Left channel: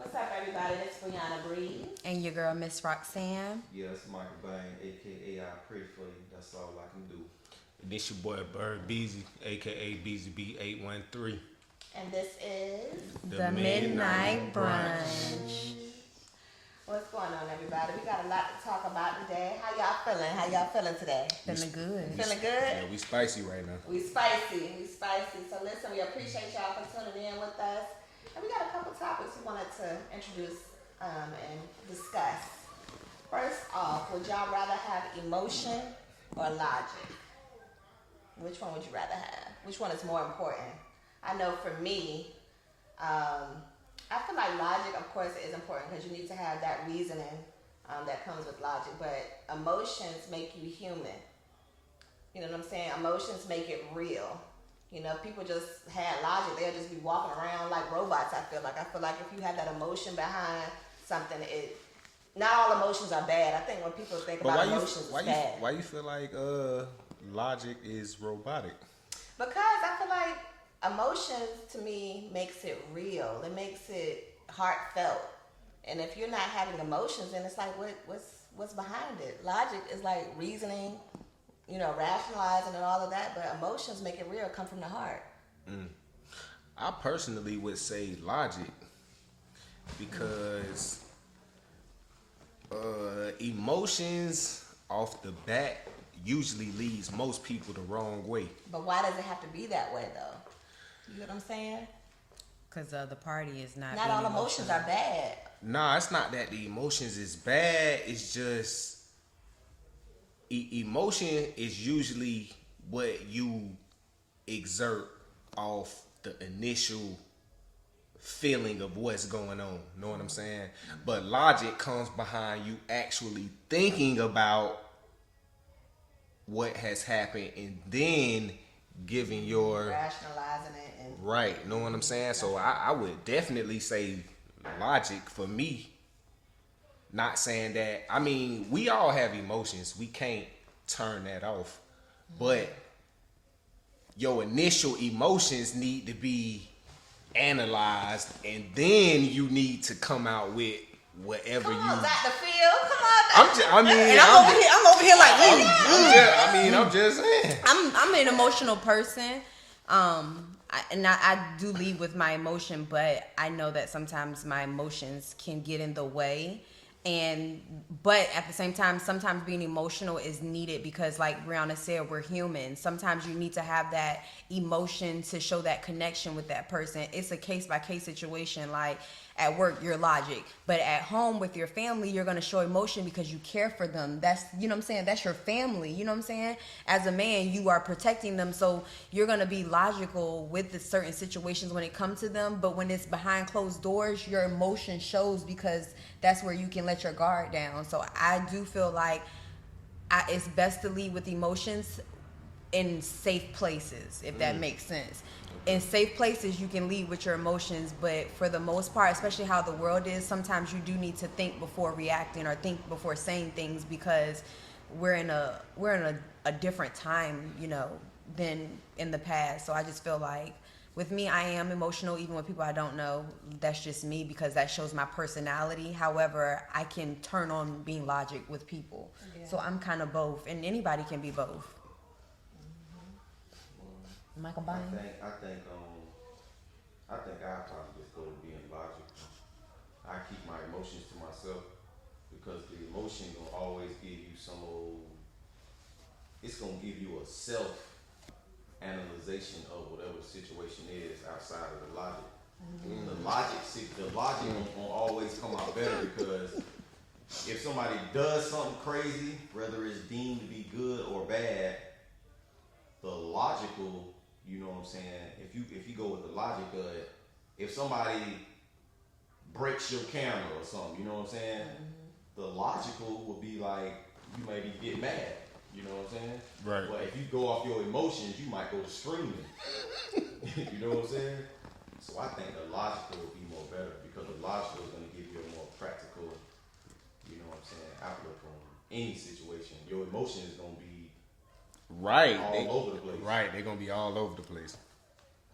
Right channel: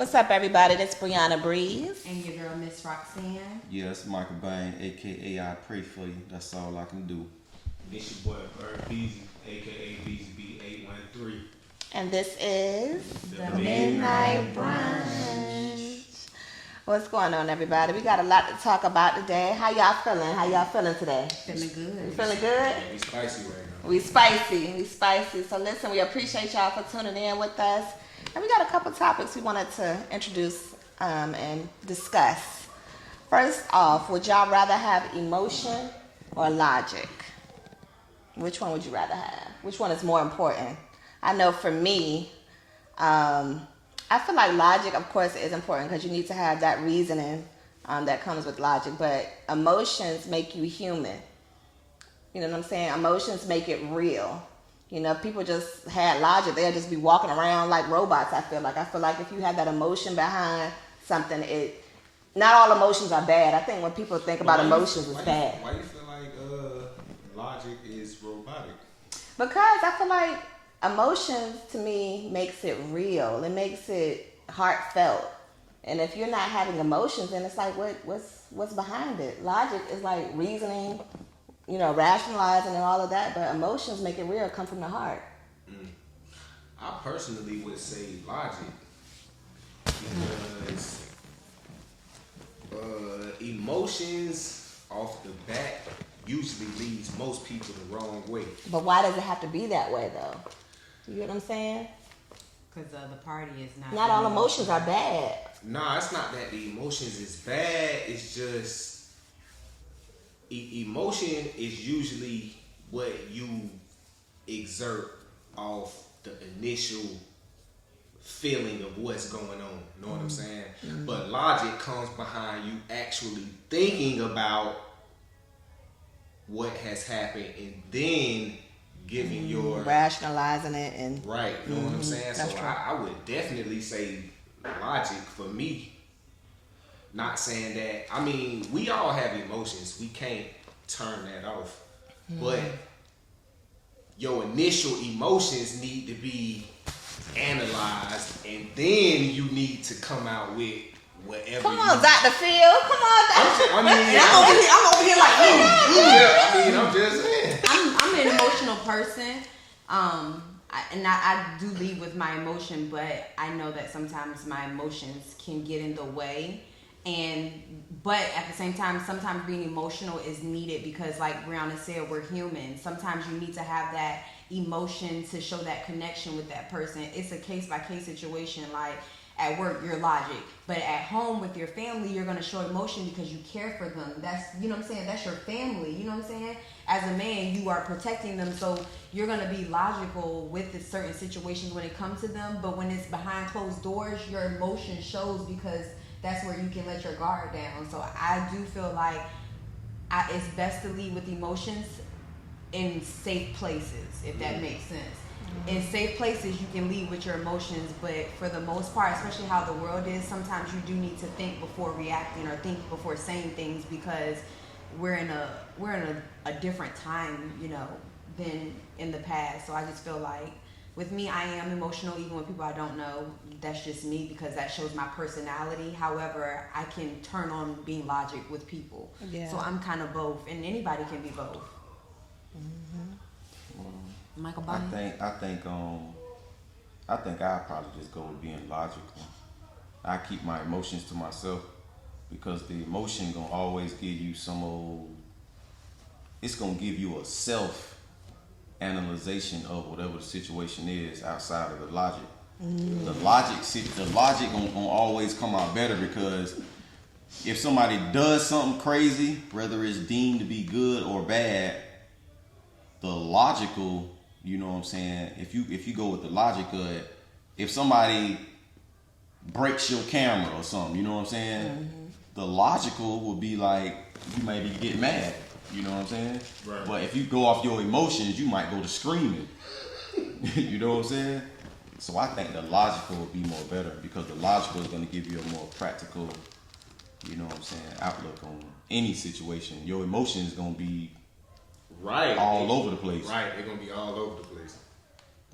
What's up, everybody? This is Brianna Breeze. And your girl, Miss Roxanne. Yeah, it's Michael Bain, aka I Pray For You. That's all I can do. It's your boy Bird Beezy, aka BZB813. And this is The Midnight Brunch. What's going on, everybody? We got a lot to talk about today. How y'all feeling? How y'all feeling today? Feeling good. Feeling good? We spicy right now. We spicy. So listen, we appreciate y'all for tuning in with us. And we got a couple topics we wanted to introduce and discuss. First off, would y'all rather have emotion or logic? Which one would you rather have? Which one is more important? I know for me, I feel like logic, of course, is important because you need to have that reasoning that comes with logic. But emotions make you human. You know what I'm saying? Emotions make it real. You know, if people just had logic, they'll just be walking around like robots, I feel like. I feel like if you have that emotion behind something, not all emotions are bad. I think when people think about emotions, it's bad. Why you feel like logic is robotic? Because I feel like emotions, to me, makes it real. It makes it heartfelt. And if you're not having emotions, then it's like, what's behind it? Logic is like reasoning, you know, rationalizing and all of that, but emotions make it real, come from the heart. I personally would say logic because emotions off the bat usually leads most people the wrong way. But why does it have to be that way, though? You get what I'm saying? Because the party is not... Not all emotions are bad. Nah, it's not that the emotions is bad. It's just emotion is usually what you exert off the initial feeling of what's going on. Know what I'm saying? Mm-hmm. But logic comes behind you actually thinking about what has happened and then giving your rationalizing it and right. Know what I'm saying? So I would definitely say logic for me. Not saying that, I mean, we all have emotions. We can't turn that off. But your initial emotions need to be analyzed, and then you need to come out with whatever. Come on, Dr. Phil. Come on, Dr. I'm over here like, I'm just saying. I'm an emotional person. I do lead with my emotion, but I know that sometimes my emotions can get in the way. But at the same time, sometimes being emotional is needed because, like Brianna said, we're human. Sometimes you need to have that emotion to show that connection with that person. It's a case-by-case situation. Like at work, you're logic. But at home with your family, you're going to show emotion because you care for them. That's, you know what I'm saying? That's your family. You know what I'm saying? As a man, you are protecting them. So you're going to be logical with the certain situations when it comes to them. But when it's behind closed doors, your emotion shows because that's where you can let your guard down. So I do feel like it's best to lead with emotions in safe places, if that makes sense. In safe places, you can lead with your emotions, but for the most part, especially how the world is, sometimes you do need to think before reacting or think before saying things because we're in a different time, you know, than in the past. So I just feel like with me, I am emotional even with people I don't know. That's just me because that shows my personality. However, I can turn on being logic with people. Yeah. So I'm kind of both, and anybody can be both. Michael Bobby? I think I'd probably just go with being logical. I keep my emotions to myself because the emotion gonna always give you it's gonna give you a self analyzation of whatever the situation is outside of the logic. The logic gonna always come out better because if somebody does something crazy, whether it's deemed to be good or bad, the logical, you know what I'm saying, if you go with the logic of it, if somebody breaks your camera or something, you know what I'm saying, the logical would be like, you maybe get mad. You know what I'm saying? Right. But if you go off your emotions, you might go to screaming. You know what I'm saying? So I think the logical would be more better because the logical is going to give you a more practical, you know what I'm saying, outlook on any situation. Your emotions going to be all over the place. Right, they're going to be all over the place.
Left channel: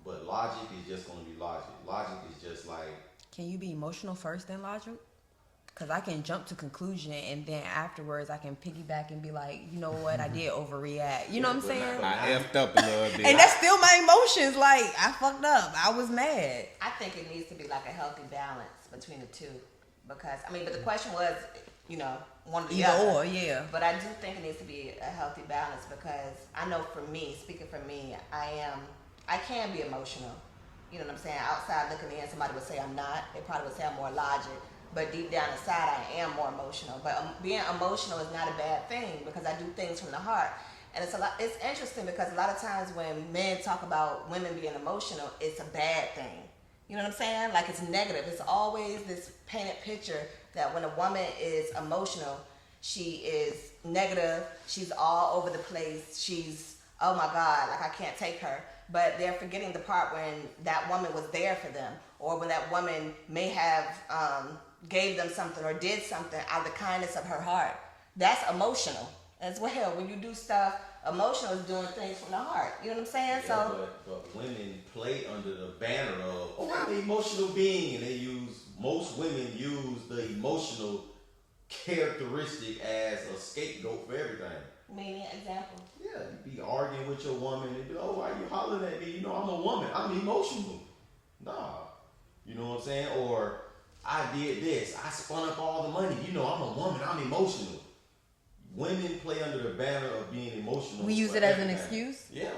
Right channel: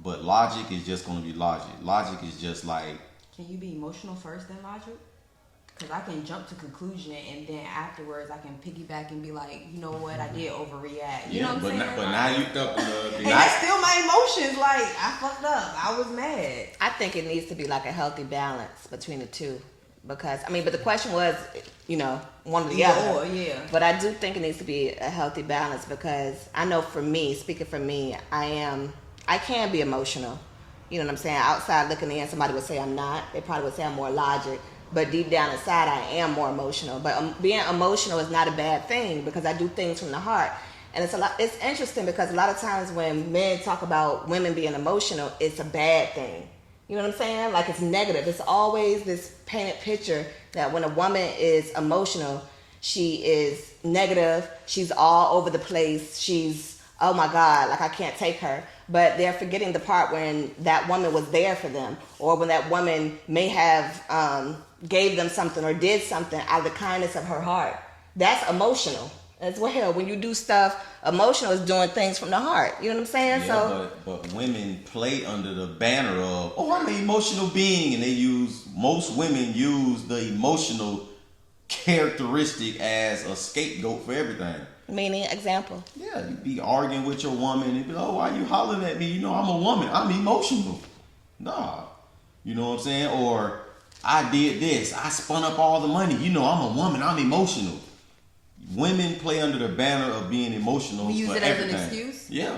But logic is just going to be logic. Logic is just like Can you be emotional first then logic? Because I can jump to conclusion and then afterwards I can piggyback and be like, you know what, I did overreact. You know what I'm saying? But now you up and that's still my emotions. Like, I fucked up. I was mad. I think it needs to be like a healthy balance between the two. Because, I mean, but the question was, you know, one or the other. Yeah. But I do think it needs to be a healthy balance because I know for me, speaking for me, I can be emotional. You know what I'm saying? Outside looking in, somebody would say I'm not. They probably would say I'm more logic. But deep down inside, I am more emotional. But being emotional is not a bad thing because I do things from the heart. And it's interesting because a lot of times when men talk about women being emotional, it's a bad thing. You know what I'm saying? Like it's negative. It's always this painted picture that when a woman is emotional, she is negative. She's all over the place. She's, oh my God, like I can't take her. But they're forgetting the part when that woman was there for them or when that woman may have gave them something or did something out of the kindness of her heart. That's emotional as well. When you do stuff, emotional is doing things from the heart. You know what I'm saying? Yeah, but women play under the banner of, oh, I'm an emotional being, and most women use the emotional characteristic as a scapegoat for everything. Meaning, example. Yeah, you be arguing with your woman and be like, oh, why you hollering at me? You know, I'm a woman. I'm emotional. Nah. You know what I'm saying? Or I did this. I spun up all the money. You know, I'm a woman. I'm emotional. Women play under the banner of being emotional. We use for it everything. as an excuse? Yeah.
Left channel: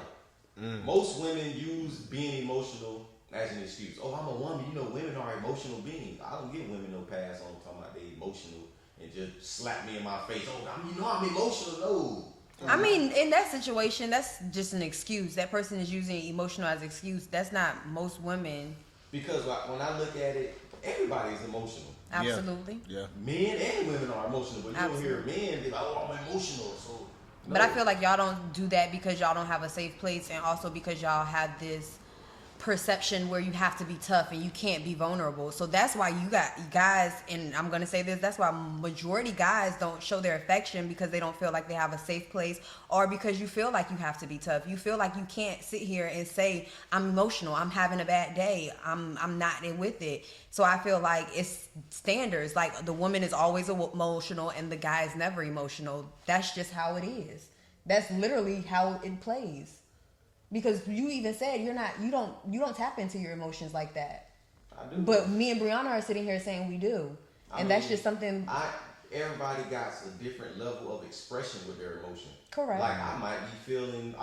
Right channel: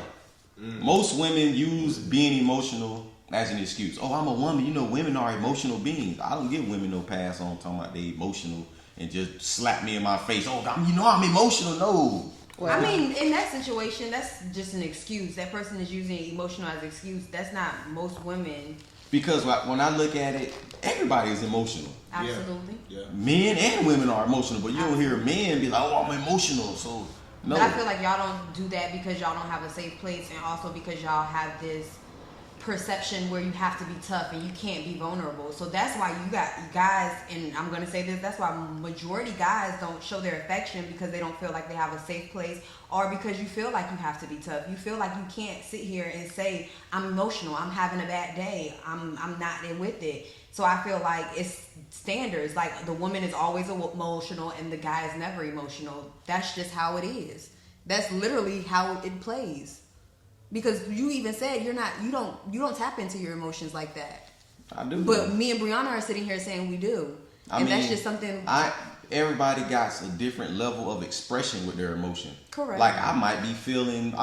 Most women use being emotional as an excuse. Oh, I'm a woman. You know, women are emotional beings. I don't give women no pass on talking about they emotional and just slap me in my face. Oh, I'm emotional. No. Well, I mean, in that situation, that's just an excuse. That person is using emotional as an excuse. That's not most women. Because when I look at it, everybody is emotional. Absolutely. Yeah. Men and women are emotional, but you don't hear men be like, oh, I'm emotional. So, no. But I feel like y'all don't do that because y'all don't have a safe place and also because y'all have this perception where you have to be tough and you can't be vulnerable. So that's why you got guys, and I'm going to say this, that's why majority guys don't show their affection because they don't feel like they have a safe place or because you feel like you have to be tough. You feel like you can't sit here and say, I'm emotional, I'm having a bad day, I'm not with it. So I feel like it's standards. Like the woman is always emotional and the guy is never emotional. That's just how it is. That's literally how it plays. Because you even said you don't tap into your emotions like that. I do. But me and Brianna are sitting here saying we do. I mean, that's just something. Everybody got a different level of expression with their emotion. Correct. Like I might be feeling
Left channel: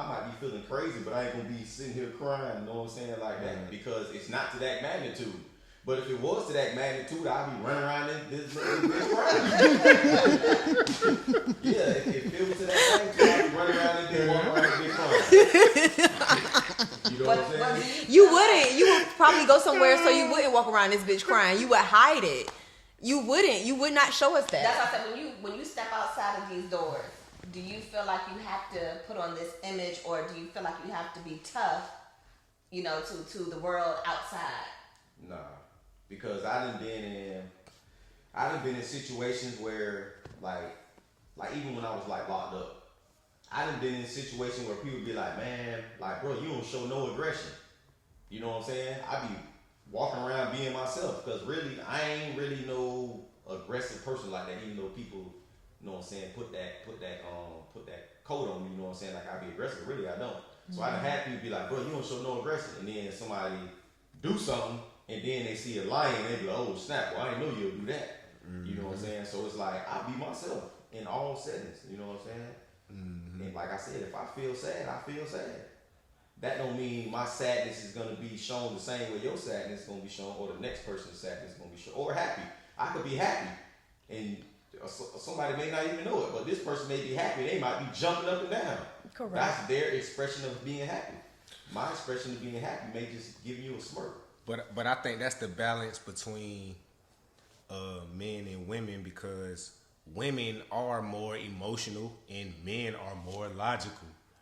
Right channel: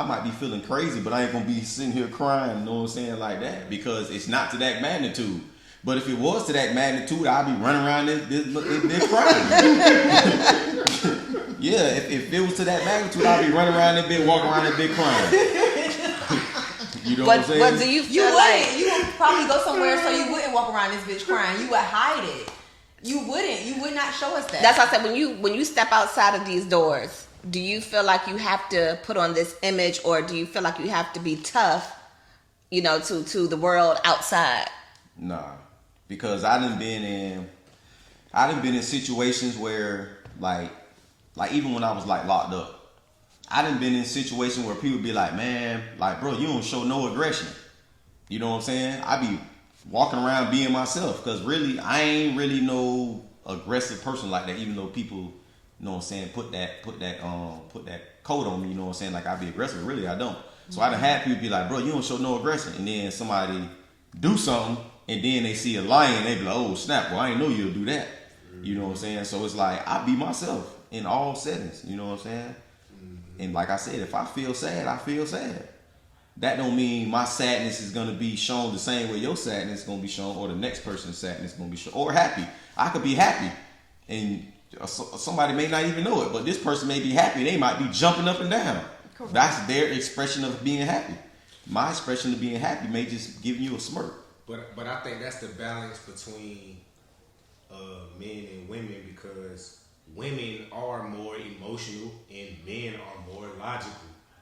crazy, but I ain't gonna be sitting here crying, you know what I'm saying, like that, because it's not to that magnitude. But if it was to that magnitude, I'd be running around this crying. Yeah, if it was to that magnitude, I'd be running around this bit, walking around this bit crying. You know what I'm saying? But do you feel like you would probably go somewhere so you wouldn't walk around this bitch crying. You would hide it. You would not show us that. That's why I said when you step outside of these doors, do you feel like you have to put on this image or do you feel like you have to be tough, you know, to the world outside? Nah. Because I done been in situations where like even when I was like locked up, I done been in situations where people be like, man, like bro, you don't show no aggression. You know what I'm saying? I be walking around being myself because really I ain't really no aggressive person like that. Even though people, you know what I'm saying, put that coat on me. You know what I'm saying? Like I be aggressive. Really, I don't. So I done had people be like, bro, you don't show no aggression, and then somebody do something. And then they see a lion, they be like, oh snap, well I didn't know you'll do that. You know what I'm saying? So it's like, I be myself in all settings, you know what I'm saying? And like I said, if I feel sad, I feel sad. That don't mean my sadness is gonna be shown the same way your sadness is gonna be shown, or the next person's sadness is gonna be shown, or happy. I could be happy, and somebody may not even know it, but this person may be happy, they might be jumping up and down. Correct. That's their expression of being happy. My expression of being happy may just give you a smirk. But I think that's the balance between men and women, because women are more emotional and men are more logical.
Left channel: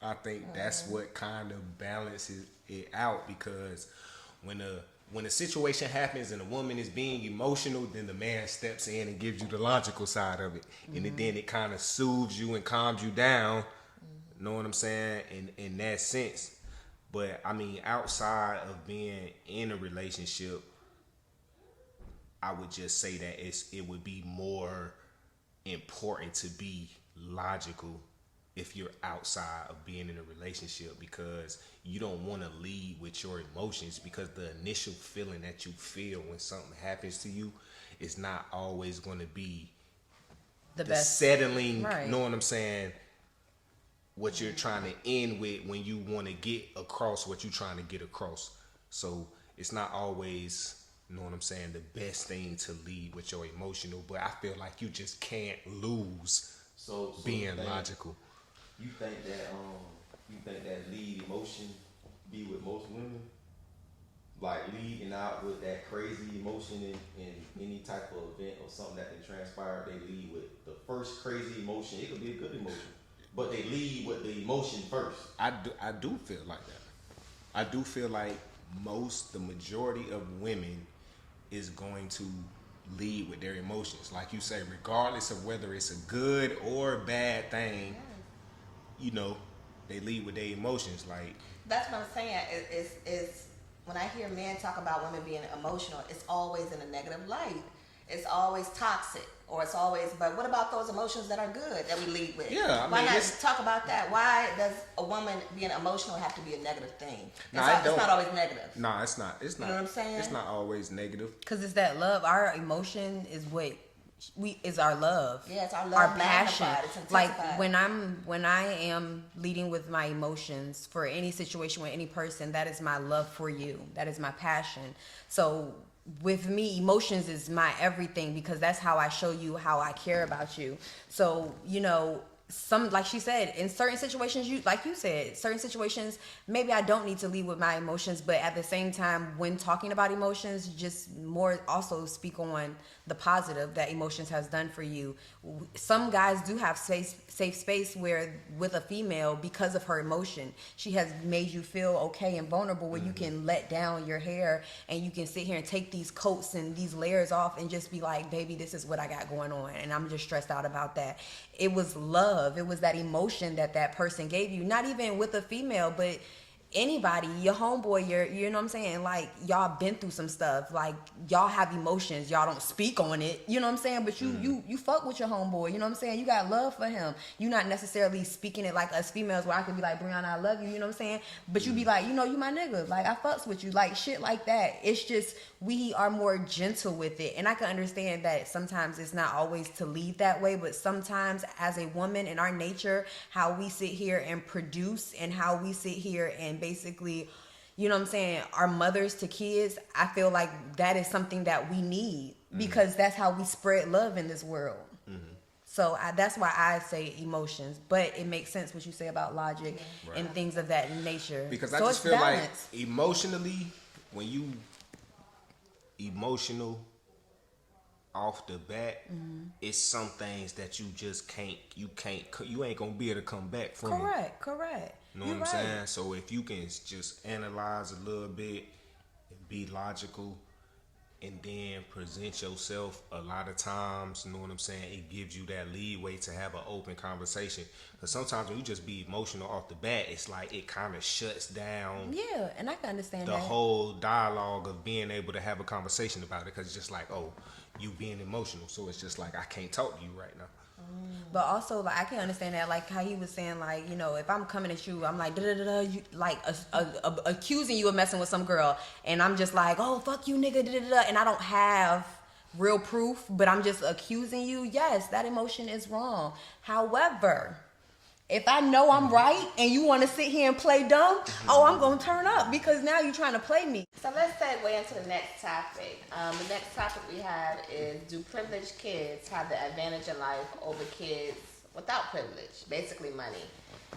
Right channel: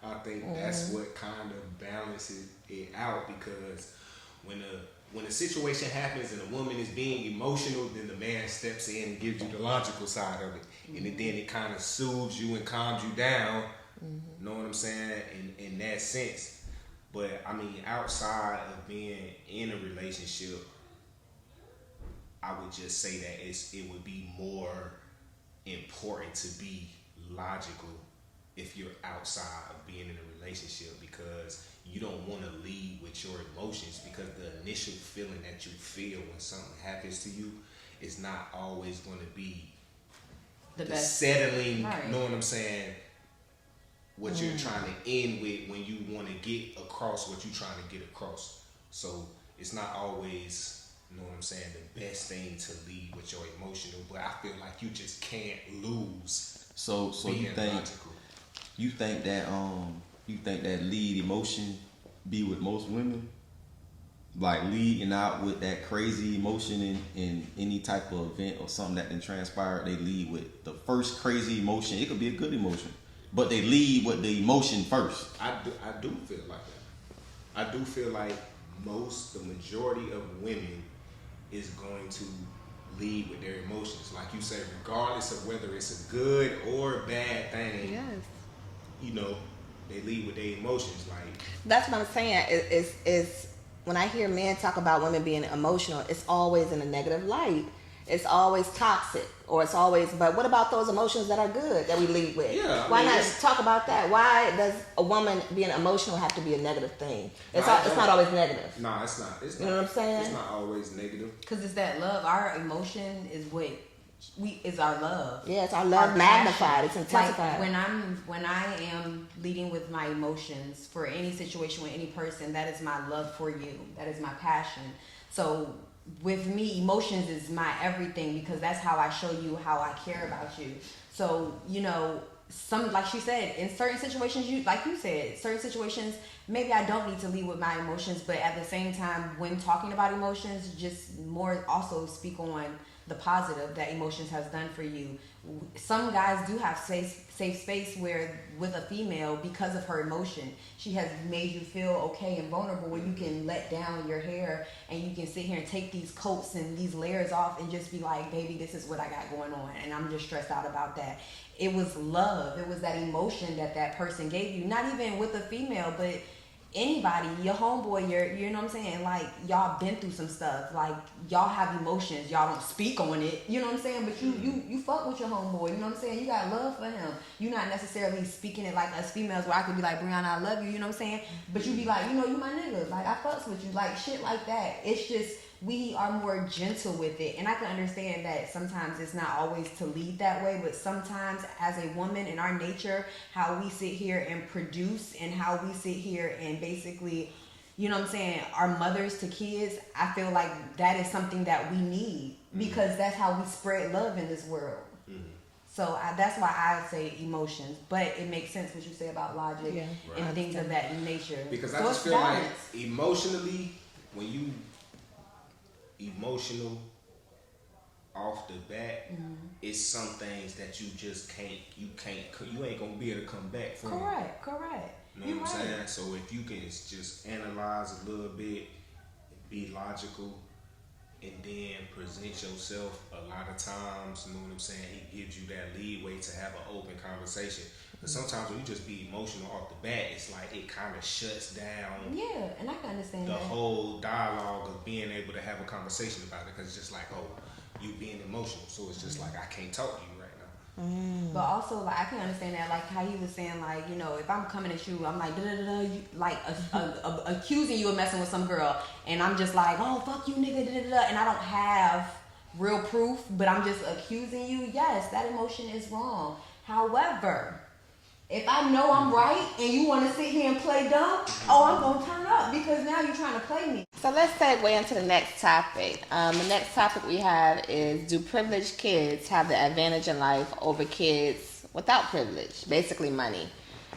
I think that's what kind of balances it out, because when a situation happens and a woman is being emotional, then the man steps in and gives you the logical side of it, and then it kind of soothes you and calms you down. Know what I'm saying? In that sense. But I mean, outside of being in a relationship, I would just say that it would be more important to be logical if you're outside of being in a relationship, because you don't want to lead with your emotions, because the initial feeling that you feel when something happens to you is not always going to be the best settling, right. Know what I'm saying? What you're trying to end with when you want to get across what you're trying to get across. So it's not always, you know what I'm saying, the best thing to lead with your emotional, but I feel like you just can't lose So being you think logical. you think that lead emotion be with most women? Like leading out with that crazy emotion in any type of event or something that then transpired, they lead with the first crazy emotion. It could be a good emotion, but they lead with the emotion first. I do feel like that. I do feel like the majority of women is going to lead with their emotions. Like you said, regardless of whether it's a good or bad thing, Yes. you know, they lead with their emotions. Like, That's what I'm saying. Is when I hear men talk about women being emotional, it's always in a negative light. It's always toxic, or it's always. But what about those emotions that are good that we lead with? Yeah, Why not talk about that? Why does a woman being emotional have to be a negative thing? It's not always negative. No, it's not. It's You not. know what I'm saying? It's not always negative. because it's that love. Our emotion is what is our love. Yeah, it's our love magnified. It's intensified. Like when I am leading with my emotions for any situation with any person, that is my love for you. That is my passion. So with me, emotions is my everything, because that's how I show you how I care about you. So, you know, like she said, in certain situations, certain situations, maybe I don't need to lead with my emotions, but at the same time, when talking about emotions, just more also speak on the positive that emotions has done for you. Some guys do have safe space where with a female, because of her emotion, she has made you feel okay and vulnerable, where you can let down your hair and you can sit here and take these coats and these layers off and just be like, baby, this is what I got going on, and I'm just stressed out about that. It was love. It was that emotion that person gave you. Not even with a female, but anybody, your homeboy, you know what I'm saying? Like, y'all been through some stuff. Like, y'all have emotions. Y'all don't speak on it. You know what I'm saying? But you fuck with your homeboy. You know what I'm saying? You got love for him. You're not necessarily speaking it like us females, where I could be like, Brianna, I love you. You know what I'm saying? But you be like, you know, you my nigga. Like, I fucks with you. Like, shit like that. It's just, we are more gentle with it. And I can understand that sometimes it's not always to lead that way, but sometimes as a woman, in our nature, how we sit here and produce, and how we sit here and basically, you know what I'm saying, our mothers to kids, I feel like that is something that we need, because that's how we spread love in this world. So that's why I say emotions, but it makes sense what you say about logic and things of that nature. Because so I just feel balance. like emotionally, when you emotional off the bat, it's some things that you just you ain't gonna be able to come back from. Correct. You know what I'm saying? So if you can just analyze a little bit, be logical, and then present yourself, a lot of times, you know what I'm saying, it gives you that leeway to have an open conversation. But sometimes when you just be emotional off the bat, it's like it kind of shuts down. Yeah, and I can understand the that. whole dialogue of being able to have a conversation about it, because it's just like, oh, you being emotional, so it's just like, I can't talk to you right now. But also, like, I can understand that, like how he was saying, like, you know, if I'm coming at you, I'm like, you, like, accusing you of messing with some girl, and I'm just like, oh, fuck you, nigga, and I don't have real proof, but I'm just accusing you. Yes, that emotion is wrong. However, if I know I'm right and you want to sit here and play dumb, I'm going to turn up, because now you're trying to play me. So let's segue into the next topic. The next topic we have is, do privileged kids have the advantage in life over kids without privilege? Basically money.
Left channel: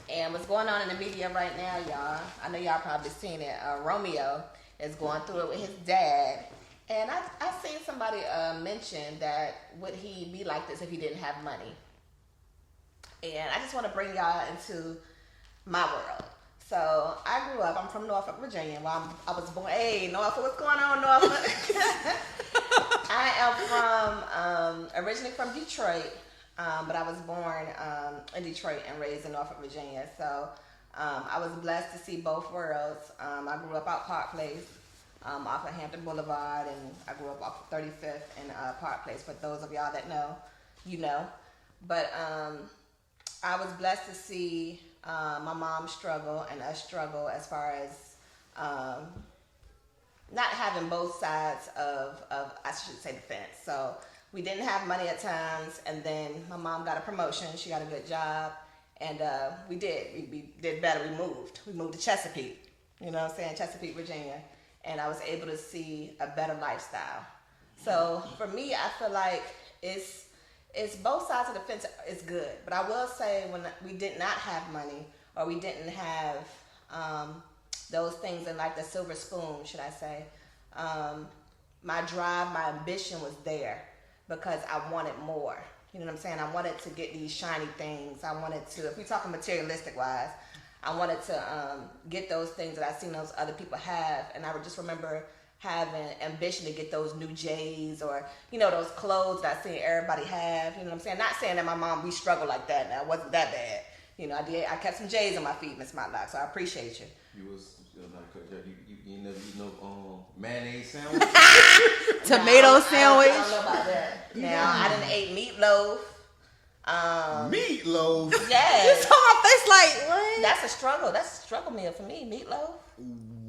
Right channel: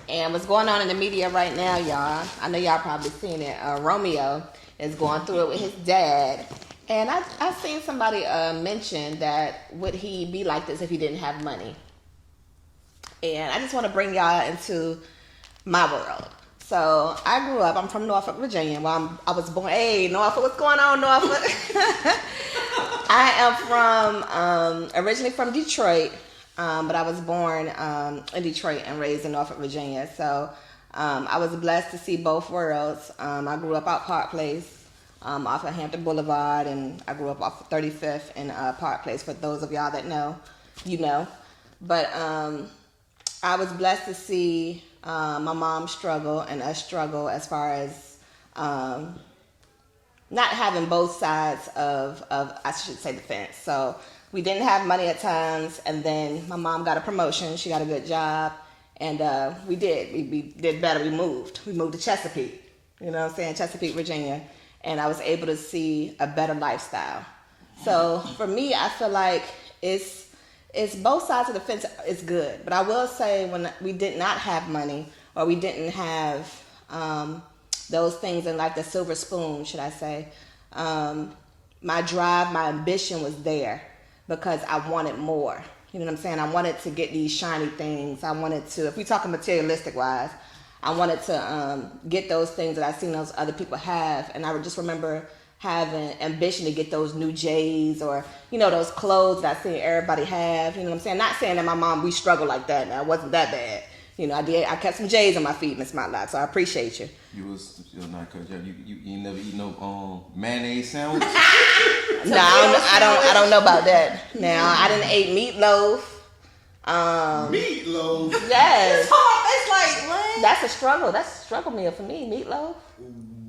And what's going on in the media right now, y'all, I know y'all probably seen it. Romeo is going through it with his dad. And I seen somebody mention that would he be like this if he didn't have money? And I just want to bring y'all into my world. So I grew up, I'm from Norfolk, Virginia. Well, I was born, hey, Norfolk, what's going on, Norfolk? I am originally from Detroit, but I was born in Detroit and raised in Norfolk, Virginia. So I was blessed to see both worlds. I grew up out Park Place. off of Hampton Boulevard, and I grew up off of 35th and Park Place. For those of y'all that know, you know. But I was blessed to see my mom struggle and us struggle as far as not having both sides of I should say the fence. So we didn't have money at times, and then my mom got a promotion. She got a good job, and we did better. We moved to Chesapeake. You know what I'm saying? Chesapeake, Virginia. And I was able to see a better lifestyle. So for me, I feel like it's both sides of the fence is good. But I will say when we did not have money, or we didn't have those things in like the silver spoon, should I say, my drive, my ambition was there because I wanted more. You know what I'm saying? I wanted to get these shiny things. I wanted to, if we talking materialistic wise, I wanted to get those things that I seen those other people have, and I would just remember having ambition to get those new J's, or you know, those clothes that I seen everybody have. You know what I'm saying? Not saying that my mom, we struggled like that. Now it wasn't that bad. You know, I kept some J's on my feet, Miss Matlock, so I appreciate you. You never eat no mayonnaise sandwich. No, I don't know about that. Now I didn't eat meatloaf. Meatloaf. Yes. It's like what? That's a struggle. That's a struggle meal for me. Meatloaf.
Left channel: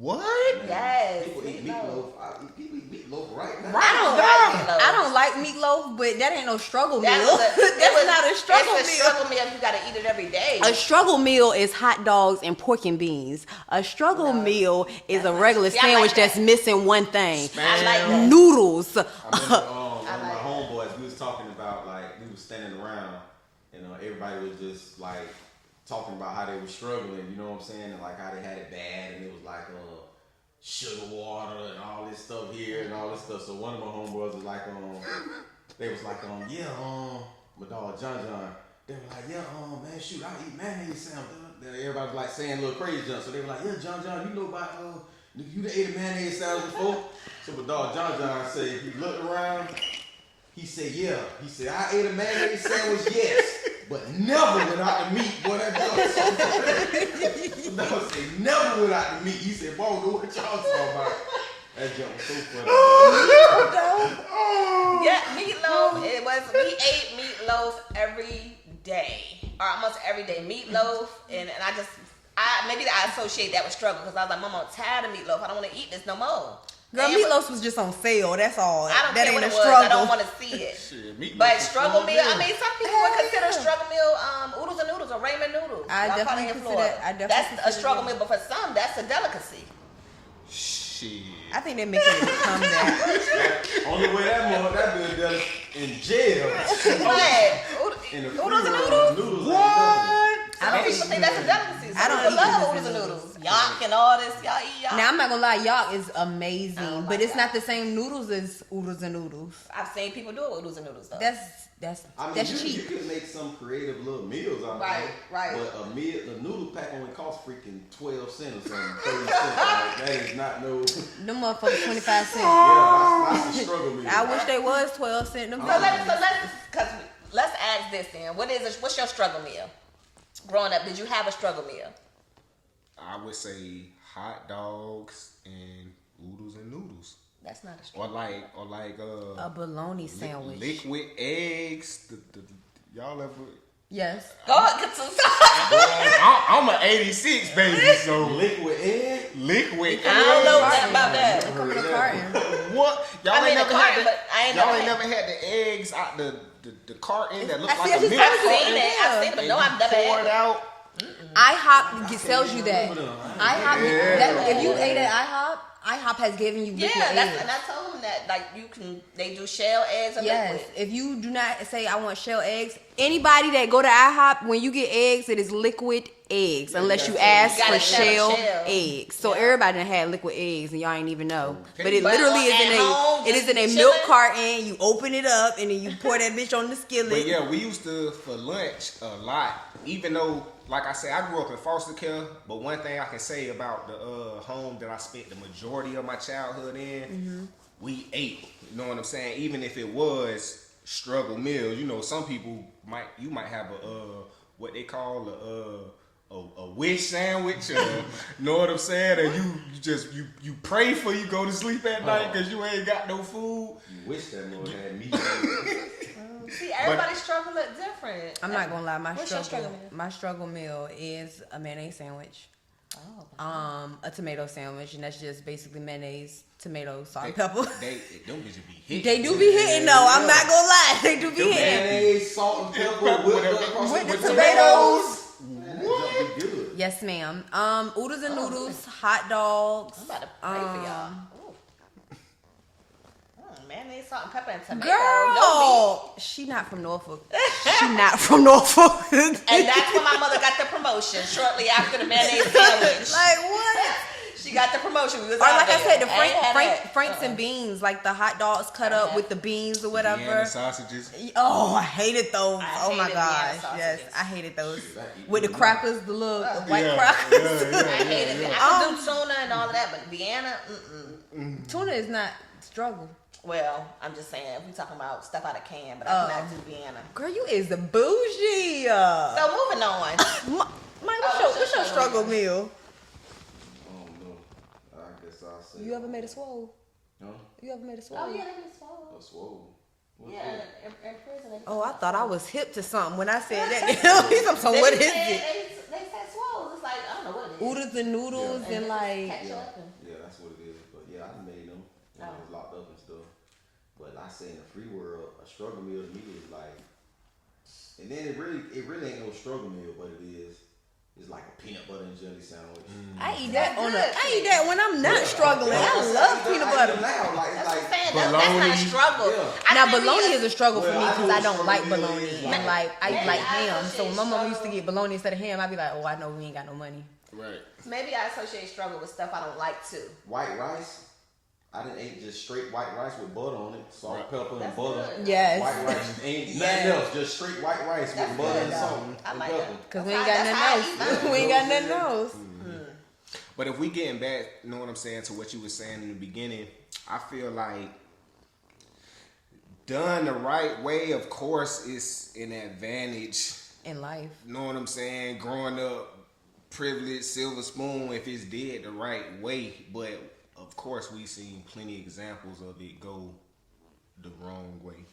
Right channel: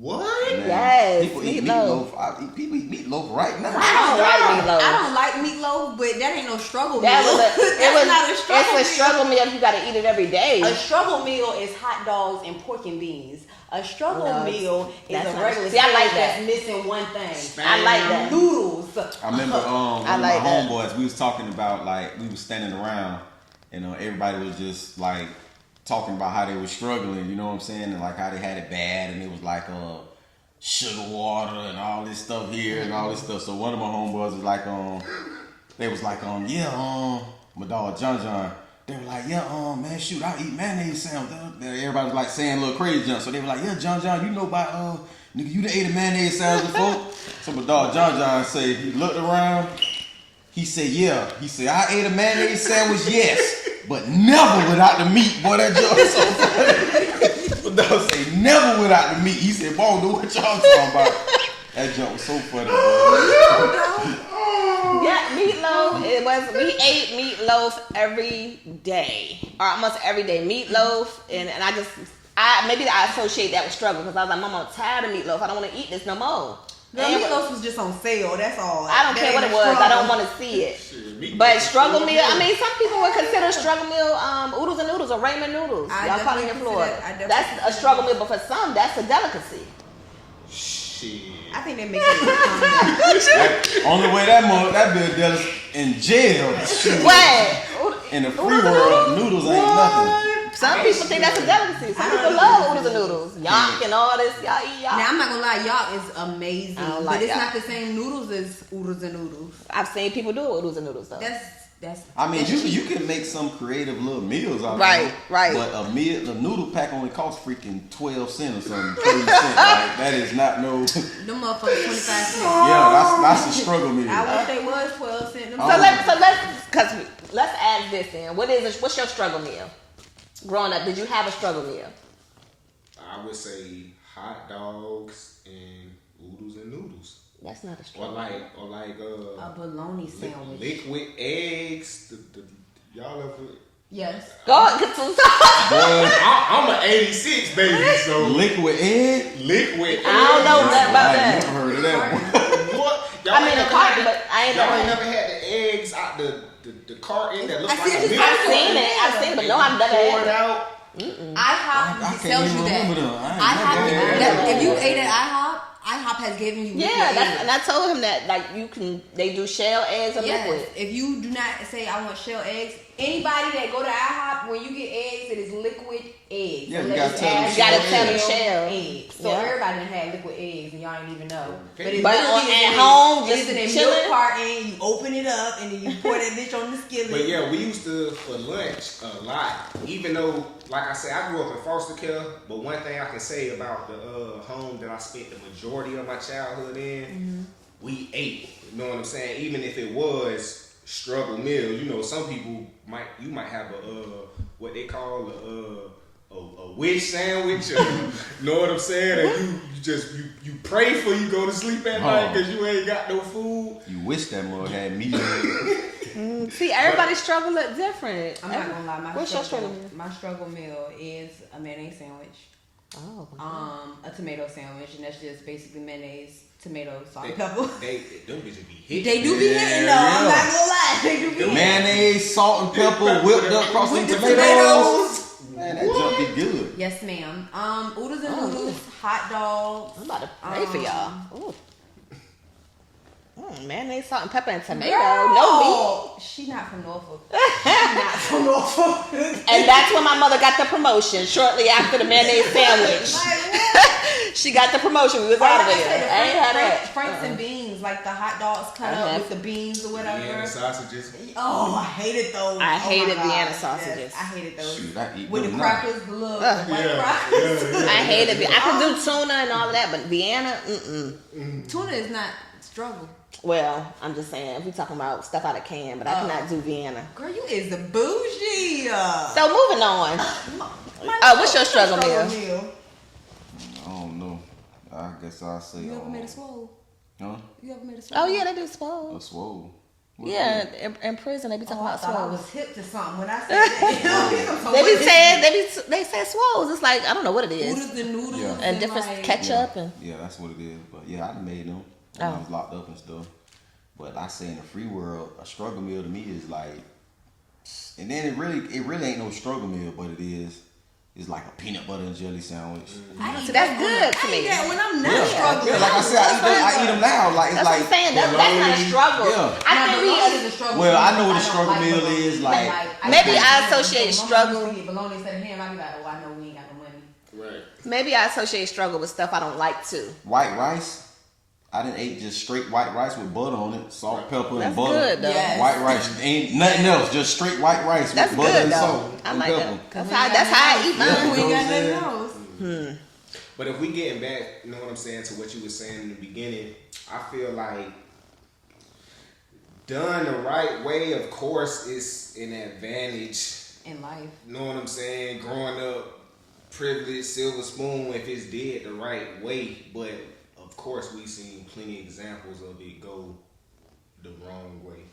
What? Yes. People eat meatloaf. meatloaf. People eat meatloaf right now. I don't like meatloaf. I don't like meatloaf, but that ain't no struggle meal. That's not a struggle meal. It's a struggle meal if you got to eat it every day. A struggle meal is hot dogs and pork and beans. A struggle meal is a regular sandwich that's missing one thing. I like that. Noodles. I remember I my like that. homeboys, we was talking about, like, we was standing around, and everybody was just like talking about how they were struggling, you know what I'm saying, and like how they had it bad, and it was like sugar water and all this stuff here and all this stuff. So one of my homeboys was like, they was like, my dog John. They were like, man, shoot, I eat mayonnaise sandwich. Everybody was like saying a little crazy junk. So they were like, yeah, John, you know about nigga, you done ate a mayonnaise sandwich before? So my dog John said, he looked around. He said, yeah. He said, I ate a mayonnaise sandwich, yes, but never without the meat. Boy, that junk was so funny. My dog said, never without the meat. He said, boy, I don't know what y'all talking about. That junk was so funny. Yeah, meatloaf. We ate meatloaf every day, or almost every day. Meatloaf, and maybe I associate that with struggle because I was like, Mom, I'm tired of meatloaf. I don't want to eat this no more. Girl, meatloaf was just on sale. That's all. I don't care what it was. I don't want to see it. But struggle meal. I mean, some people would consider struggle meal oodles and noodles or ramen noodles. I probably in Florida. That's a struggle meal, but for some, that's a delicacy. Shit. I think they make it come back. Only way that bill dealt in jail. What? In the free world, noodles ain't nothing. Some people think that's a delicacy. Some people love oodles and noodles. Yak and all this. Y'all eat yak. Now, I'm not gonna lie, yak is amazing. I don't but like it's yak. not the same noodles as oodles and noodles. I've seen people do oodles and noodles though. I mean, you can make some creative little meals out of it. Right. But a noodle pack only costs freaking 12 cents or something, 30 cents. Like, that is not no. Them motherfuckers 25 cents. Yeah, that's a struggle meal. I wish they was 12 cents. Let's ask this then. What's your struggle meal? Growing up, did you have a struggle meal? I would say hot dogs and oodles and noodles. That's not a struggle. Or like a bologna sandwich. Liquid eggs. Y'all ever? Yes. Go on, get some. I'm an 86 baby, so liquid egg. I don't know about that. Never heard of that. What? I mean, a carton, but I ain't Y'all never. never had the eggs out the carton that looks like a milk I've seen it, but no, I've never poured had it. out. IHOP tells you that. IHOP, if you ate at IHOP has given you liquid eggs. And I told him that they do shell eggs and liquid. If you do not say I want shell eggs, anybody that go to IHOP, when you get eggs, it is liquid eggs, unless you ask for shell eggs. So everybody done had liquid eggs and y'all ain't even know. But it literally is in a milk carton. You open it up and then you pour that bitch on the skillet. But yeah, we used to for lunch a lot. Even though, like I said, I grew up in foster care. But one thing I can say about the home that I spent the majority of my childhood in, we ate. You know what I'm saying? Even if it was struggle meal, you know, some people might have what they call a wish sandwich, or, you know what I'm saying? And you you pray for you go to sleep at night because you ain't got no food. You wish that mother had medium. See, everybody struggle look different. I'm not gonna lie. What's your struggle meal? My struggle meal is a mayonnaise sandwich, a tomato sandwich, and that's just basically mayonnaise, tomato, salt, and pepper. Them bitches be hitting. They do be hitting though. I'm not gonna lie. They do be hitting. Mayonnaise, salt and pepper, whipped up across With the the tomatoes. Man, that junk be good. Yes, ma'am. Oodles and noodles, hot dogs. I'm about to pray for y'all. Ooh. Mayonnaise, salt, and pepper, and tomato. Girl, No meat. she not from Norfolk. She not from Norfolk. And that's when my mother got the promotion. Shortly after the mayonnaise sandwich. Like what? She got the promotion. We was Or out like I there. said, the Franks and beans, like the hot dogs cut up with the beans or whatever. Yeah, sausages. Oh, I hated those. I oh hated my God. Vienna sausages. Yes, I hated those. Shoot, I eat with the them crackers, the little the white crackers. I hated it. I can do tuna and all of that, but Vienna, Tuna is not struggle. Well, I'm just saying, if we're talking about stuff out of can, but I cannot do Vienna. Girl, you is the bougie. So moving on. What's your struggle meal? I don't know. I guess I'll say. You ever made a swole? Huh? You ever made a swole? Oh yeah, they do swole. A swole. Yeah, in prison they be talking I about thought I swole. was hip to something when I said that. So They what be is saying it? they say swoles. It's like I don't know what it is. Oodles and noodles Yeah. And different like, ketchup and Yeah, that's what it is. But yeah, I done made them when I was locked up and stuff. But I say in the free world, a struggle meal to me is like, and then it really ain't no struggle meal, but it is. It's like a peanut butter and jelly sandwich. I eat That's that good to I eat me. that when I'm not struggling. Yeah, like I said, I eat them now. Like it's that's like what I'm saying. That's not a struggle. Yeah. I Now, think bologna we is a struggle. Well, for me I know what a because don't struggle meal bologna. is, like- Maybe like I ham. associate So my mom struggle- used to get bologna instead of ham. I'd be like, oh, I know we ain't got no money. Right. maybe I associate struggle with stuff I don't like too. white rice. I done ate just straight white rice with butter on it, salt, pepper, That's and butter. good though. Yes. White rice ain't nothing else, just straight white rice That's with butter good and though. salt I and like pepper. that. we That's ain't got how I nothing eat else. mine. We ain't got Yeah. nothing else. But if we getting back, you know what I'm saying, to what you were saying in the beginning, I feel like done the right way, of course, is an advantage. In life. You know what I'm saying? Growing up, privileged, silver spoon, if it's did the right way. But of course, we seen plenty of examples of it go the wrong way.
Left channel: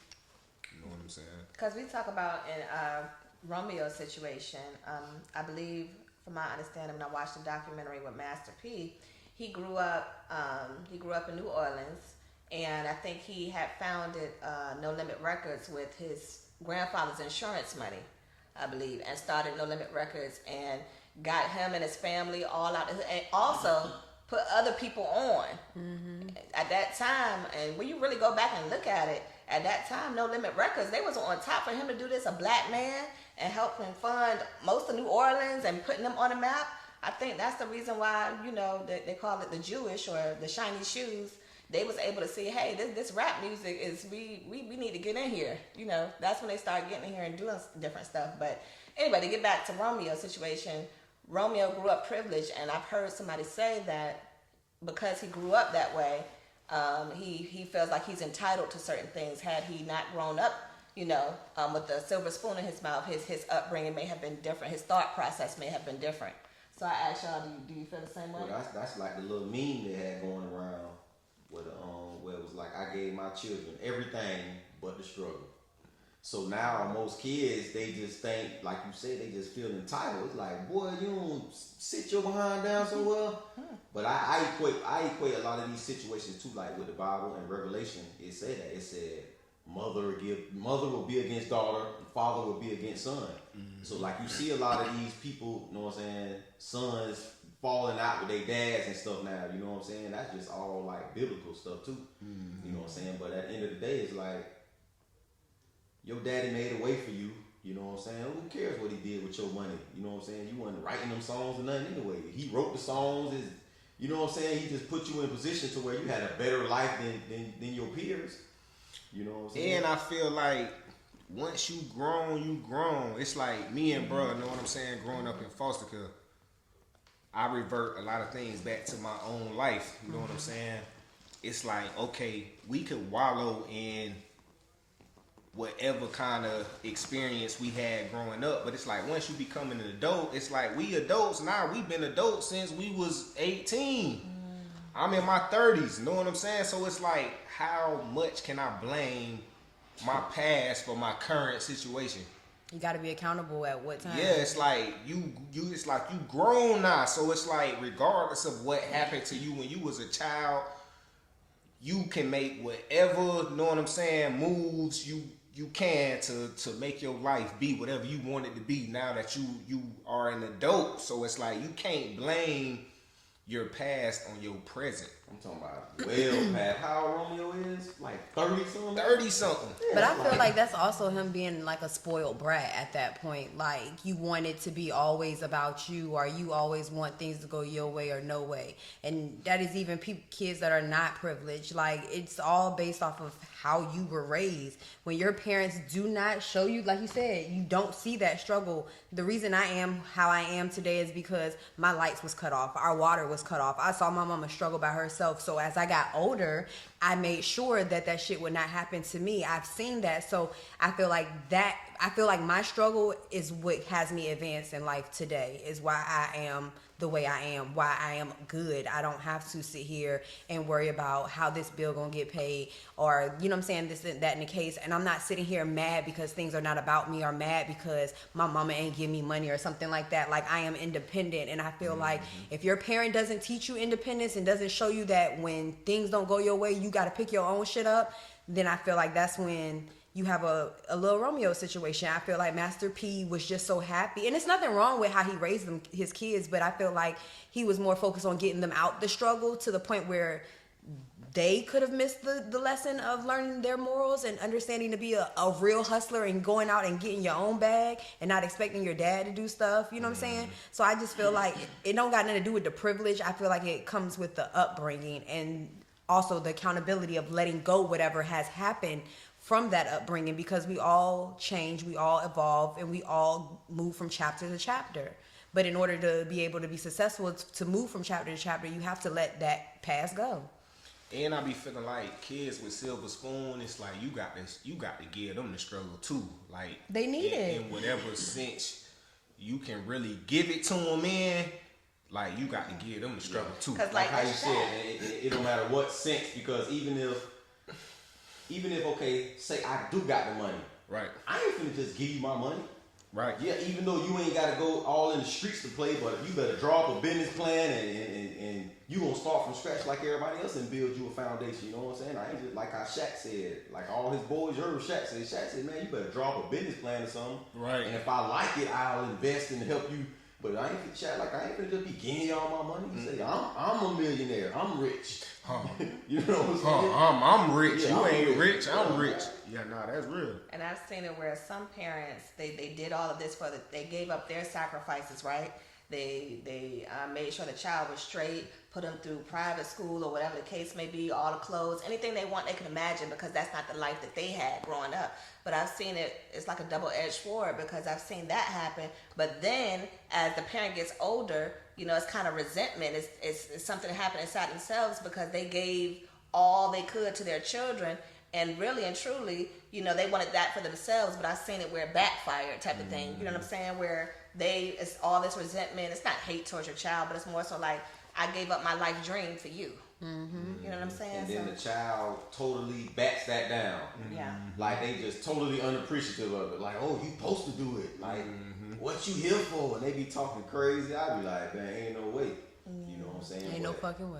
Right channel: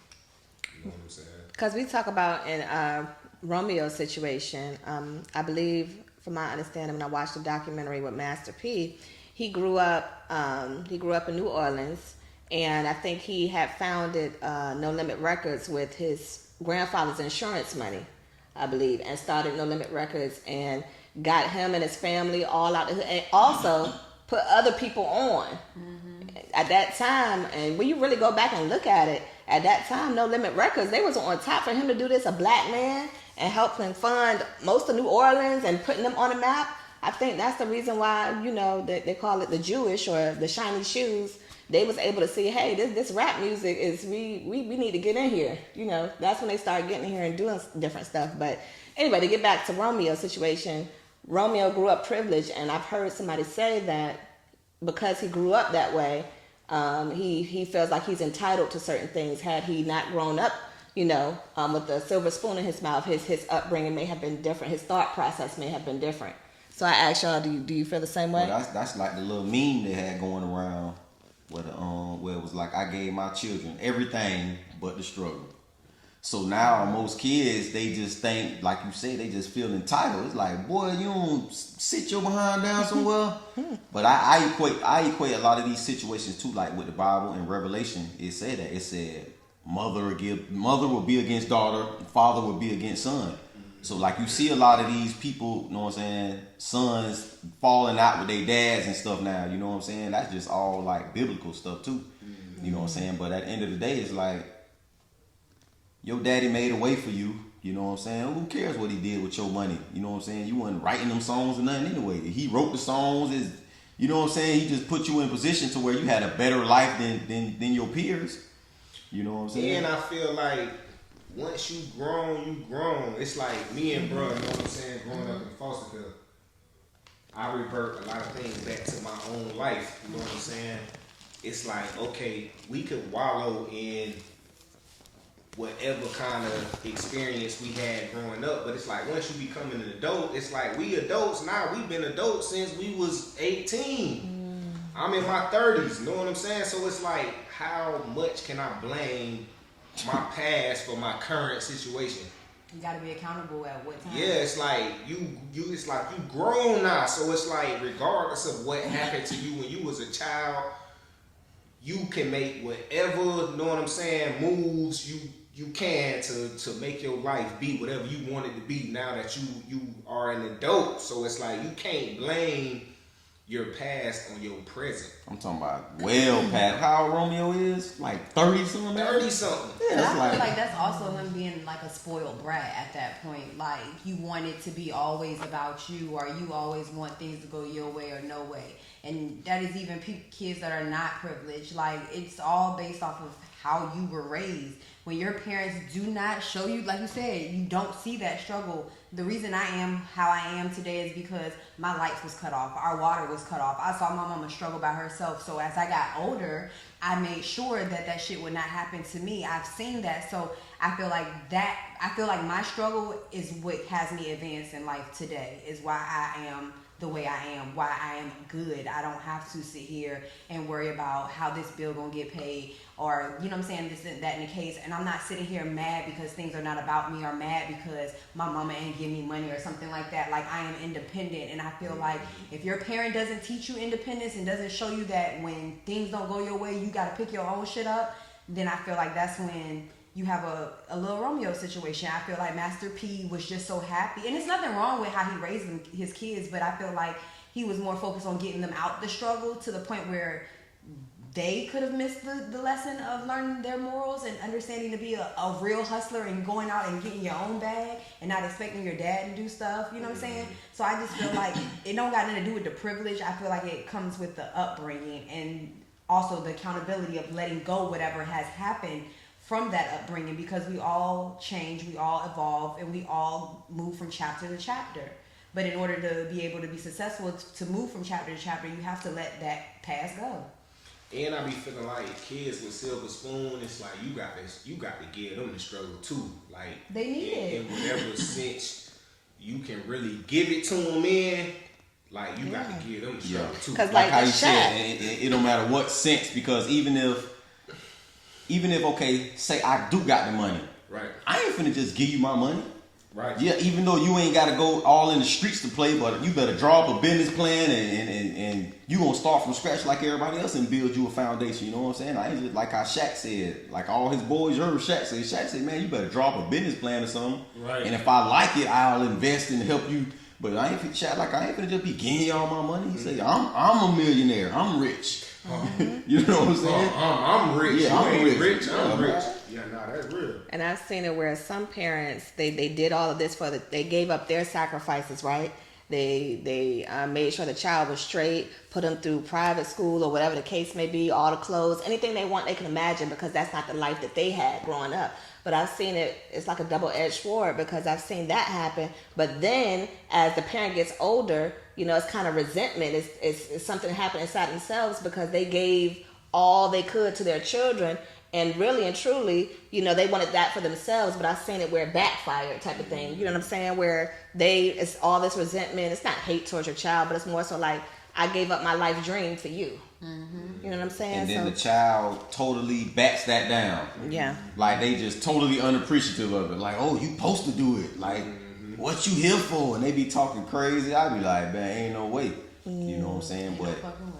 You know what I'm saying? Because we talk about in Romeo's situation, I believe, from my understanding, when I watched the documentary with Master P, he grew up in New Orleans, and I think he had founded No Limit Records with his grandfather's insurance money, I believe, and started No Limit Records and got him and his family all out, and also put other people on. At that time, and when you really go back and look at it, at that time, No Limit Records, they was on top. For him to do this, a black man, and help him fund most of New Orleans and putting them on the map. I think that's the reason why, you know, they call it the Jewish or the shiny shoes. They was able to see, hey, this rap music is, we need to get in here. You know, that's when they started getting in here and doing different stuff. But anyway, to get back to Romeo's situation, Romeo grew up privileged, and I've heard somebody say that because he grew up that way, he feels like he's entitled to certain things. Had he not grown up, you know, with the silver spoon in his mouth, his upbringing may have been different. His thought process may have been different. So I asked y'all, do you feel the same way? Well, that's like the little meme they had going around where it was like, I gave my children everything but the struggle. So now most kids, they just think, like you said, they just feel entitled. It's like, boy, you don't sit your behind down somewhere. But I equate a lot of these situations too, like with the Bible and Revelation. It said that. It said mother will be against daughter, father will be against son. So like you see a lot of these people, you know what I'm saying, sons falling out with their dads and stuff now, you know what I'm saying? That's just all like biblical stuff too. You know what I'm saying? But at the end of the day, it's like, your daddy made a way for you, you know what I'm saying? Who cares what he did with your money? You know what I'm saying? You wasn't writing them songs or nothing anyway. He wrote the songs, you know what I'm saying? He just put you in a position to where you had a better life than your peers. You know what I'm saying? And I feel like once you grown. It's like me and bro, you know what I'm saying, growing up in foster care, I revert a lot of things back to my own life, you know what I'm saying? It's like, okay, we could wallow in whatever kind of experience we had growing up, but it's like once you become an adult, it's like we adults now, we've been adults since we was 18. I'm in my 30s, you know what I'm saying? So it's like, how much can I blame my past for my current situation? You got to be accountable at what time. Yeah, it's like it's like you grown now. So it's like, regardless of what happened to you when you was a child, you can make whatever, you know what I'm saying, moves you can to make your life be whatever you want it to be now that you are an adult. So it's like, you can't blame your past on your present. I'm talking about well past how old Romeo is, like 30 something. 30 something. Yeah, But I feel like that's also him being like a spoiled brat at that point. Like, you want it to be always about you, or you always want things to go your way or no way. And that is even kids that are not privileged. Like, it's all based off of how you were raised. When your parents do not show you, like you said, you don't see that struggle. The reason I am how I am today is because my lights was cut off. Our water was cut off. I saw my mama struggle by herself. So as I got older, I made sure that shit would not happen to me. I've seen that. So I feel like my struggle is what has me advance in life today, is why I am the way I am, why I am good. I don't have to sit here and worry about how this bill gonna get paid, or, you know what I'm saying, this, that, and the case. And I'm not sitting here mad because things are not about me, or mad because my mama ain't give me money or something like that. Like, I am independent. And I feel like if your parent doesn't teach you independence and doesn't show you that when things don't go your way, you gotta pick your own shit up, then I feel like that's when you have a little Romeo situation. I feel like Master P was just so happy. And it's nothing wrong with how he raised his kids, but I feel like he was more focused on getting them out the struggle to the point where they could have missed the lesson of learning their morals and understanding to be a real hustler and going out and getting your own bag and not expecting your dad to do stuff. You know what I'm saying? So I just feel like it don't got nothing to do with the privilege. I feel like it comes with the upbringing and also the accountability of letting go whatever has happened from that upbringing, because we all change, we all evolve, and we all move from chapter to chapter. But in order to be able to be successful, to move from chapter to chapter, you have to let that past go. And I be feeling like kids with silver spoon, it's like you got to give them the struggle too. Like, they need it. In whatever sense you can really give it to them in, like, you got to give them the struggle too. Because like how you said, it don't matter what sense, because even if okay, say I do got the money, right? I ain't finna just give you my money, right? Yeah, even though you ain't gotta go all in the streets to play, but you better draw up a business plan and you gonna start from scratch like everybody else and build you a foundation. You know what I'm saying? I ain't just like how Shaq said, like all his boys. You heard Shaq say? Shaq said, man, you better draw up a business plan or something, right? And if I like it, I'll invest and help you. But I ain't finna just be giving y'all my money. He said, I'm a millionaire. I'm rich. You know what I'm saying? I'm rich. Yeah, you I'm ain't rich. I'm rich. Yeah, nah, that's real. And I've seen it where some parents they did all of this they gave up their sacrifices, right? They made sure the child was straight, put them through private school or whatever the case may be, all the clothes, anything they want, they can imagine, because that's not the life that they had growing up. But I've seen it's like a double-edged sword, because I've seen that happen. But then as the parent gets older, you know, it's kind of resentment. It's something that happened inside themselves because they gave all they could to their children. And really and truly, you know, they wanted that for themselves, but I've seen it where it backfired type of thing. You know what I'm saying? Where it's all this resentment. It's not hate towards your child, but it's more so like, I gave up my life dream for you. Mm-hmm. You know what I'm saying? And then the child totally backs that down. Yeah. Like, they just totally unappreciative of it. Like, oh, you supposed to do it. Like, what you here for? And they be talking crazy. I be like, man, ain't no way. You know what I'm saying? Ain't but no fucking way.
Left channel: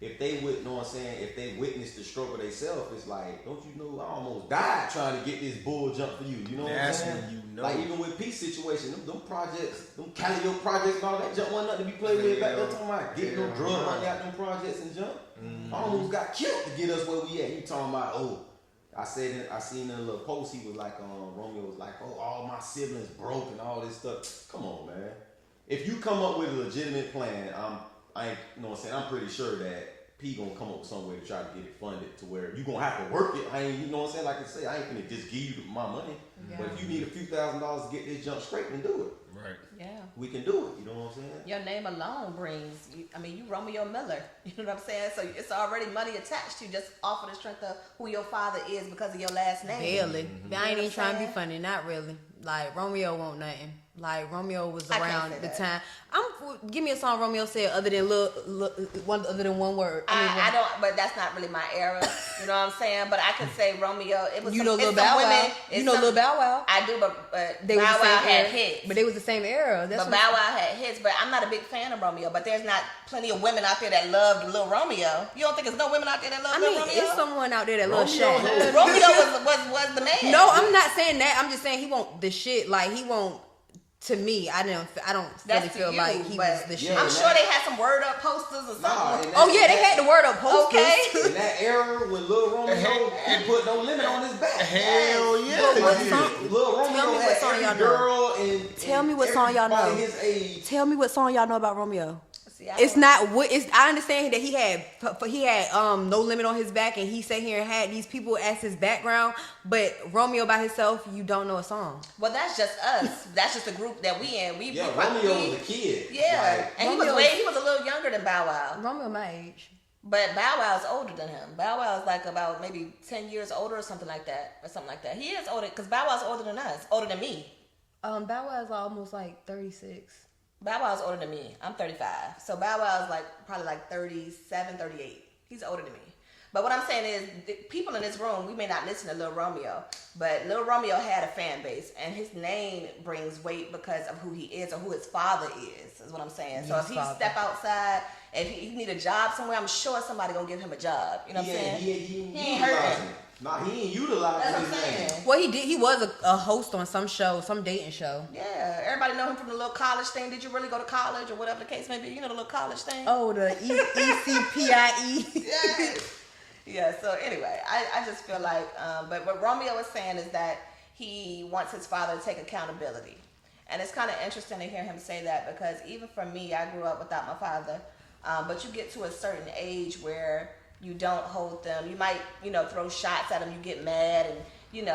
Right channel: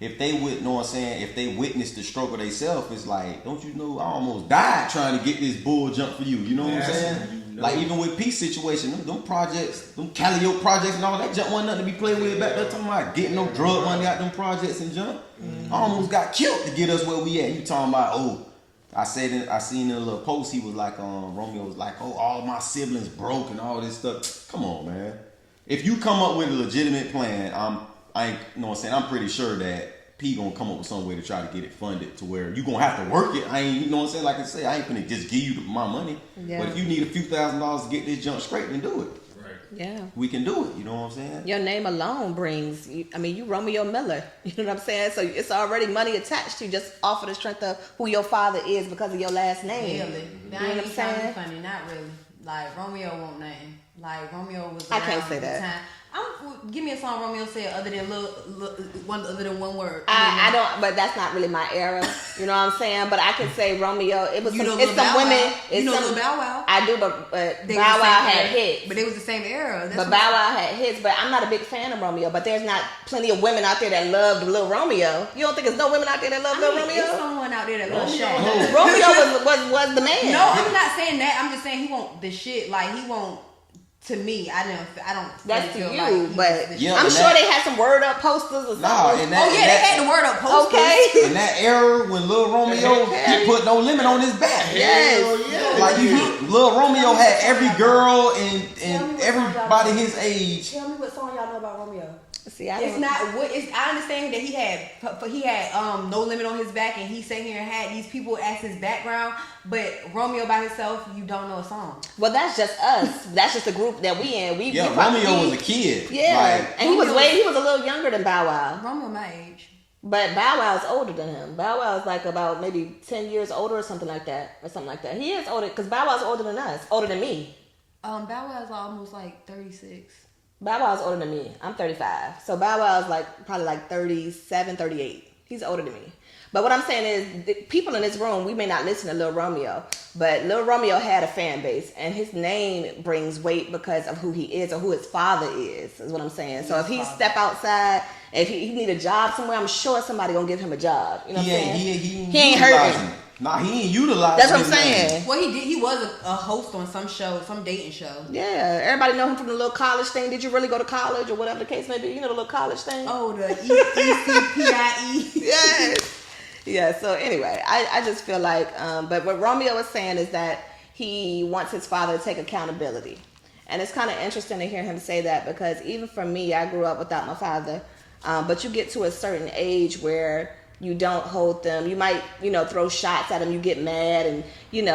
if they would know what I'm saying, if they witness the struggle themselves, it's like, don't you know, I almost died trying to get this bull jump for you. You know what I'm saying? You know. Like, even with peace situation, them projects, them Calliope projects and all that junk wasn't nothing to be played with back there. Talking about getting no drug money out them projects and junk. I almost got killed to get us where we at. You talking about, oh, I seen in a little post, he was like, Romeo was like, oh, all my siblings broke and all this stuff. Come on, man. If you come up with a legitimate plan, you know what I'm saying, I'm pretty sure that P gonna come up with some way to try to get it funded to where you gonna have to work it. You know what I'm saying? Like I say, I ain't gonna just give you my money. Yeah. But if you need a few $1,000s to get this junk straight, then do it. Yeah. We can do it, you know what I'm saying? Your name alone brings, you Romeo Miller, you know what I'm saying? So it's already money attached to you just off of the strength of who your father is because of your last name. Really? I ain't even trying to be funny, not really. Like, Romeo won't nothing. Like Romeo was I around can't say at the that. time. Give me a song Romeo said other than one word. I don't, but that's not really my era. You know what I'm saying? But I could say Romeo. It was You some, know it's Lil some Bow women. Wow. It's You know some, Lil Bow Wow. I do, but They Bow was the Wow same had era. hits. But they was the same era. That's But what- Bow Wow had hits. But I'm not a big fan of Romeo. But there's not plenty of women out there that love Lil Romeo. You don't think there's no women out there that love Lil Romeo? There's someone out there that loves Shaq. Romeo was the man. No, I'm not saying that. I'm just saying he won't the shit. Like he won't. To me, I don't That's really feel to like you, he but was the shit. Yeah, I'm and sure that- they had some word up posters or something. Nah, and that, Oh yeah, they had the word up posters. Okay. in that era when Lil Romeo he put no limit on his back. Yes. Like Lil Romeo had every girl and Tell me what song y'all everybody know. his age. Tell me what song y'all know about Romeo. See, It's not what it's. I understand that he had no limit on his back, and he sat here and had these people as his background. But Romeo by himself, you don't know a song. Well, that's just us. That's just the group that we in. We Romeo was a kid. Yeah, Like, and he was a little younger than Bow Wow. Romeo my age. But Bow Wow's older than him. Bow Wow's like about maybe 10 years older or something like that. He is older because Bow Wow's older than us, older than me. Bow Wow's almost like 36. Bow Wow's older than me. I'm 35. So Bow Wow's probably 37, 38. He's older than me. But what I'm saying is, the people in this room, we may not listen to Lil Romeo, but Lil Romeo had a fan base, and his name brings weight because of who he is or who his father is what I'm saying. So if he step outside, if he need a job somewhere, I'm sure somebody gonna give him a job. You know what I'm saying? He ain't utilizing. hurting. Nah, he ain't utilizing. That's what I'm his name. saying. Well, he did. He was a host on some show, some dating show. Yeah, everybody know him from the little college thing. Did you really go to college or whatever the case may be? You know the little college thing? Oh, the ECPIE. Yes. Yeah, so anyway, I just feel like, but what Romeo is saying is that he wants his father to take accountability. And it's kind of interesting to hear him say that because even for me, I grew up without my father. But you get to a certain age where you don't hold them. You might, throw shots at them. You get mad and, you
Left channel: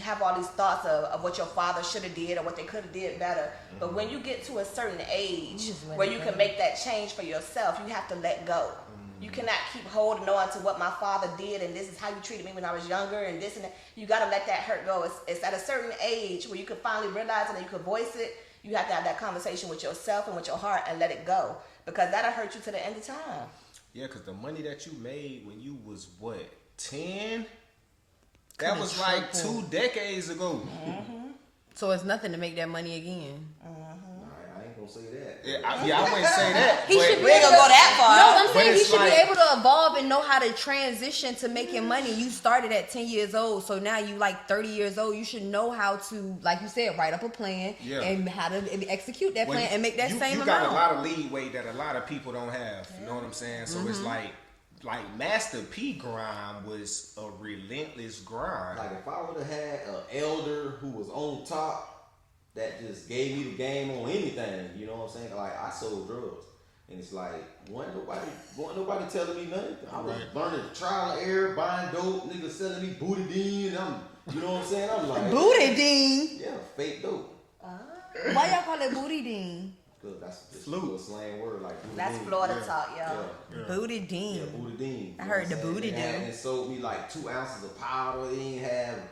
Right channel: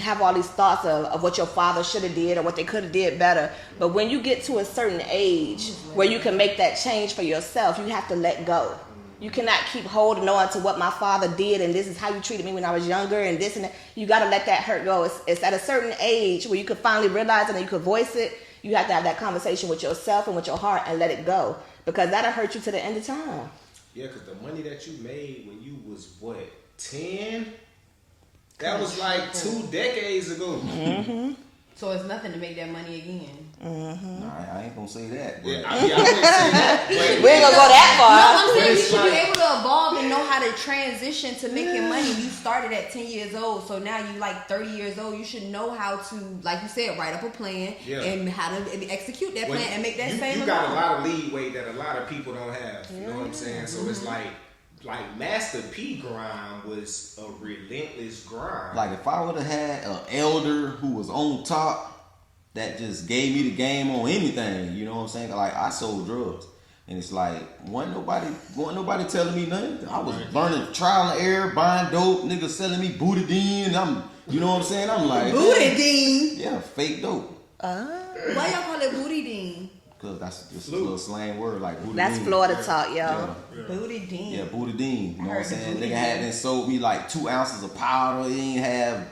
have all these thoughts of what your father should have did or what they could have did better. But when you get to a certain age where you can make that change for yourself, you have to let go. You cannot keep holding on to what my father did and this is how you treated me when I was younger and this and that. You got to let that hurt go. It's at a certain age where you can finally realize it and you can voice it. You have to have that conversation with yourself and with your heart and let it go because that'll hurt you to the end of time. Yeah, because the money that you made when you was, 10? That was like 2 decades ago. Mm-hmm. So it's nothing to make that money again. Mm-hmm. Nah, I ain't gonna say that. Yeah, I wouldn't say that. We ain't gonna go that far. No, I'm saying But you it's should be like- able to evolve and know how to transition to making money. You started at 10 years old, so now you 30 years old. You should know how to, like you said, write up a plan and how to execute that plan and make that same You amount. got a lot of leeway that a lot of people don't have. You know what I'm saying? So it's like Master P grind was a relentless grind. Like if I would have had an elder who was on top that just gave me the game on anything, you know what I'm saying? Like I sold drugs. And it's like, wasn't nobody telling me nothing. I was burning trial and error, buying dope, niggas selling me Boudadine. You know what I'm saying? I'm like, Boudadine? yeah, fake dope. Why y'all call it Boudadine? Cause that's just a little slang word like Boudadine. That's Florida talk, y'all. Yeah. Boudadine. Yeah, Boudadine. I heard the Boudadine. Nigga had sold me 2 ounces of powder. He ain't have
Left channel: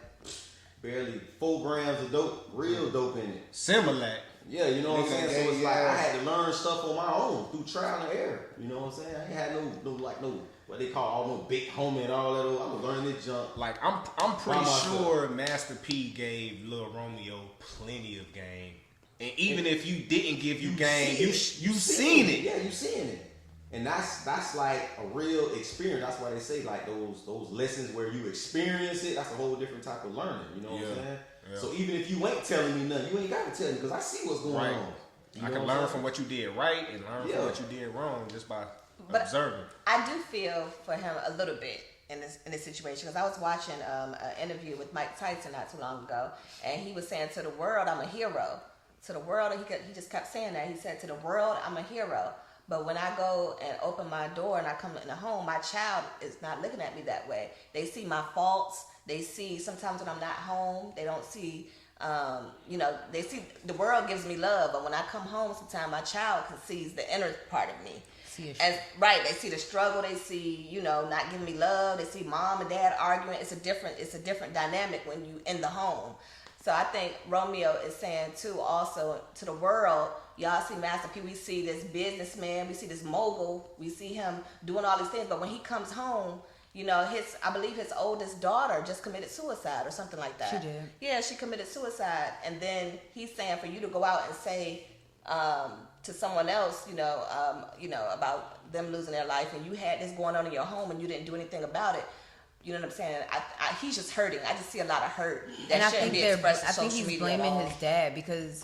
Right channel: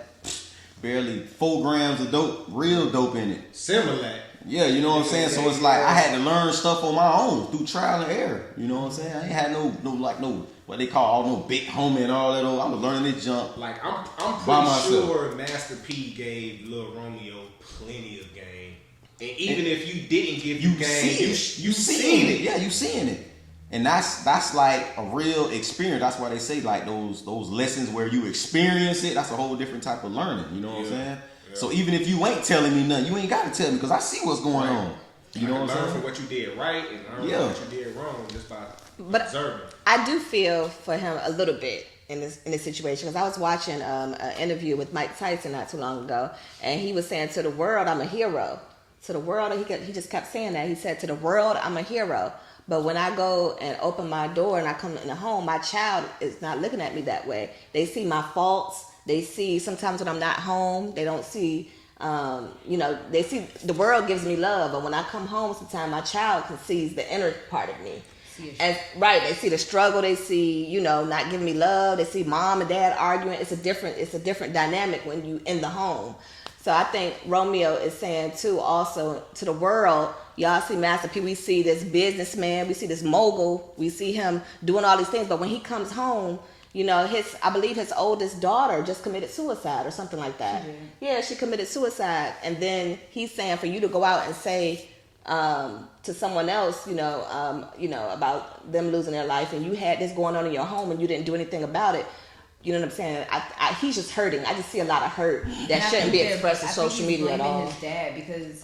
barely 4 grams of dope, real dope in it. Similar. Yeah, you know what I'm saying? So it's like I had to learn stuff on my own through trial and error. You know what I'm saying? I ain't had no what they call no big homie and all that. I was learning this jump. Like I'm By pretty myself. sure Master P gave Lil Romeo plenty of game. And even if you didn't give you game, you seen it. Yeah, you seeing it. And that's like a real experience. That's why they say those lessons where you experience it. That's a whole different type of learning. You know what I'm saying? Yeah. So even if you ain't telling me nothing, you ain't got to tell me because I see what's going on. You know what I'm saying? Learn from what you did right and learn from what you did wrong just by observing. I do feel for him a little bit in this situation because I was watching an interview with Mike Tyson not too long ago, and he was saying to the world, "I'm a hero." To the world, he just kept saying that. He said, "To the world, I'm a hero." But when I go and open my door and I come in the home, my child is not looking at me that way. They see my faults. They see sometimes when I'm not home, they don't see, they see the world gives me love. But when I come home, sometimes my child sees the inner part of me. And they see the struggle. They see, not giving me love. They see mom and dad arguing. It's a different dynamic when you in the home. So I think Romeo is saying too, also to the world, y'all see Master P, we see this businessman, we see this mogul, we see him doing all these things, but when he comes home, you know, I believe his oldest daughter just committed suicide or something like that. She did. Yeah, she committed suicide. And then he's saying for you to go out and say to someone else, you know, about them losing their life, and you had this going on in your home and you didn't do anything about it. You know what I'm saying? He's just hurting. I just see a lot of hurt that shouldn't be expressed on social media at all. Blaming his dad because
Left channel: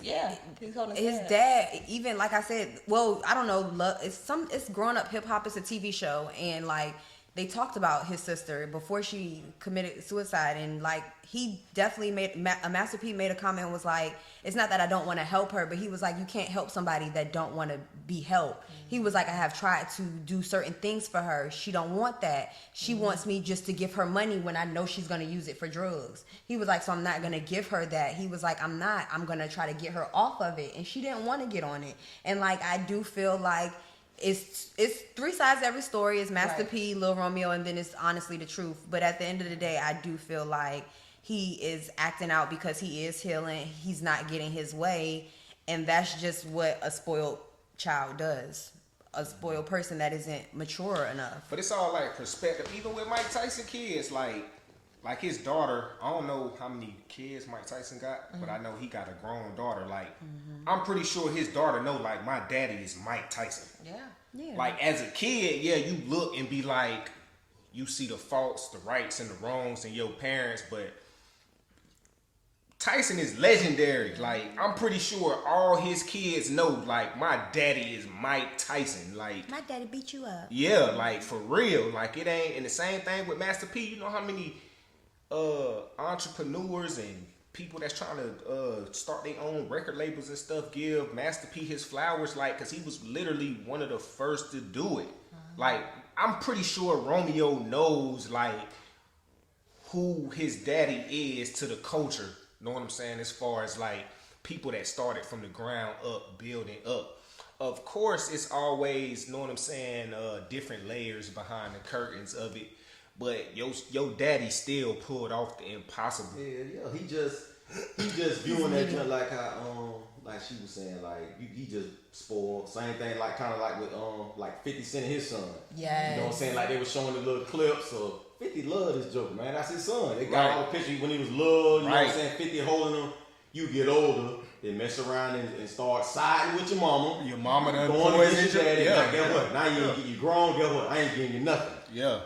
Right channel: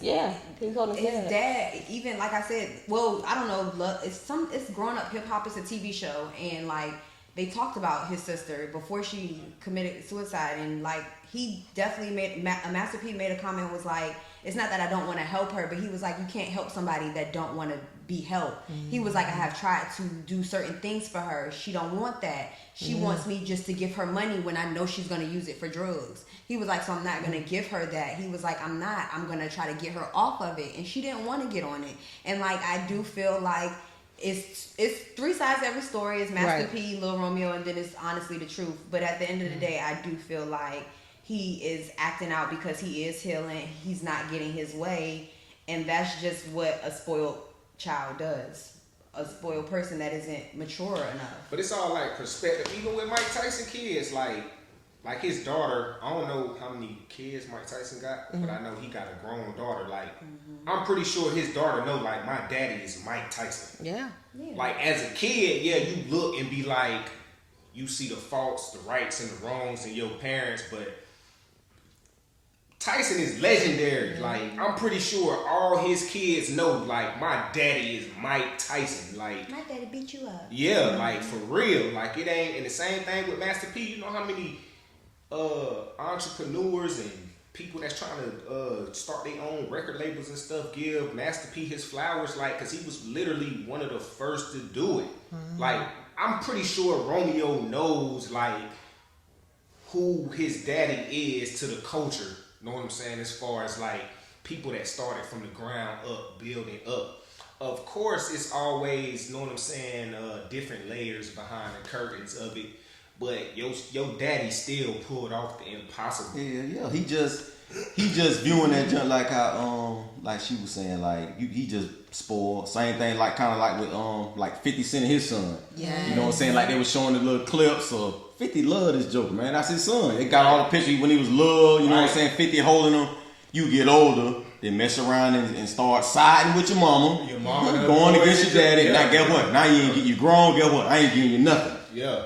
he's holding his dad. Even like I said, well, I don't know. It's grown up hip hop. It's a TV show, and like they talked about his sister before she committed suicide, and like he definitely Master P made a comment and was like, it's not that I don't want to help her, but he was like, you can't help somebody that don't want to be helped. Mm-hmm. He was like, I have tried to do certain things for her. She don't want that. She wants me just to give her money when I know she's going to use it for drugs. He was like, so I'm not going to give her that. He was like, I'm going to try to get her off of it. And she didn't want to get on it. And like, I do feel like it's three sides to every story. It's Master P, Lil Romeo, and then it's honestly the truth. But at the end of the day, I do feel like he is acting out because he is healing. He's not getting his way. And that's just what a spoiled child does. A spoiled person that isn't mature enough. But it's all like perspective. Even with Mike Tyson kids, like his daughter, I don't know how many kids Mike Tyson got, but I know he got a grown daughter. Like, I'm pretty sure his daughter know, like, my daddy is Mike Tyson. Yeah. Like, as a kid, you look and be like, you see the faults, the rights, and the wrongs in your parents, but Tyson is legendary. Like, I'm pretty sure all his kids know, like, my daddy is Mike Tyson. Like, my daddy beat you up. Yeah, like, for real. Like, it ain't. And the same thing with Master P. You know how many entrepreneurs and people that's trying to start their own record labels and stuff give Master P his flowers, like, because he was literally one of the first to do it. Like, I'm pretty sure Romeo knows, like, who his daddy is to the culture. Know what I'm saying? As far as like people that started from the ground up, building up. Of course, it's always, know what I'm saying, different layers behind the curtains of it. But your daddy still pulled off the impossible. Yeah. He just viewing that junk like how like she was saying, like he just spoiled. Same thing, like kind of like with like 50 Cent and his son. Yeah. You know what I'm saying? Like they was showing the little clips of 50 love this joke, man. That's his son. They got all the pictures when he was little, you know what I'm saying? 50 holding him. You get older, then mess around and start siding with your mama. Your mama going against your daddy. Now guess what? Now you grown, guess what? I ain't giving you nothing. Yeah.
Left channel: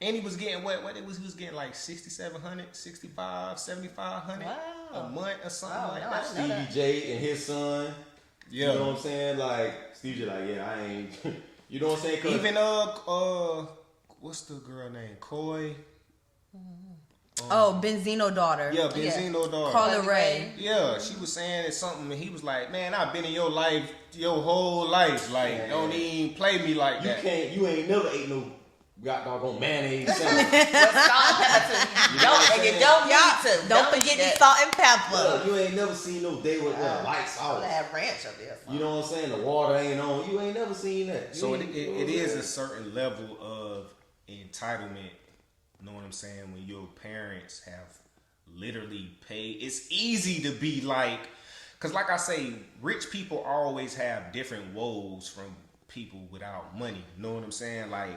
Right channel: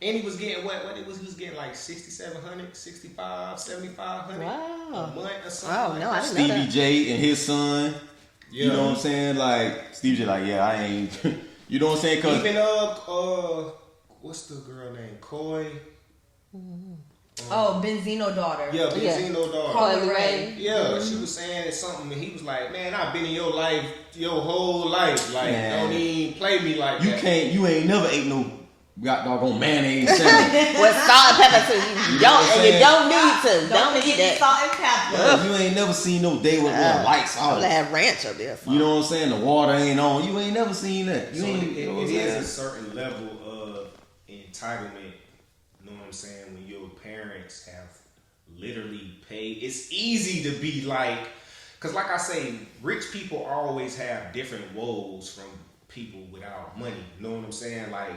And he was getting he was getting like 6,700, 65, 7,500 a month or something. Wow, like no, that. I didn't know Stevie that. J and his son. Yeah. You know what I'm saying? Like Stevie J, like, yeah, I ain't. You know what I'm saying? Cause even what's the girl name? Coy. Oh, Benzino daughter. Yeah, Benzino daughter. Carla Ray. Yeah, she was saying something, and he was like, "Man, I've been in your life, your whole life. Like, don't even play me like that. You ain't never ate no got doggone mayonnaise sandwich. With salt and pepper too. You don't need to. Don't forget the salt and pepper. You ain't never seen no day with lights out. I'll have ranch up there. You know what I'm saying? The water ain't on. You ain't never seen that. So it is a certain level of entitlement. You know what I'm saying? When your parents have literally paid, it's easy to be like, because like I say, rich people always have different woes from people without money. You know what I'm saying? Like,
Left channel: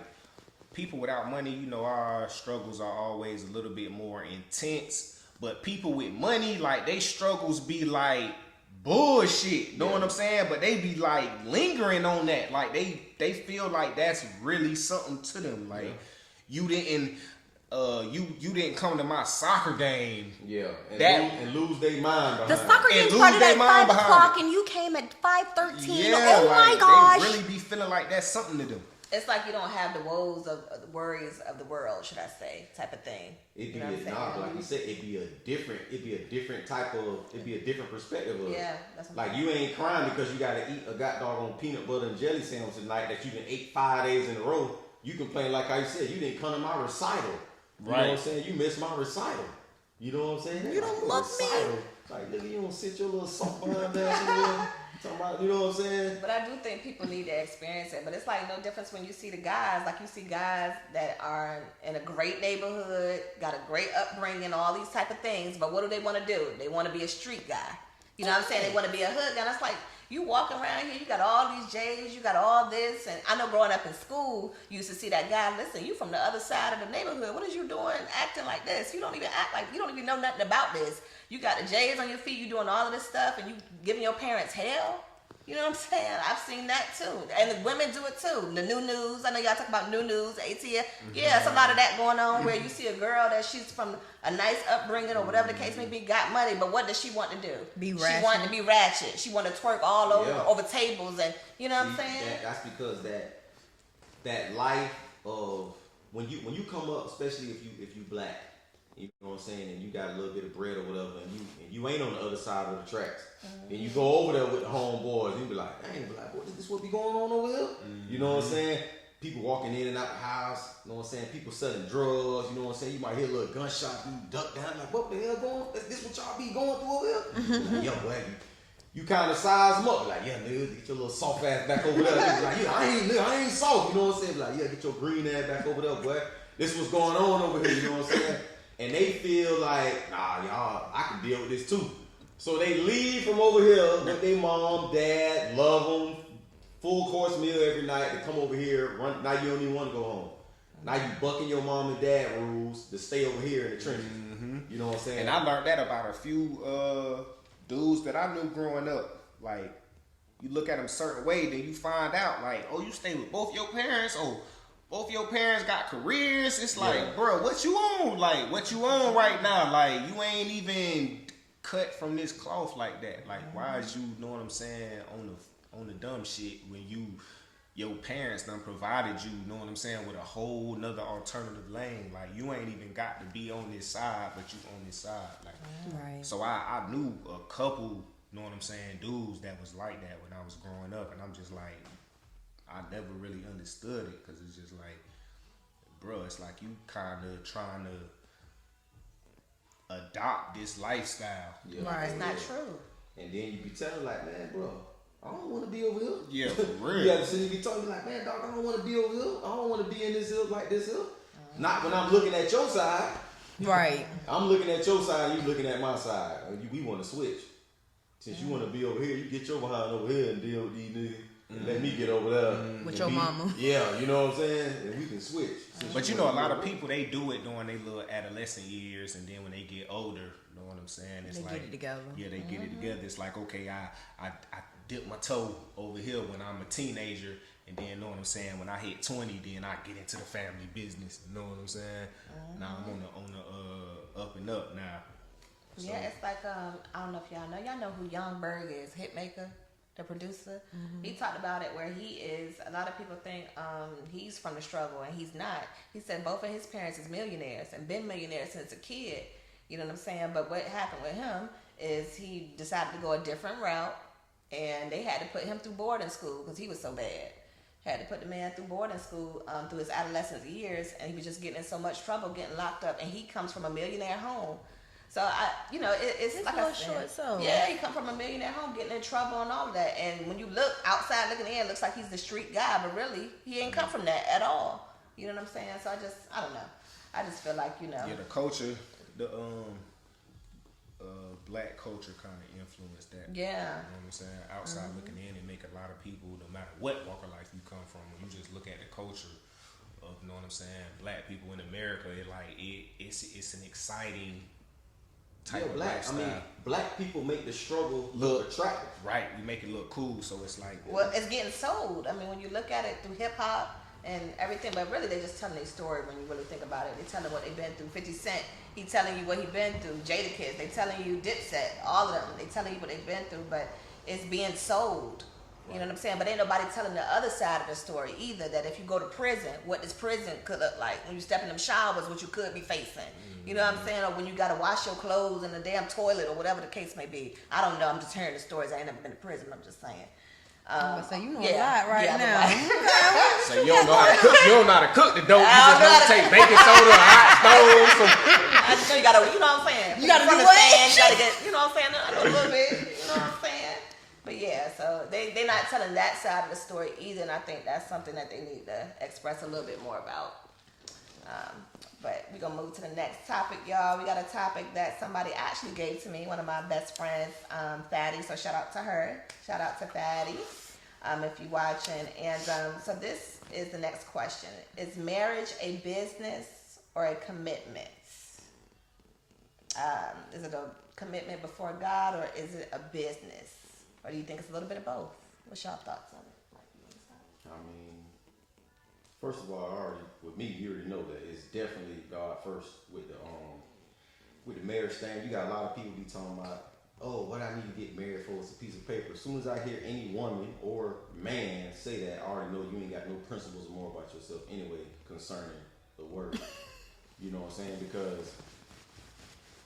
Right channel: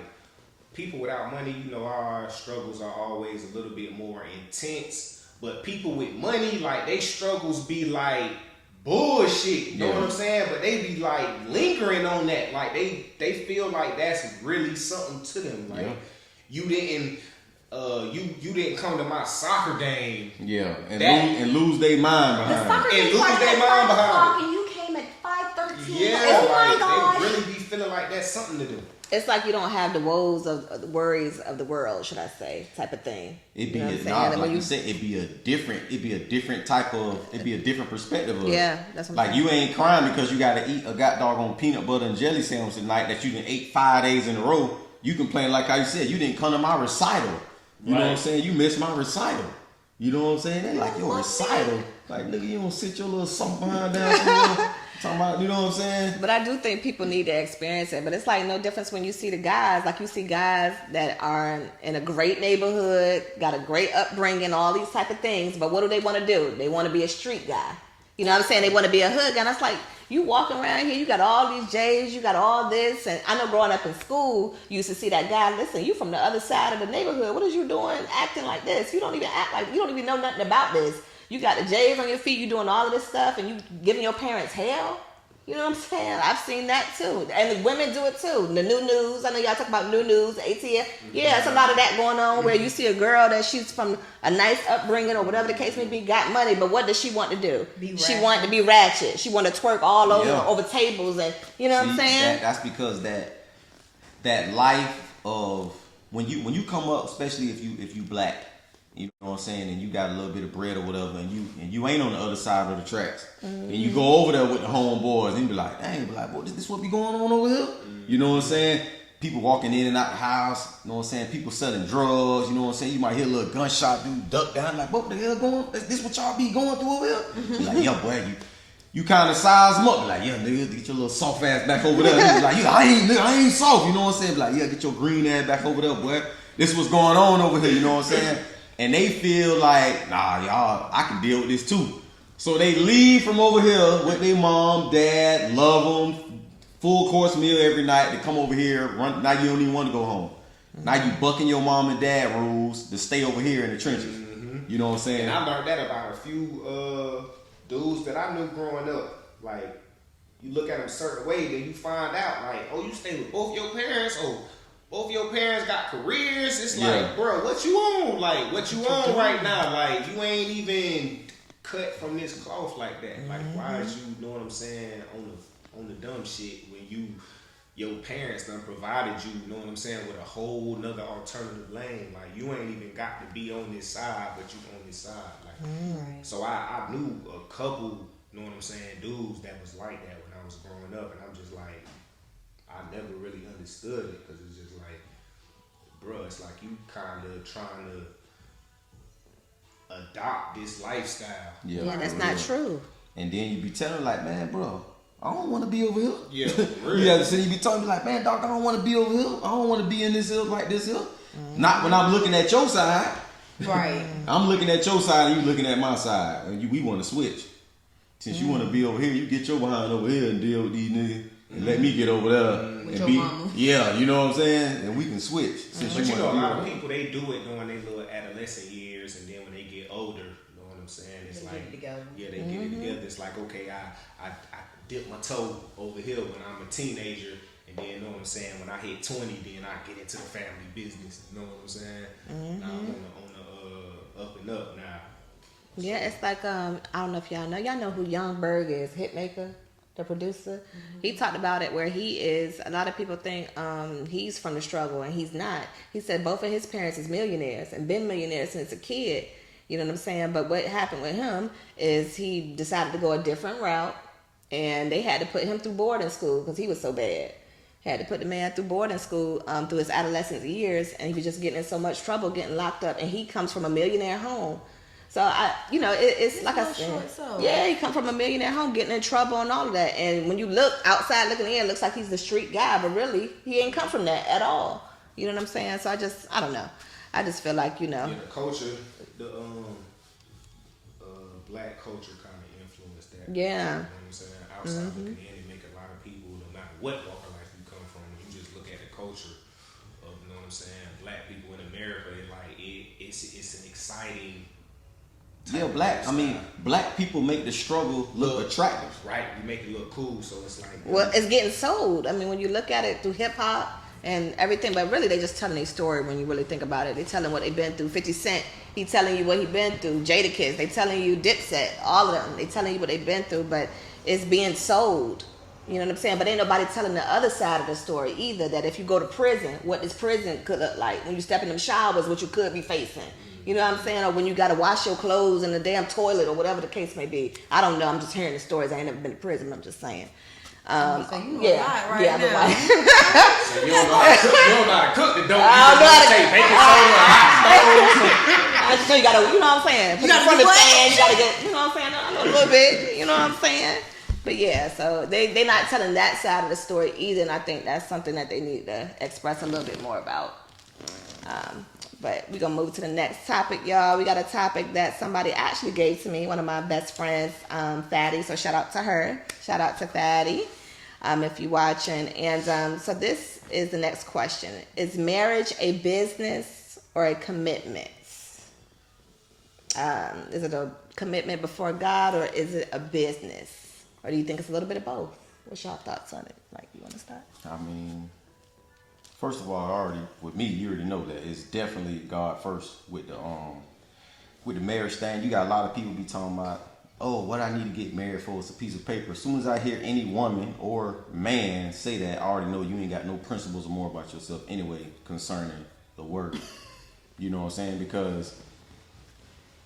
people without money, you know, our struggles are always a little bit more intense. But people with money, like, they struggles be like bullshit. You know what I'm saying? But they be like lingering on that. Like, they feel like that's really something to them. Like, you didn't you didn't come to my soccer game. Yeah, and lose their mind behind the soccer game started at 5 o'clock and you came at 5:13. Yeah, oh my gosh. They really be feeling like that's something to do. It's like you don't have the woes of the worries of the world, should I say, type of thing. It'd be like you said, it'd be a different type of, it'd be a different perspective of it. Yeah, that's what I'm like saying. you ain't crying because you gotta eat a doggone peanut butter and jelly sandwich tonight that you done ate 5 days in a row. You complain like how you said, you didn't come to my recital. You know what I'm saying? You missed my recital. You know what I'm saying? They like your recital. Like, nigga, you don't sit your little soft behind down. Talking about, you know what I'm saying? But I do think people need to experience it. But it's like no difference when you see the guys. Like you see guys that are in a great neighborhood, got a great upbringing, all these type of things. But what do they want to do? They want to be a street guy. You know what I'm saying? They want to be a hood guy. And it's like, you walking around here, you got all these J's, you got all this. And I know growing up in school, you used to see that guy, listen, you from the other side of the neighborhood. What is you doing acting like this? You don't even act like, you don't even know nothing about this. You got the J's on your feet, you doing all of this stuff, and you giving your parents hell. You know what I'm saying? I've seen that too. And the women do it too. The new news. I know y'all talk about new news, ATF. Yeah, it's a lot of that going on where you see a girl that she's from a nice upbringing or whatever the case may be, got money, but what does she want to do? She wanted to be ratchet. She want to twerk all over tables and, you know what I'm saying? That's because that life of when you come up, especially if you black, you know what I'm saying, and you got a little bit of bread or whatever, and you ain't on the other side of the tracks, and you go over there with the homeboys, and you be like, dang, boy, this what be going on over here? You know what I'm saying? People walking in and out the house, you know what I'm saying? People selling drugs, you know what I'm saying? You might hear a little gunshot, dude duck down, like, what the hell going on? This what y'all be going through over here? Be like, yeah, boy, you kind of size them up, be like, yeah, nigga, get your little soft ass back over there. Be like, yeah, I ain't soft, you know what I'm saying? Be like, yeah, get your green ass back over there, boy. This what's going on over here, you know what I'm saying? And they feel like, nah, y'all, I can deal with this too. So they leave from over here with their mom, dad, love them, full course meal every night. They come over here, run. Now you don't even want to go home. Now you bucking your mom and dad rules to stay over here in the trenches. You know what I'm saying? And I learned that about a few dudes that I knew growing up. Like, you look at them a certain way, then you find out, like, oh, you stay with both your parents, or both your parents got careers. It's like, bro, what you on? Like, what you on right now? Like, you ain't even cut from this cloth like that. Like, why is you, know what I'm saying, on the dumb shit when your parents done provided you, know what I'm saying, with a whole nother alternative lane. Like, you ain't even got to be on this side, but you on this side. Like, so I knew a couple, know what I'm saying, dudes that was like that when I was growing up, and I'm just like, I never really understood it, because it's just like, bro, it's like you kind of trying to adopt this lifestyle. Yeah, that's not true. And then you be telling like, man, bro, I don't want to be over here. Yeah, really. You be talking like, man, dog, I don't want to be over here. I don't want to be in this hill like this hill. Not when I'm looking at your side. Right. I'm looking at your side and you looking at my side. And we want to switch. Since you want to be over here, you get your behind over here and deal with these niggas. And let me get over there. With your mama. Yeah, you know what I'm saying? And we can switch. But you know, a lot of people, they do it during their little adolescent years, and then when they get older, you know what I'm saying? It's they like, get it together. Yeah, they get it together. It's like, okay, I dip my toe over here when I'm a teenager, and then, you know what I'm saying, when I hit 20, then I get into the family business. You know what I'm saying? Now I'm on the up and up now. Yeah, it's like, I don't know if y'all know who Young Berg is, Hitmaker, the producer. He talked about it where he is, a lot of people think he's from the struggle, and he's not. He said both of his parents is millionaires and been millionaires since a kid. You know what I'm saying? But what happened with him is he decided to go a different route, and they had to put him through boarding school because he was so bad. Had to put the man through boarding school through his adolescent years, and he was just getting in so much trouble, getting locked up. And he comes from a millionaire home. So it's like I said, yeah, he come from a millionaire home, getting in trouble and all of that. And when you look outside, looking in, it looks like he's the street guy, but really, he ain't come from that at all. You know what I'm saying? So I don't know. I just feel like, Yeah, the culture, the black culture kind of influenced that. Yeah. You know what I'm saying? Outside looking in, it make a lot of people, no matter what walk of life you come from, when you just look at the culture of, you know what I'm saying, black people in America, it's an exciting. Yeah, black people make the struggle look attractive. Right, you make it look cool, so it's like. Well, it's getting sold. I mean, when you look at it through hip hop and everything, but really they just telling their story when you really think about it. They telling what they've been through. 50 Cent, he telling you what he been through. Jadakiss, they telling you Dipset, all of them. They telling you what they've been through, but it's being sold. You know what I'm saying? But ain't nobody telling the other side of the story either, that if you go to prison, what this prison could look like. When you step in them showers, what you could be facing. You know what I'm saying? Or when you got to wash your clothes in the damn toilet or whatever the case may be. I don't know. I'm just hearing the stories. I ain't never been to prison. I'm just saying. So you know a lot right now. So you don't know how to cook the dough. I don't know how to take baking soda or hot stove. I just know you know what I'm saying? You got to run the stand. You got to get, you know what I'm saying? I know a little bit. You know what I'm saying? But yeah, so they're not telling that side of the story either, and I think that's something that they need to express a little bit more about. But we're gonna move to the next topic, y'all. We got a topic that somebody actually gave to me, one of my best friends, Fatty. So shout out to her. Shout out to Fatty, if you're watching. And so this is the next question: is marriage a business or a commitment? Is it a commitment before God, or is it a business? Or do you think it's a little bit of both? What's your thoughts on it? Like, you want to start? I mean, first of all, with me, you already know that it's definitely God first with the marriage thing. You got a lot of people be talking about, oh, what I need to get married for is a piece of paper. As soon as I hear any woman or man say that, I already know you ain't got no principles or more about yourself anyway concerning the word. You know what I'm saying? Because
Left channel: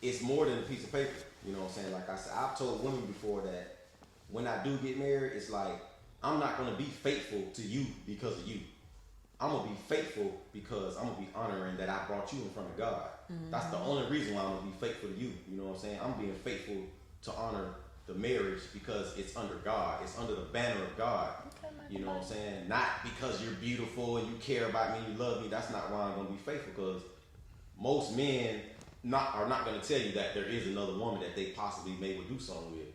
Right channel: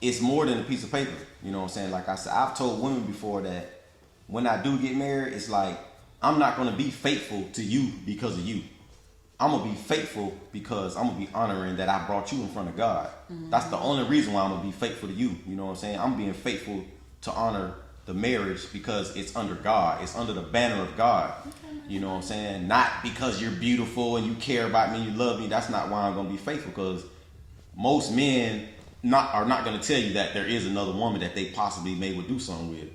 it's more than a piece of paper. You know what I'm saying? Like I said, I've told women before that when I do get married, it's like, I'm not going to be faithful to you because of you. I'm going to be faithful because I'm going to be honoring that I brought you in front of God. Mm-hmm. That's the only reason why I'm going to be faithful to you. You know what I'm saying? I'm being faithful to honor the marriage because it's under God. It's under the banner of God. You know what I'm saying? Not because you're beautiful and you care about me, you love me. That's not why I'm going to be faithful, because most men are not going to tell you that there is another woman that they possibly may would do something with.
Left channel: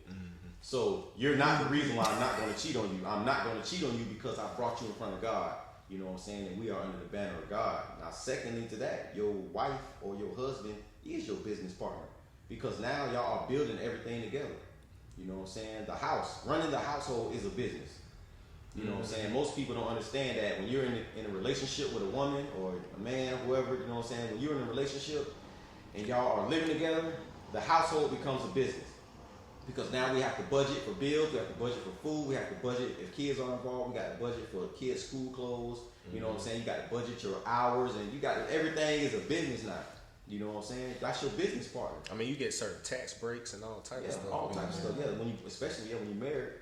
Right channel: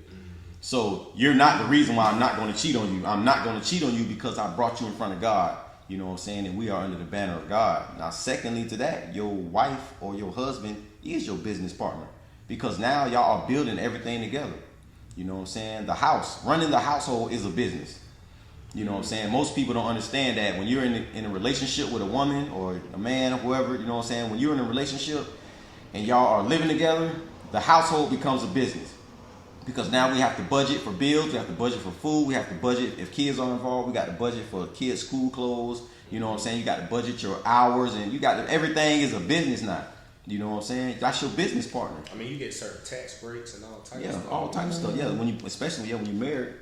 So you're not the reason why I'm not going to cheat on you. I'm not going to cheat on you because I brought you in front of God. You know what I'm saying? And we are under the banner of God. Now, secondly to that, your wife or your husband is your business partner, because now y'all are building everything together. You know what I'm saying? The house, running the household is a business. You know what I'm saying? Most people don't understand that when you're in a relationship with a woman or a man or whoever, you know what I'm saying? When you're in a relationship and y'all are living together, the household becomes a business. Because now we have to budget for bills, we have to budget for food, we have to budget if kids are involved, we got to budget for kids' school clothes, you know what I'm saying? You got to budget your hours, and everything is a business now. You know what I'm saying? That's your business partner. I mean, you get certain tax breaks and all types of stuff. Yeah, all types of stuff. Yeah, especially when you're married.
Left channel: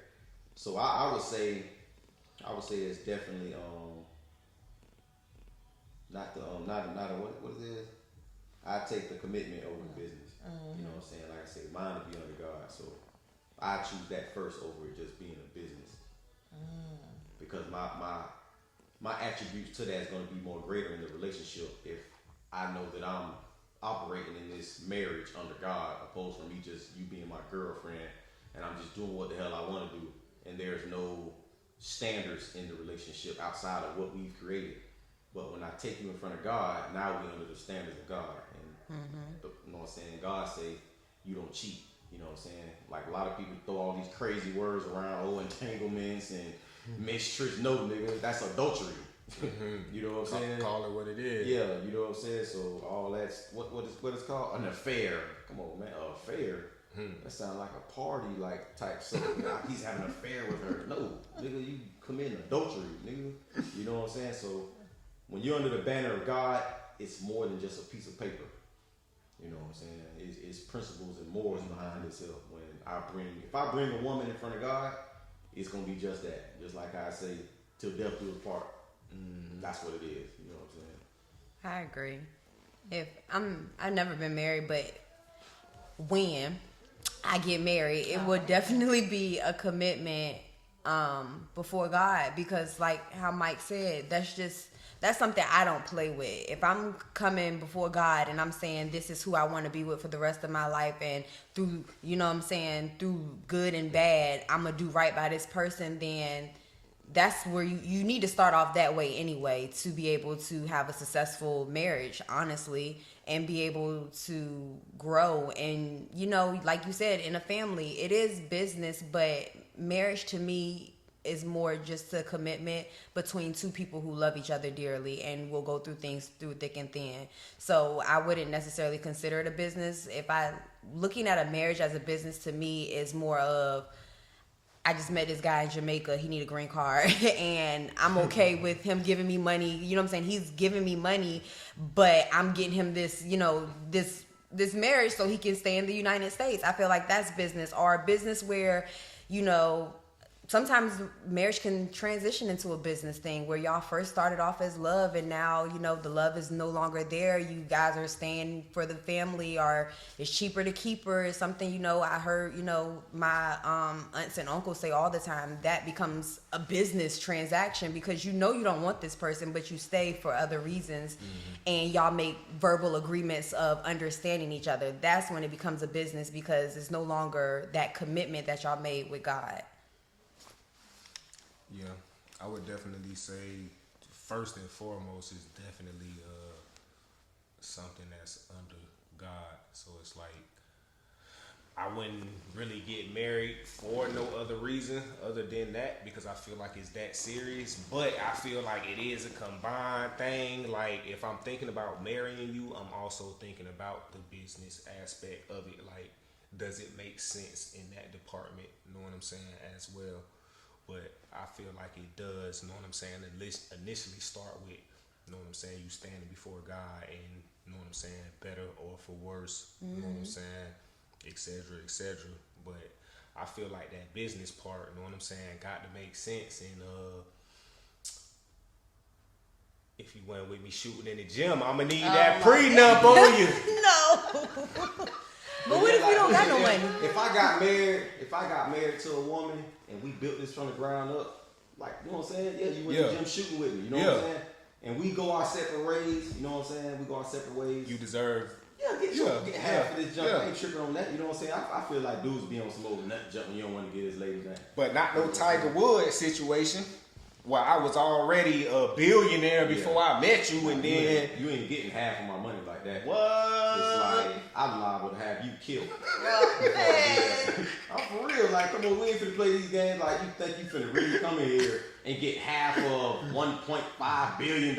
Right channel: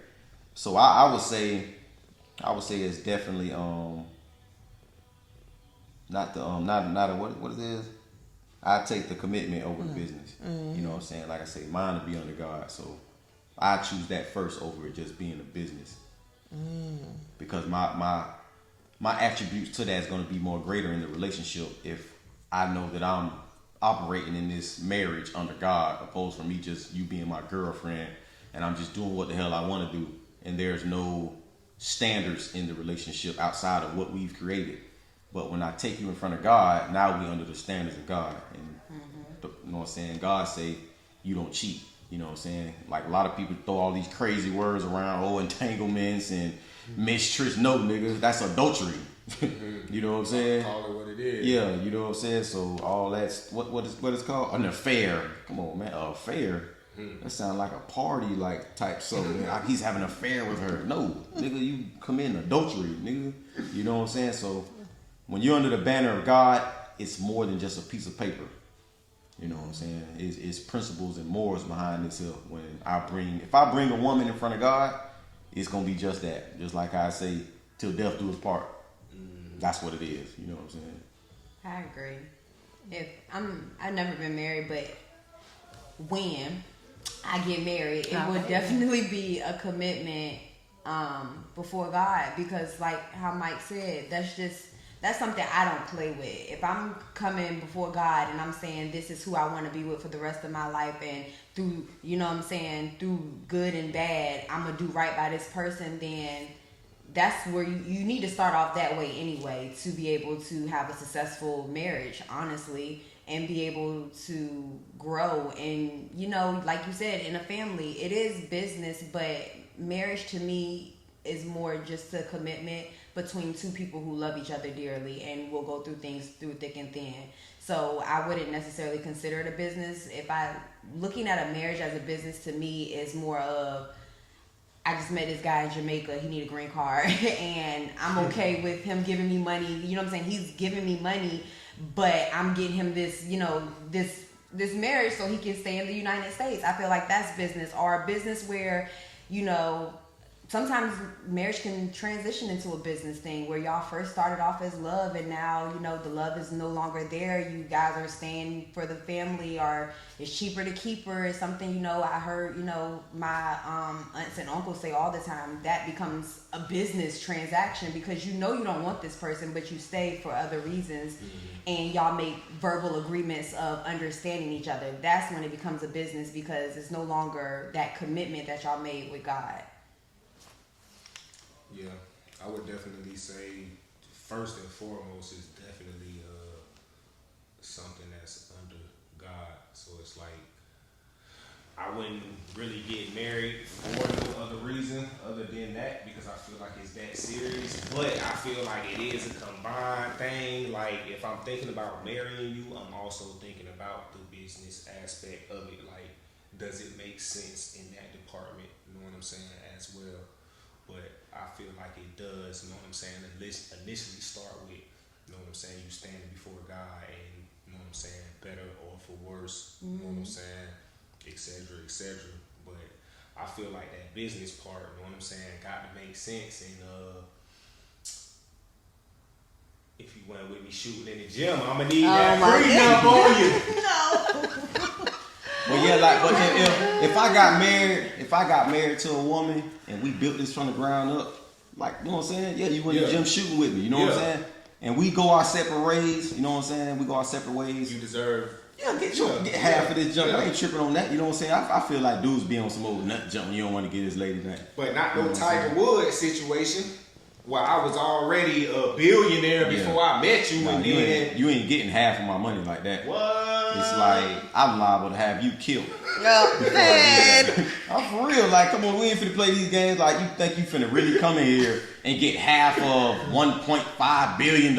So I would say it's definitely not what it is. I take the commitment over the business. You know what I'm saying? Like I say, mine to be under God. So I choose that first over it just being a business. Because my attributes to that is going to be more greater in the relationship if I know that I'm operating in this marriage under God, opposed from me just you being my girlfriend and I'm just doing what the hell I want to do, and there's no standards in the relationship outside of what we've created. But when I take you in front of God, now we under the standards of God. And you know what I'm saying? God say you don't cheat. You know what I'm saying? Like a lot of people throw all these crazy words around, entanglements and mistrust. No, nigga, that's adultery. You know what I'm saying? Call it what it is. Yeah, you know what I'm saying? So all that's what it's called? An affair. Come on, man, an affair. That sounds like a party like type something. Like he's having an affair with her. No, nigga, you committing adultery, nigga. You know what I'm saying? So when you're under the banner of God, it's more than just a piece of paper. You know what I'm saying? It's principles and morals behind itself. If I bring a woman in front of God, it's gonna be just that. Just like I say, till death do us part. That's what it is. You know what I'm saying? I agree. I've never been married, but when I get married, it would definitely be a commitment before God, because like how Mike said, that's something I don't play with. If I'm coming before God and I'm saying this is who I want to be with for the rest of my life, and through, you know what I'm saying, through good and bad, I'm going to do right by this person, then that's where you need to start off that way anyway to be able to have a successful marriage, honestly, and be able to grow. And, you know, like you said, in a family, it is business, but marriage to me is more just a commitment between two people who love each other dearly and will go through things through thick and thin. So I wouldn't necessarily consider it a business. Looking at a marriage as a business to me is more of, I just met this guy in Jamaica, he need a green card, and I'm okay with him giving me money. You know what I'm saying? He's giving me money, but I'm getting him this, you know, this marriage so he can stay in the United States. I feel like that's business, or a business where, you know, sometimes marriage can transition into a business thing where y'all first started off as love and now, you know, the love is no longer there. You guys are staying for the family, or it's cheaper to keep her. It's something, you know, I heard, you know, my aunts and uncles say all the time, that becomes a business transaction because you know you don't want this person, but you stay for other reasons. And y'all make verbal agreements of understanding each other. That's when it becomes a business because it's no longer that commitment that y'all made with God. Yeah, I would definitely say first and foremost is definitely something that's under God. So it's like I wouldn't really get married for no other reason other than that because I feel like it's that serious. But I feel like it is a combined thing. Like if I'm thinking about marrying you, I'm also thinking about the business aspect of it. Like, does it make sense in that department? You know what I'm saying? As well. But I feel like it does. You know what I'm saying? Initially start with, you know what I'm saying? You standing before God and, you know what I'm saying? Better or for worse. You know what I'm saying? Et cetera, et cetera. But I feel like that business part, you know what I'm saying, got to make sense. And if you went with me shooting in the gym, I'ma need that prenup on you. No. But yeah, like, but if I got married to a woman and we built this from the ground up, like, you know what I'm saying? Yeah, you went to the gym shooting with me, you know what I'm saying? And we go our separate ways, you know what I'm saying? We go our separate ways. You deserve. Yeah, get half of this junk. I ain't tripping on that, you know what I'm saying? I feel like dudes be on some old nut junk when you don't want to get his lady that. But not no Tiger Woods situation. Well, I was already a billionaire before I met you, and then you ain't getting half of my money like that. What? It's like I'm liable to have you killed. No, man. I'm for real. Like, come on, we ain't finna play these games. Like, you think you finna really come in here and get half of $1.5 billion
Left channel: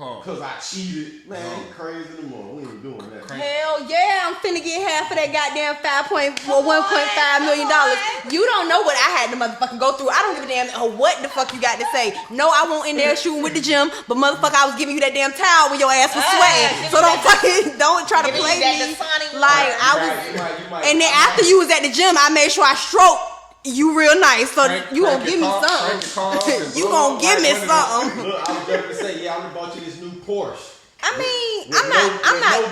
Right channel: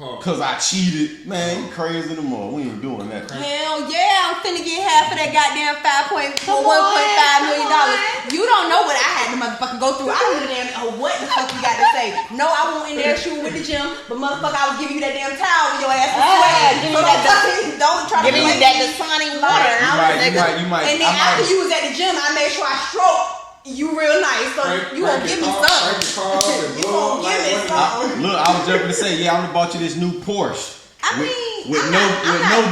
because I cheated? Man, you crazy no more. We ain't doing that. Hell yeah, I'm finna get half of that goddamn $1.5 million. You don't know what I had to motherfucking go through. I don't give a damn what the fuck you got to say. No, I won't in there shooting with the gym, but motherfucker, I was giving you that damn towel when your ass was sweating. So don't try to play that Dasani water. You might. And then after you was at the gym, I made sure I stroked you real nice. So you gonna give me something. You gonna give me something. Look, I was just gonna say, yeah, I'm gonna bought you this new Porsche. I mean, with no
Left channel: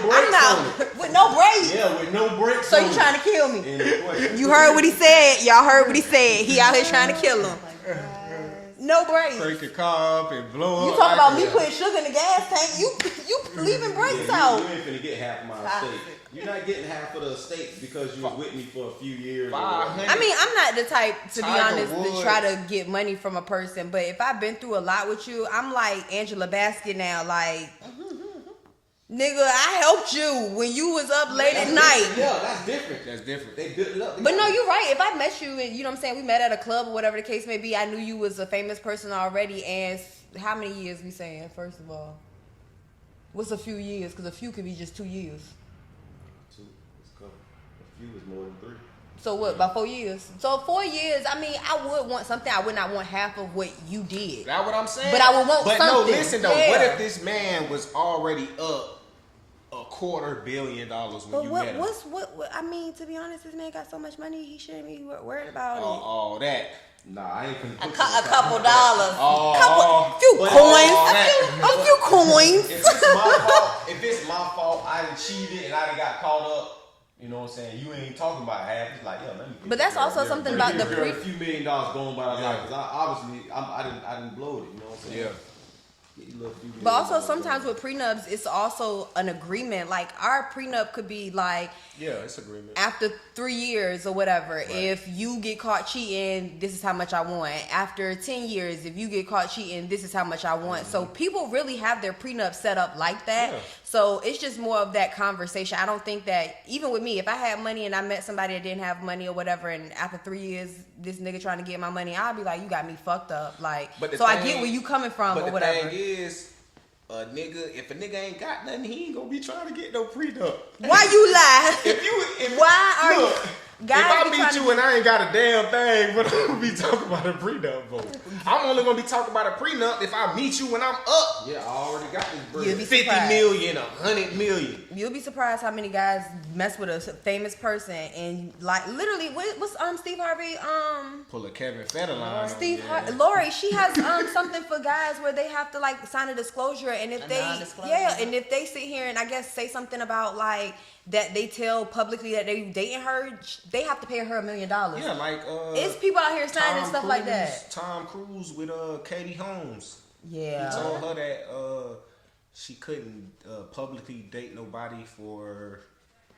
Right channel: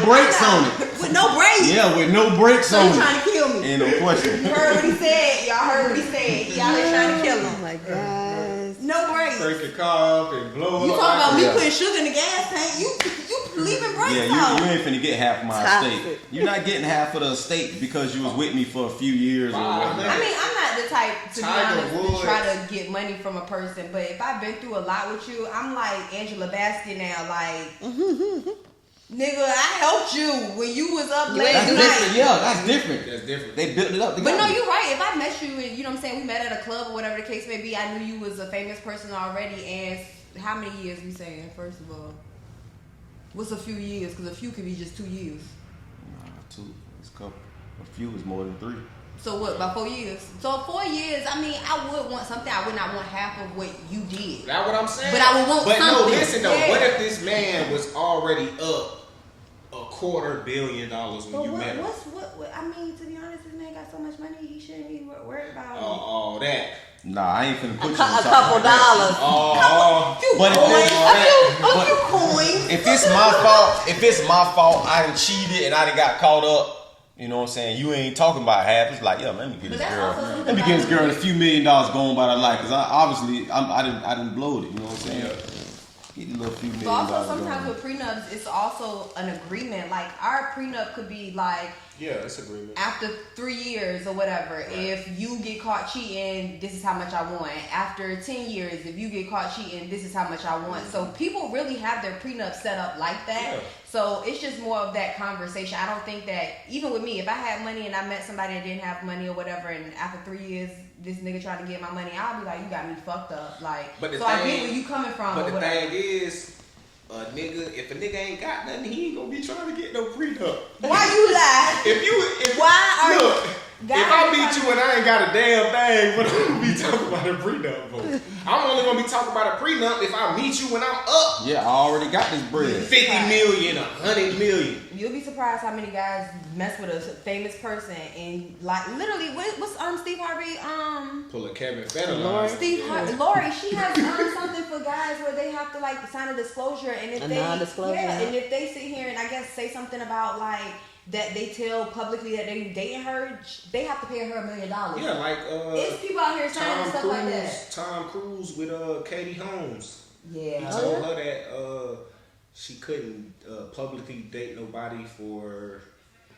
brakes on it. With no brakes. Yeah, with no brakes on it. So you trying to kill me? Ain't no question. You heard what he said. Y'all heard what he said. He out here trying to kill him. Oh my God. No brakes. Break your car up and blow up. You talking about me putting sugar in the gas tank? You leaving brakes out. You ain't finna get half of my estate. You're not getting half of the estate because you was with me for a few years. I mean, I'm not the type, to be honest, to try to get money from a person. But if I've been through a lot with you, I'm like Angela Bassett now. Like, nigga, I helped you when you was up late at night. Yeah, that's different. That's different. They built it up together. But no, you're right. If I met you and, you know what I'm saying, we met at a club or whatever the case may be, I knew you was a famous person already. And how many years we saying, first of all? What's a few years? Because a few could be just 2 years. Nah, 2. It's a couple. A few is more than 3. So what, about 4 years? So 4 years, I mean, I would want something. I would not want half of what you did. That's what I'm saying. But I would want something. But no, listen though. Yeah. What if this man was already up $250 million when you met him? What? I mean, to be honest, this man got so much money, he shouldn't be worried about it. All that. Nah, I ain't finna put you a couple dollars. A few coins. If it's my fault, I done cheated and I done got caught up. You know what I'm saying? You ain't talking about half. It's like, yo, let me get but this that's girl. also something let me get this girl a few $1 million going by her life. Because I didn't blow it. You know what I'm saying? Yeah. Get a little few $1 million. But also sometimes with prenups, it's also an agreement. Like our prenup could be like, yeah, it's agreement. After 3 years or whatever, if you get caught cheating, this is how much I want. After 10 years, if you get caught cheating, this is how much I want. So people really have their prenup set up like that. Yeah. So it's just more of that conversation. I don't think that, even with me, if I had money and I met somebody that didn't have money or whatever, and after 3 years, this nigga trying to get my money, I'll be like, you got me fucked up. Like, so I get where you coming from or whatever. But the thing is, if a nigga ain't got nothing, he ain't gonna be trying to get no prenup. Why you lie? guys if I be meet trying you and I ain't got a damn thing, but I'm gonna be talking about a prenup, bro. I'm only gonna be talking about a prenup if I meet you when I'm up. Yeah, I already got this bread. 50 million, 100 million. You'll be surprised how many guys mess with a famous person and like literally what's Steve Harvey Pull a Kevin Federline. Lori, she has something for guys where they have to like sign a disclosure, and if and if they sit here and I guess say something about like that they tell publicly that they dating her, they have to pay her $1 million. Yeah, like it's people out here signing stuff like that. Tom Cruise with Katie Holmes. Yeah. He told her that she couldn't publicly date nobody for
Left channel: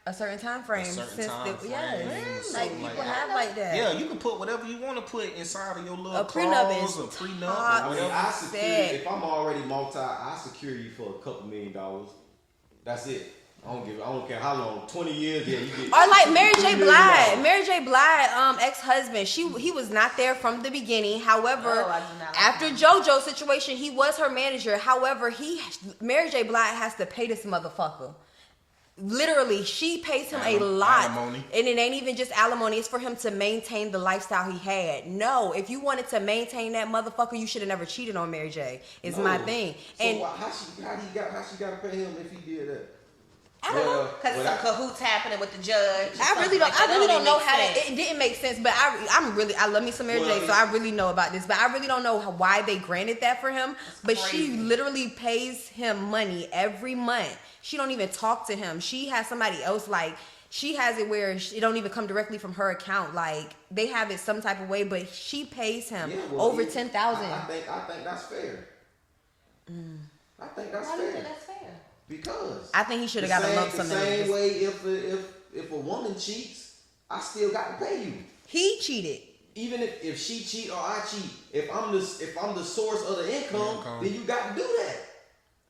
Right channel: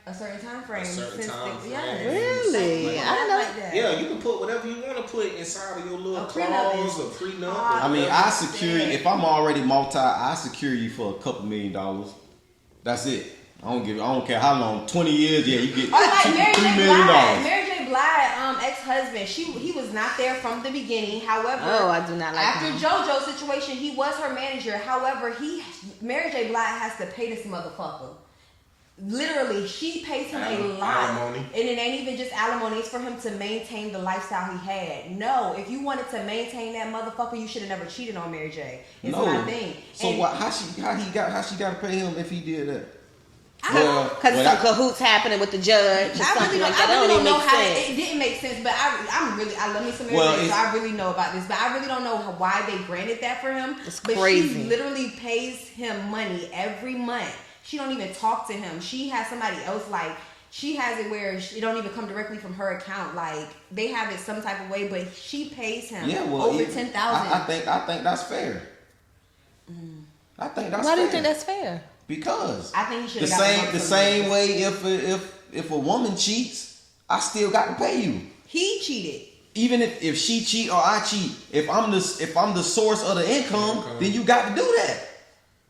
a certain time frame. Yeah, really? I like that. Yeah, you can put whatever you want to put inside of your little clause, a prenup. I mean, I secure you. If I'm already I secure you for a couple $1 million. That's it. I don't care how long. 20 years, yeah, you get. Or like Mary J. Blige. Mary J. Blige, ex-husband. He was not there from the beginning. However, I do not like after him. JoJo's situation, he was her manager. However, Mary J. Blige has to pay this motherfucker. Literally, she pays him a lot. Alimony. And it ain't even just alimony. It's for him to maintain the lifestyle he had. No, if you wanted to maintain that motherfucker, you should have never cheated on Mary J. It's my thing. So how she got to pay him if he did that? Because some cahoots happening with the judge. I really don't know how it didn't make sense, but I love me some Mary J, so I really know about this, but I really don't know why they granted that for him. It's but crazy. She literally pays him money every month. She don't even talk to him. She has somebody else like. She has it where it don't even come directly from her account. Like they have it some type of way, but she pays him over $10,000. I think that's fair. I think that's fair. Why do you think that's fair? Because I think he should have got the same way. If a woman cheats, I still got to pay you. He cheated. Even if she cheat or I cheat, if I'm the source of the income, then you got to do that.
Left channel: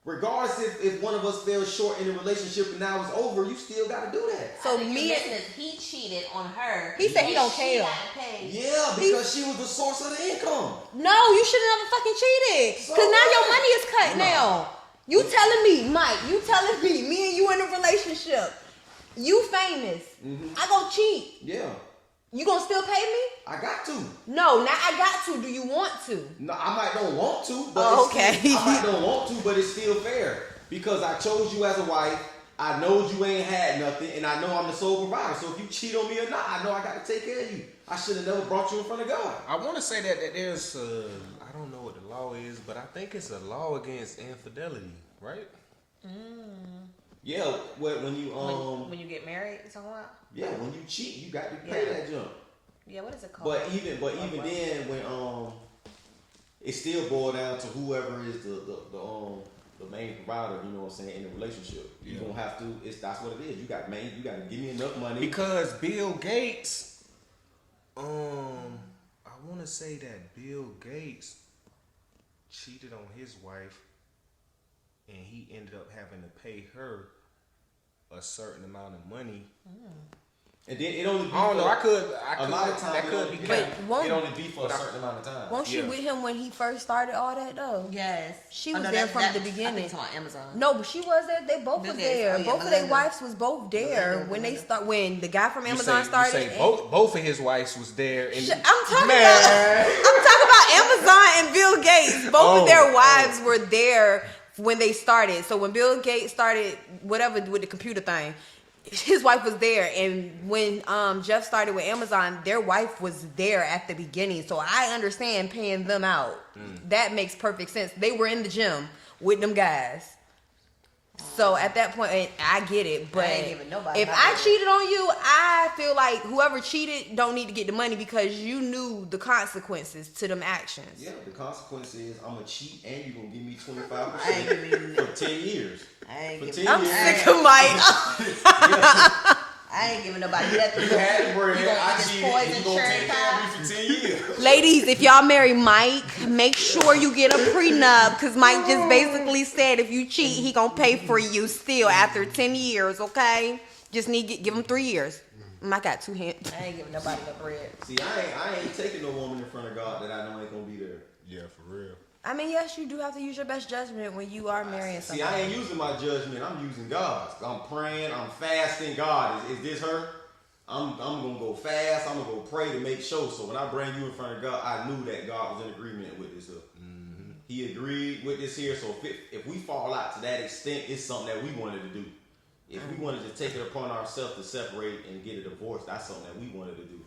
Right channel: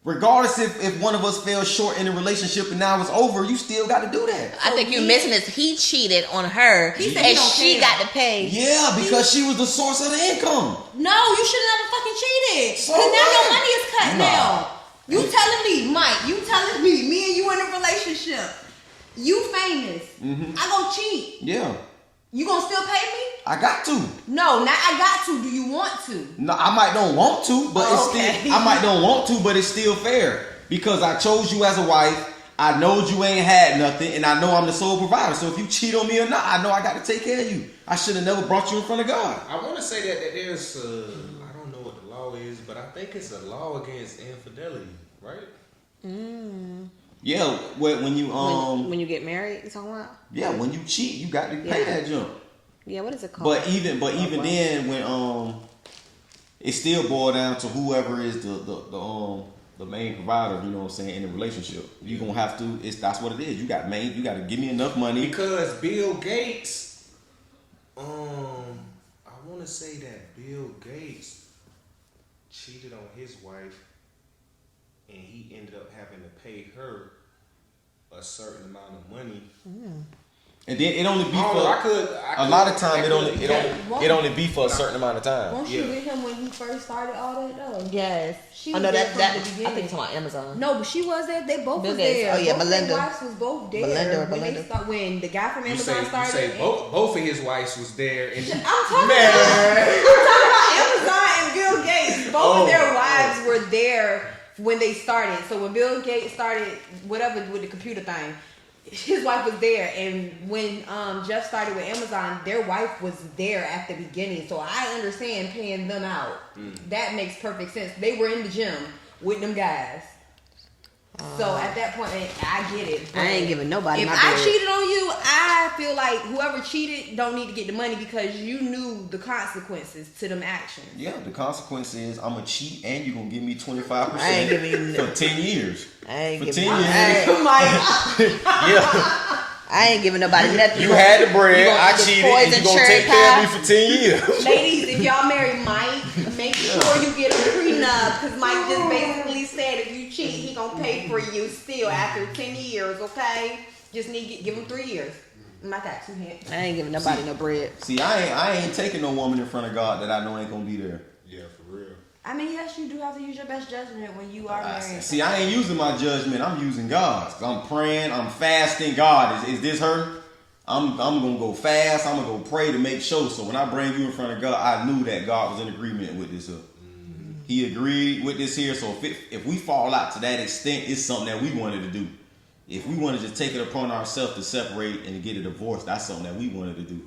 Regardless if one of us fell short in a relationship and now it's over, you still got to do that. I think you're missing is he cheated on her and she got to pay. Yeah, because she was the source of the income. No, you should have never fucking cheated. Because now your money is cut now. You telling me, Mike, me and you in a relationship. You famous. Mm-hmm. I gonna cheat. Yeah. You gonna still pay me? I got to. No, not I got to. Do you want to? No, I might don't want to, but it's still fair. Because I chose you as a wife. I know you ain't had nothing, and I know I'm the sole provider. So if you cheat on me or not, I know I got to take care of you. I should have never brought you in front of God. I want to say that there's, I don't know what the law is, but I think it's a law against infidelity, right? Yeah, when you when you get married, you talking about? Yeah, when you cheat, you got to pay that jump. Yeah, what is it called? But even then, when it still boils down to whoever is the main provider, you know what I'm saying, in a relationship. You gonna have to. That's what it is. You got to give me enough money. Because Bill Gates, I want to say that Bill Gates cheated on his wife, and he ended up having to pay her a certain amount of money. And then it only be a lot of time it only be for a certain amount of time. Won't you with him when he first started all that though? Yes. She was there from the beginning. I think it's on Amazon. No, but she was there. They both was there. Oh, yeah, both of their wives was both there when the guy from Amazon started. You say both of his wives was there. And I'm talking about Amazon and Bill Gates. Both of their wives were there when they started. So when Bill Gates started whatever with the computer thing, his wife was there, and when Jeff started with Amazon, their wife was there at the beginning. So I understand paying them out. That makes perfect sense. They were in the gym with them guys. So at that point, I get it. But I ain't giving nobody. If I cheated on you, I feel like whoever cheated don't need to get the money because you knew the consequences to them actions. Yeah, the consequence is I'm gonna cheat and you're gonna give me 25% I ain't giving you for 10 years. I ain't for giving 10 years. Yeah. I ain't giving nobody nothing. You had the bread, I cheated, and you gonna take care of me for 10 years. Ladies, if y'all marry Mike, make sure you get a prenup, because Mike just basically said if you cheat, he gonna pay for you still after 10 years, okay? Just need to give him 3 years. I got 2 hands. I ain't giving nobody no bread. See, I ain't taking no woman in front of God that I know ain't gonna be there. Yeah, for real. I mean, yes, you do have to use your best judgment when you are marrying See, I ain't using my judgment. I'm using God's. I'm praying. I'm fasting. God, is this her? I'm gonna go fast. I'm gonna go pray to make sure. So when I bring you in front of God, I knew that God was in agreement with this. He agreed with this here. So if we fall out to that extent, it's something that we wanted to do. If we wanted to take it upon ourselves to separate and get a divorce, that's something that we wanted to do.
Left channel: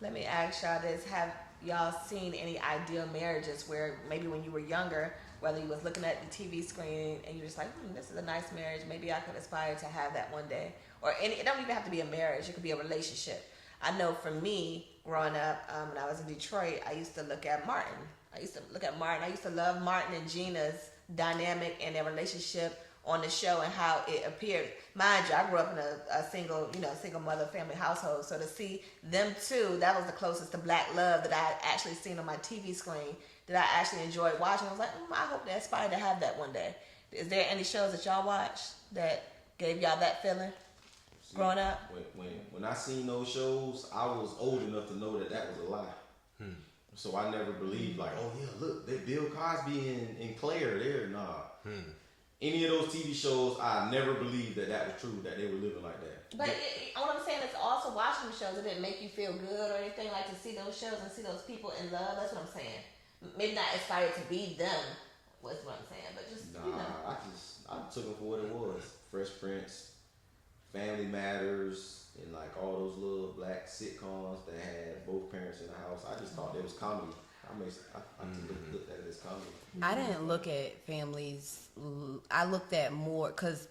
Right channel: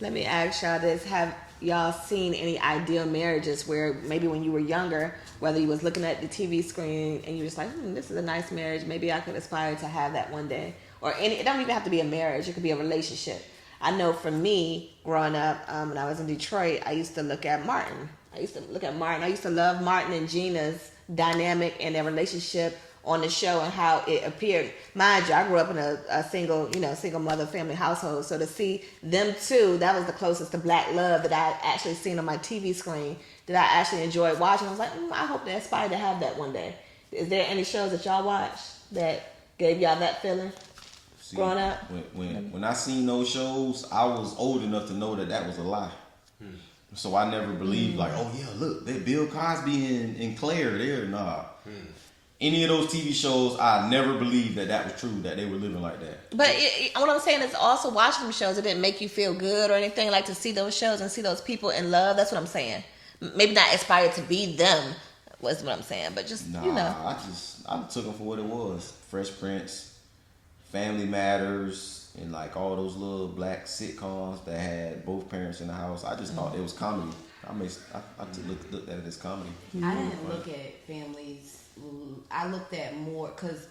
Let me ask y'all this: have y'all seen any ideal marriages where maybe when you were younger, whether you was looking at the TV screen and you was like, this is a nice marriage, maybe I could aspire to have that one day? Or it don't even have to be a marriage, it could be a relationship. I know for me, growing up, when I was in Detroit, I used to look at Martin. I used to love Martin and Gina's dynamic and their relationship on the show and how it appeared. Mind you, I grew up in a single mother family household. So to see them two, that was the closest to black love that I actually seen on my TV screen that I actually enjoyed watching. I was like, I hope they aspire to have that one day. Is there any shows that y'all watched that gave y'all that feeling? See, growing up? When I seen those shows, I was old enough to know that was a lie. So I never believed like, oh yeah, look, they Bill Cosby and Claire there. Nah. Any of those TV shows, I never believed that was true, that they were living like that. But what I'm saying is also watching them shows, it didn't make you feel good or anything, like to see those shows and see those people in love. That's what I'm saying. Maybe not aspire to be them was what I'm saying, but just, I took them for what it was. Fresh Prince, Family Matters, and like all those little black sitcoms that had both parents in the house. I just thought it was comedy. I looked at it as comedy. I didn't look at families. I looked at more because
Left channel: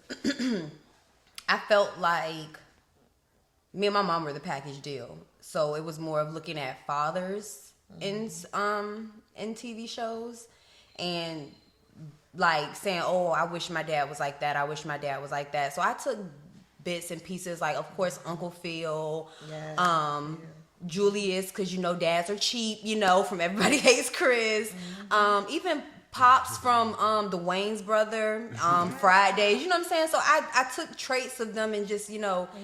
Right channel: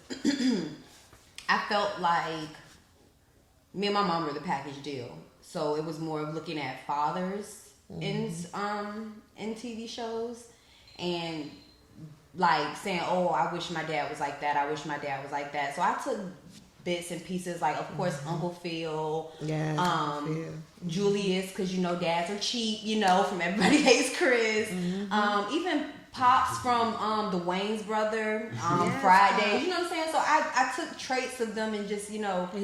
I felt like me and my mom were the package deal. So it was more of looking at fathers in TV shows and like saying, oh, I wish my dad was like that. I wish my dad was like that. So I took bits and pieces, like of course Uncle Phil, Julius, because dads are cheap, from Everybody Hates Chris, even Pops from the Wayans brother, Fridays, you know what I'm saying? So I took traits of them and just, you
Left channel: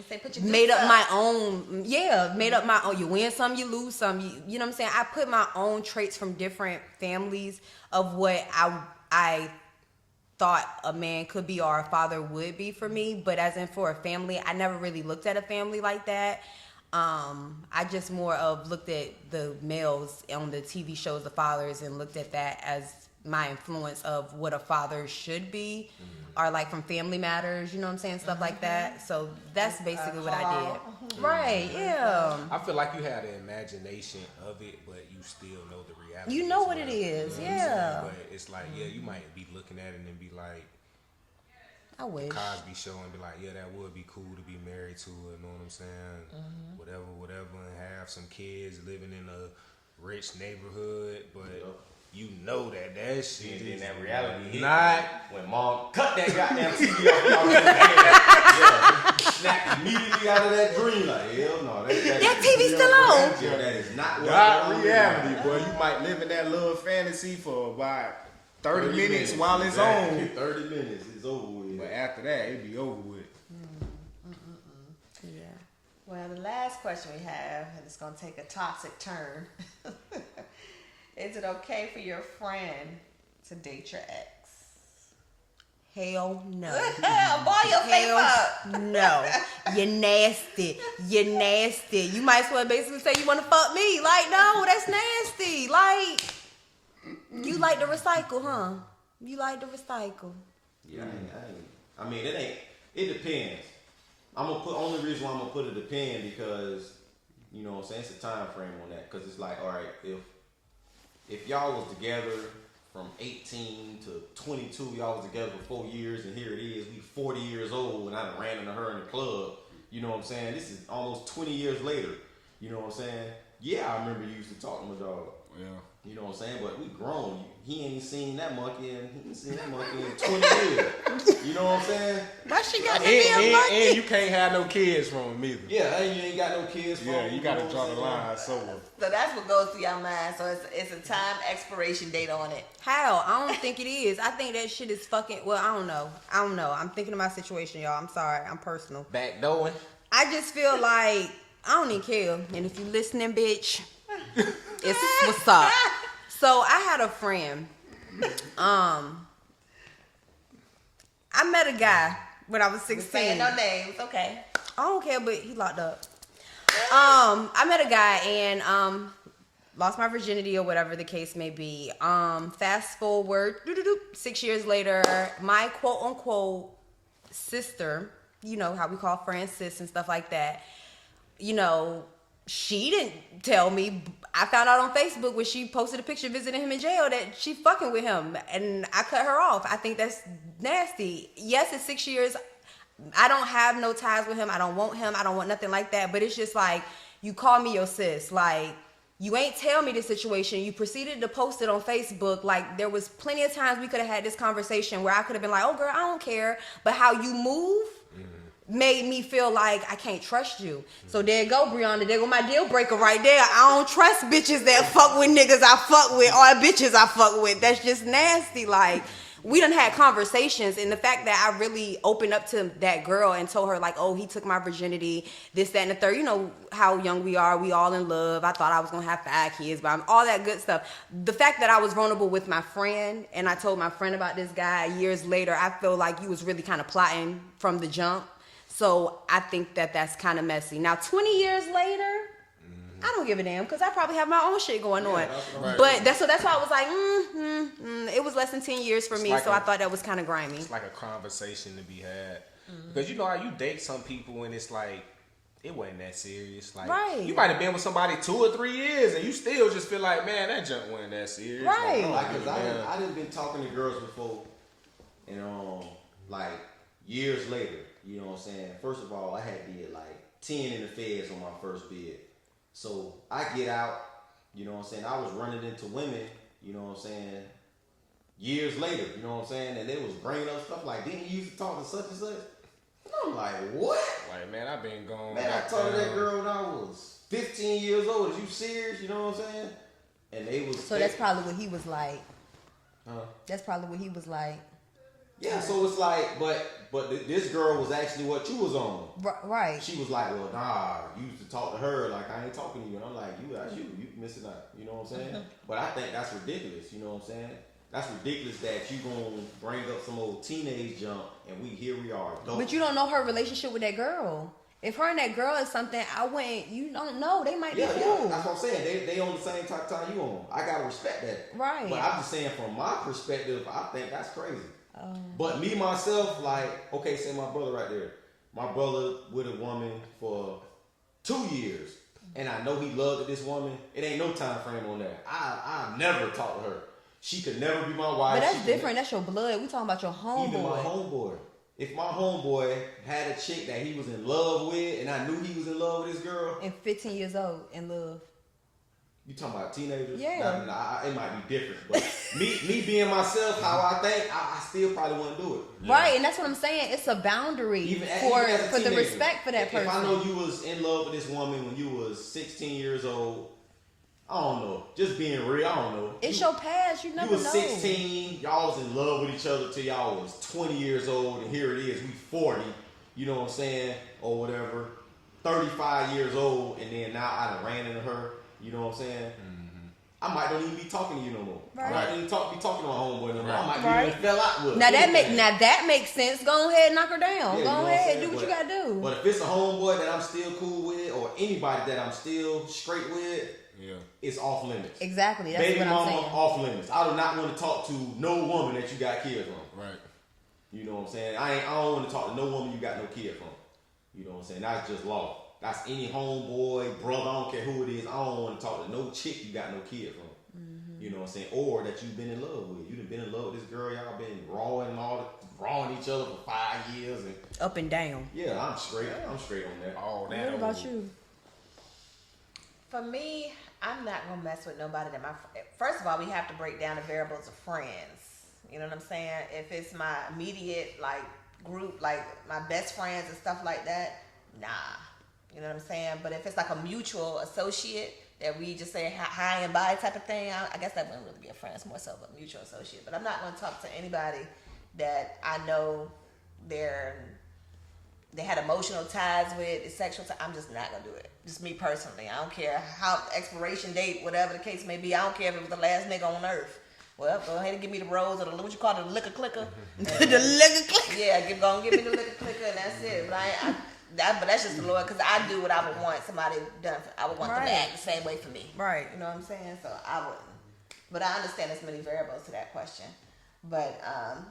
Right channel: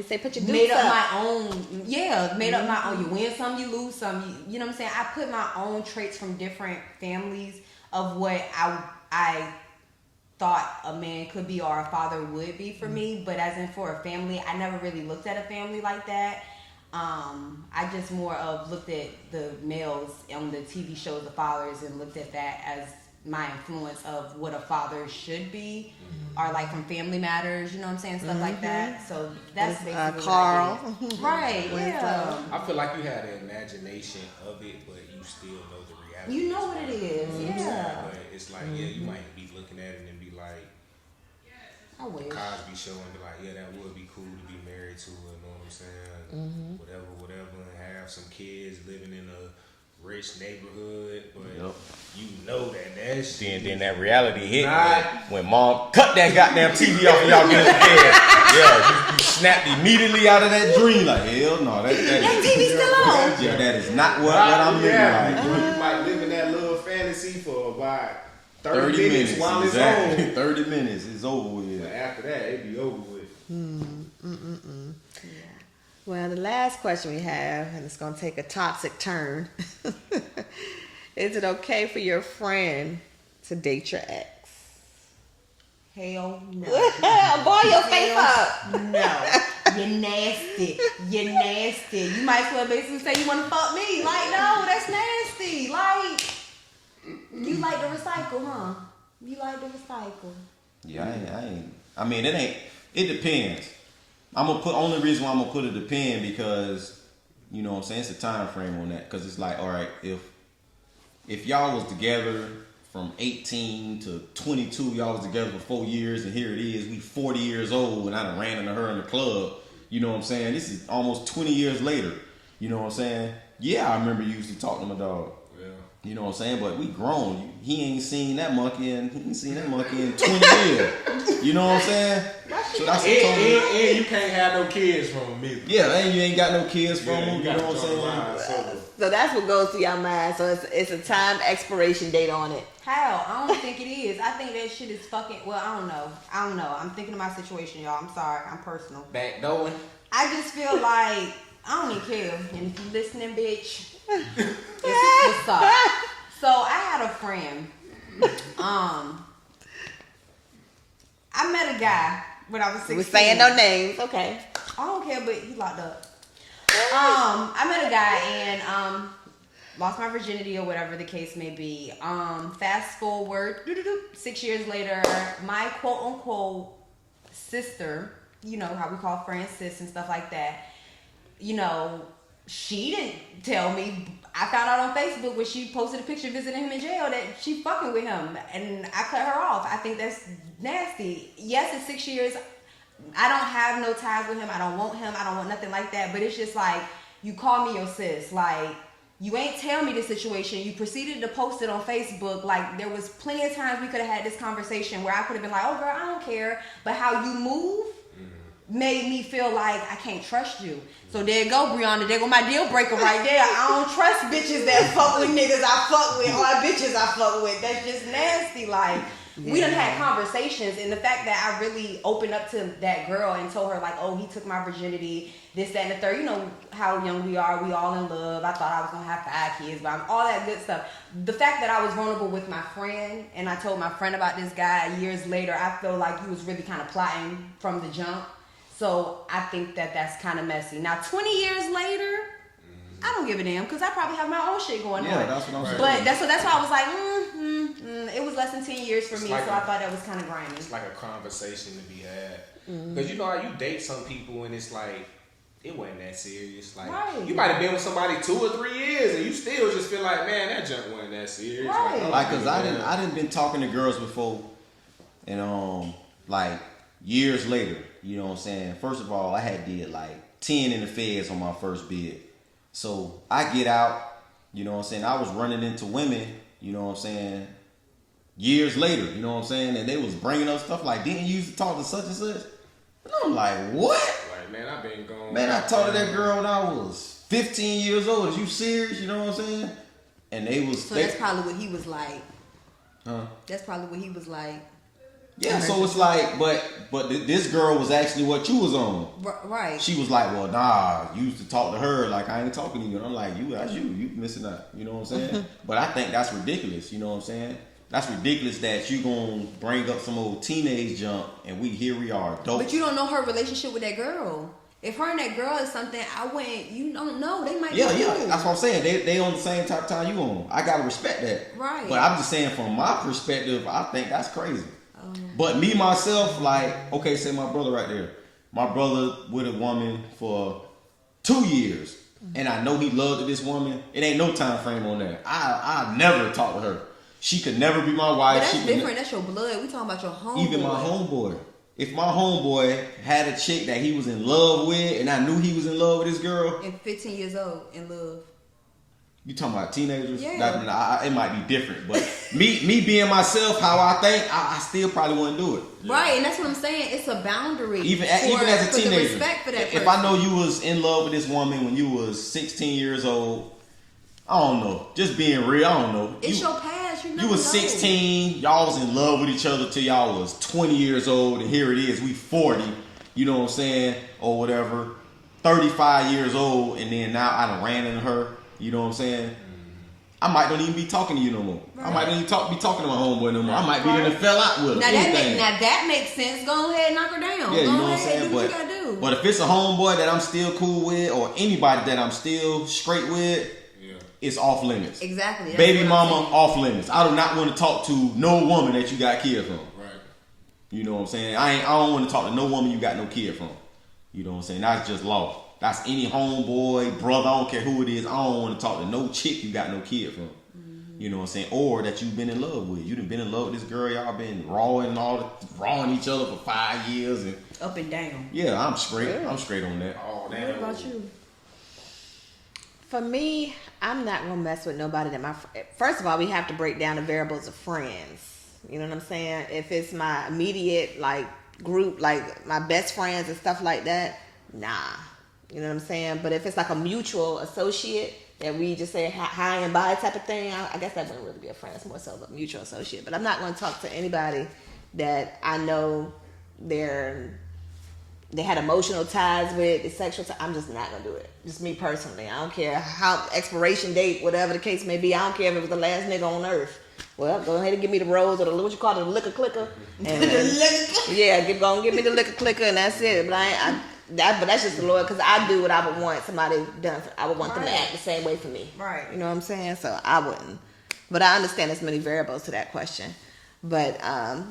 say, put your made up my own, made up my own. You win some, you lose some, you know what I'm saying? I put my own traits from different families of what I thought a man could be or a father would be for me, but as in for a family, I never really looked at a family like that. I just more of looked at the males on the TV shows, the fathers, and looked at that as my influence of what a father should be, or like from Family Matters, you know what I'm saying, stuff like that. So that's basically Carl. what I did. Right, yeah. I feel like you had an imagination of it, but you still know the reality. You know what it is, yeah. But it's like, you might be looking at it and be like, I wish. Cosby show and be like, that would be cool to be married to her, you know what I'm saying? Whatever, and have some kids living in a rich neighborhood, but you know that shit. Then that reality hit when mom cut that goddamn TV off and y'all get up there. You snapped immediately out of that dream. Like, hell no, that TV's still on. Yeah, that is not what I'm living like. You might live in that little fantasy for about 30 minutes while it's exactly. on. 30 minutes, it's over with. But after that, it'd be over with. Well, the last question we have, and it's going to take a toxic turn. Is it okay for your friend to date your ex? Hell no. Boy, your face up. No. You're nasty. You're nasty. You might as well basically say you want to fuck me. Like, no, that's nasty. Like, you like to recycle, huh? You like to recycle. Yeah, I ain't. I mean, it depends. Only reason why I'm gonna put it depend because, you know what I'm saying, it's a time frame on that. Cause it's like, all right, if y'all was together from 18 to 22, y'all was together for 4 years, and here it is, we 40 years old, and I done ran into her in the club. You know what I'm saying? This is almost 20 years later. You know what I'm saying? Yeah, I remember you used to talk to my dog. Yeah. You know what I'm saying? But we grown. He ain't seen that monkey in 20 years. You know what I'm saying? And you can't have no kids from him either. Yeah, and you ain't got no kids from him. You know what I'm saying? So that's what goes through your mind. So it's a time expiration date on it. How? I don't think it is. I think that shit is fucking. Well, I don't know. I'm thinking of my situation, y'all. I'm sorry. I'm personal. Backdooring. I just feel like I don't even care. And if you listening, bitch, it's what's up. So I had a friend. I met a guy when I was 16. We're saying no names, okay? I don't care, but he locked up. I met a guy and lost my virginity or whatever the case may be. Fast forward 6 years later, my quote unquote sister, you know how we call friends sis and stuff like that, you know, she didn't tell me. I found out on Facebook when she posted a picture visiting him in jail that she fucking with him, and I cut her off. I think that's nasty. Yes, it's 6 years. I don't have no ties with him. I don't want him. I don't want nothing like that. But it's just like, you call me your sis. Like, you ain't tell me the situation. You proceeded to post it on Facebook. Like, there was plenty of times we could have had this conversation where I could have been like, oh, girl, I don't care. But how you move made me feel like I can't trust you. So there you go, Brianna. There go my deal breaker right there. I don't trust bitches that fuck with niggas I fuck with or bitches I fuck with. That's just nasty. Like, we done had conversations, and the fact that I really opened up to that girl and told her like, oh, he took my virginity, this, that, and the third. You know how young we are. We all in love. I thought I was going to have 5 kids, but all that good stuff. The fact that I was vulnerable with my friend, and I told my friend about this guy years later, I feel like he was really kind of plotting from the jump. So I think that that's kind of messy. Now, 20 years later, I don't give a damn because I probably have my own shit going on. That's what I'm saying. But that's why I was like, it was less than 10 years for me, like so I thought that was kind of grimy. It's like a conversation to be had. Because you know how you date some people and it's like, it wasn't that serious. Like, right. You might have been with somebody 2 or 3 years and you still just feel like, man, that junk wasn't that serious. Right. Like, cause I didn't been talking to girls before, and like years later, you know what I'm saying? First of all, I had did like 10 in the feds on my first bid. So I get out, you know what I'm saying? I was running into women, you know what I'm saying, years later, you know what I'm saying? And they was bringing up stuff like, didn't you used to talk to such and such? And I'm like, what? Like, man, I've been gone. Man, I talked to that girl when I was 15 years old. Is you serious? You know what I'm saying? And they was... So that's probably what he was like. Huh? That's probably what he was like. Yeah, so it's like, but this girl was actually what you was on. Right. She was like, well, nah, you used to talk to her like I ain't talking to you. And I'm like, that's you missing out. You know what I'm saying? But I think that's ridiculous. You know what I'm saying? That's ridiculous that you gonna bring up some old teenage junk and here we are, adults. But you don't know her relationship with that girl. If her and that girl is something, you don't know. They might be cool. That's what I'm saying. They on the same type of time you on. I gotta respect that. Right. But I'm just saying from my perspective, I think that's crazy. But me, myself, like, okay, say my brother right there. My brother with a woman for 2 years. And I know he loved this woman. It ain't no time frame on that. I never talked to her. She could never be my wife. But that's different. That's your blood. We talking about your homeboy. Even my homeboy. If my homeboy had a chick that he was in love with and I knew he was in love with this girl. And 15 years old in love. You talking about teenagers? Yeah. It might be different, but me being myself, how I think, I still probably wouldn't do it. Right, and that's what I'm saying. It's a boundary. Even as a teenager, the respect for that person. If I know you was in love with this woman when you was 16 years old, I don't know. Just being real, I don't know. It's your past. You never You was 16. Y'all was in love with each other till y'all was 20 years old, and here it is. We 40. You know what I'm saying, or whatever. 35 years old, and then now I done ran into her. You know what I'm saying? I might not even be talking to you no more. Right. I might not even be talking to my homeboy no more. I might be in the fell out with her. Now that makes sense. Go ahead and knock her down. Yeah, Go ahead, do what you gotta do. But if it's a homeboy that I'm still cool with, or anybody that I'm still straight with, it's off limits. Exactly. That's Baby mama, off limits. I do not want to talk to no woman that you got kids from. Right. You know what I'm saying? I don't want to talk to no woman you got no kid from. You know what I'm saying? That's just law. That's any homeboy, brother, I don't care who it is. I don't want to talk to no chick you got no kid from. Mm-hmm. You know what I'm saying? Or that you've been in love with. You done been in love with this girl. Y'all been rawing each other for 5 years. And up and down. Yeah, I'm straight. I'm straight on that. All that. What about you? For me, I'm not gonna mess with nobody that first of all, we have to break down the variables of friends. You know what I'm saying? If it's my immediate like group, like my best friends and stuff like that, nah. You know what I'm saying? But if it's like a mutual associate that we just say hi and bye type of thing, I guess that wouldn't really be a friend. It's more so a mutual associate. But I'm not going to talk to anybody that I know they had emotional ties with, the sexual ties. I'm just not going to do it. Just me personally. I don't care how expiration date, whatever the case may be. I don't care if it was the last nigga on earth. Well, go ahead and give me the rose or the, what you call it, the liquor clicker. And, the liquor clicker. Yeah, give me the liquor clicker and that's it. But But that's just the Lord, because I do what I would want somebody done. I would want them to Right. act the same way for me. Right. You know what I'm saying? So I wouldn't. But I understand there's many variables to that question. But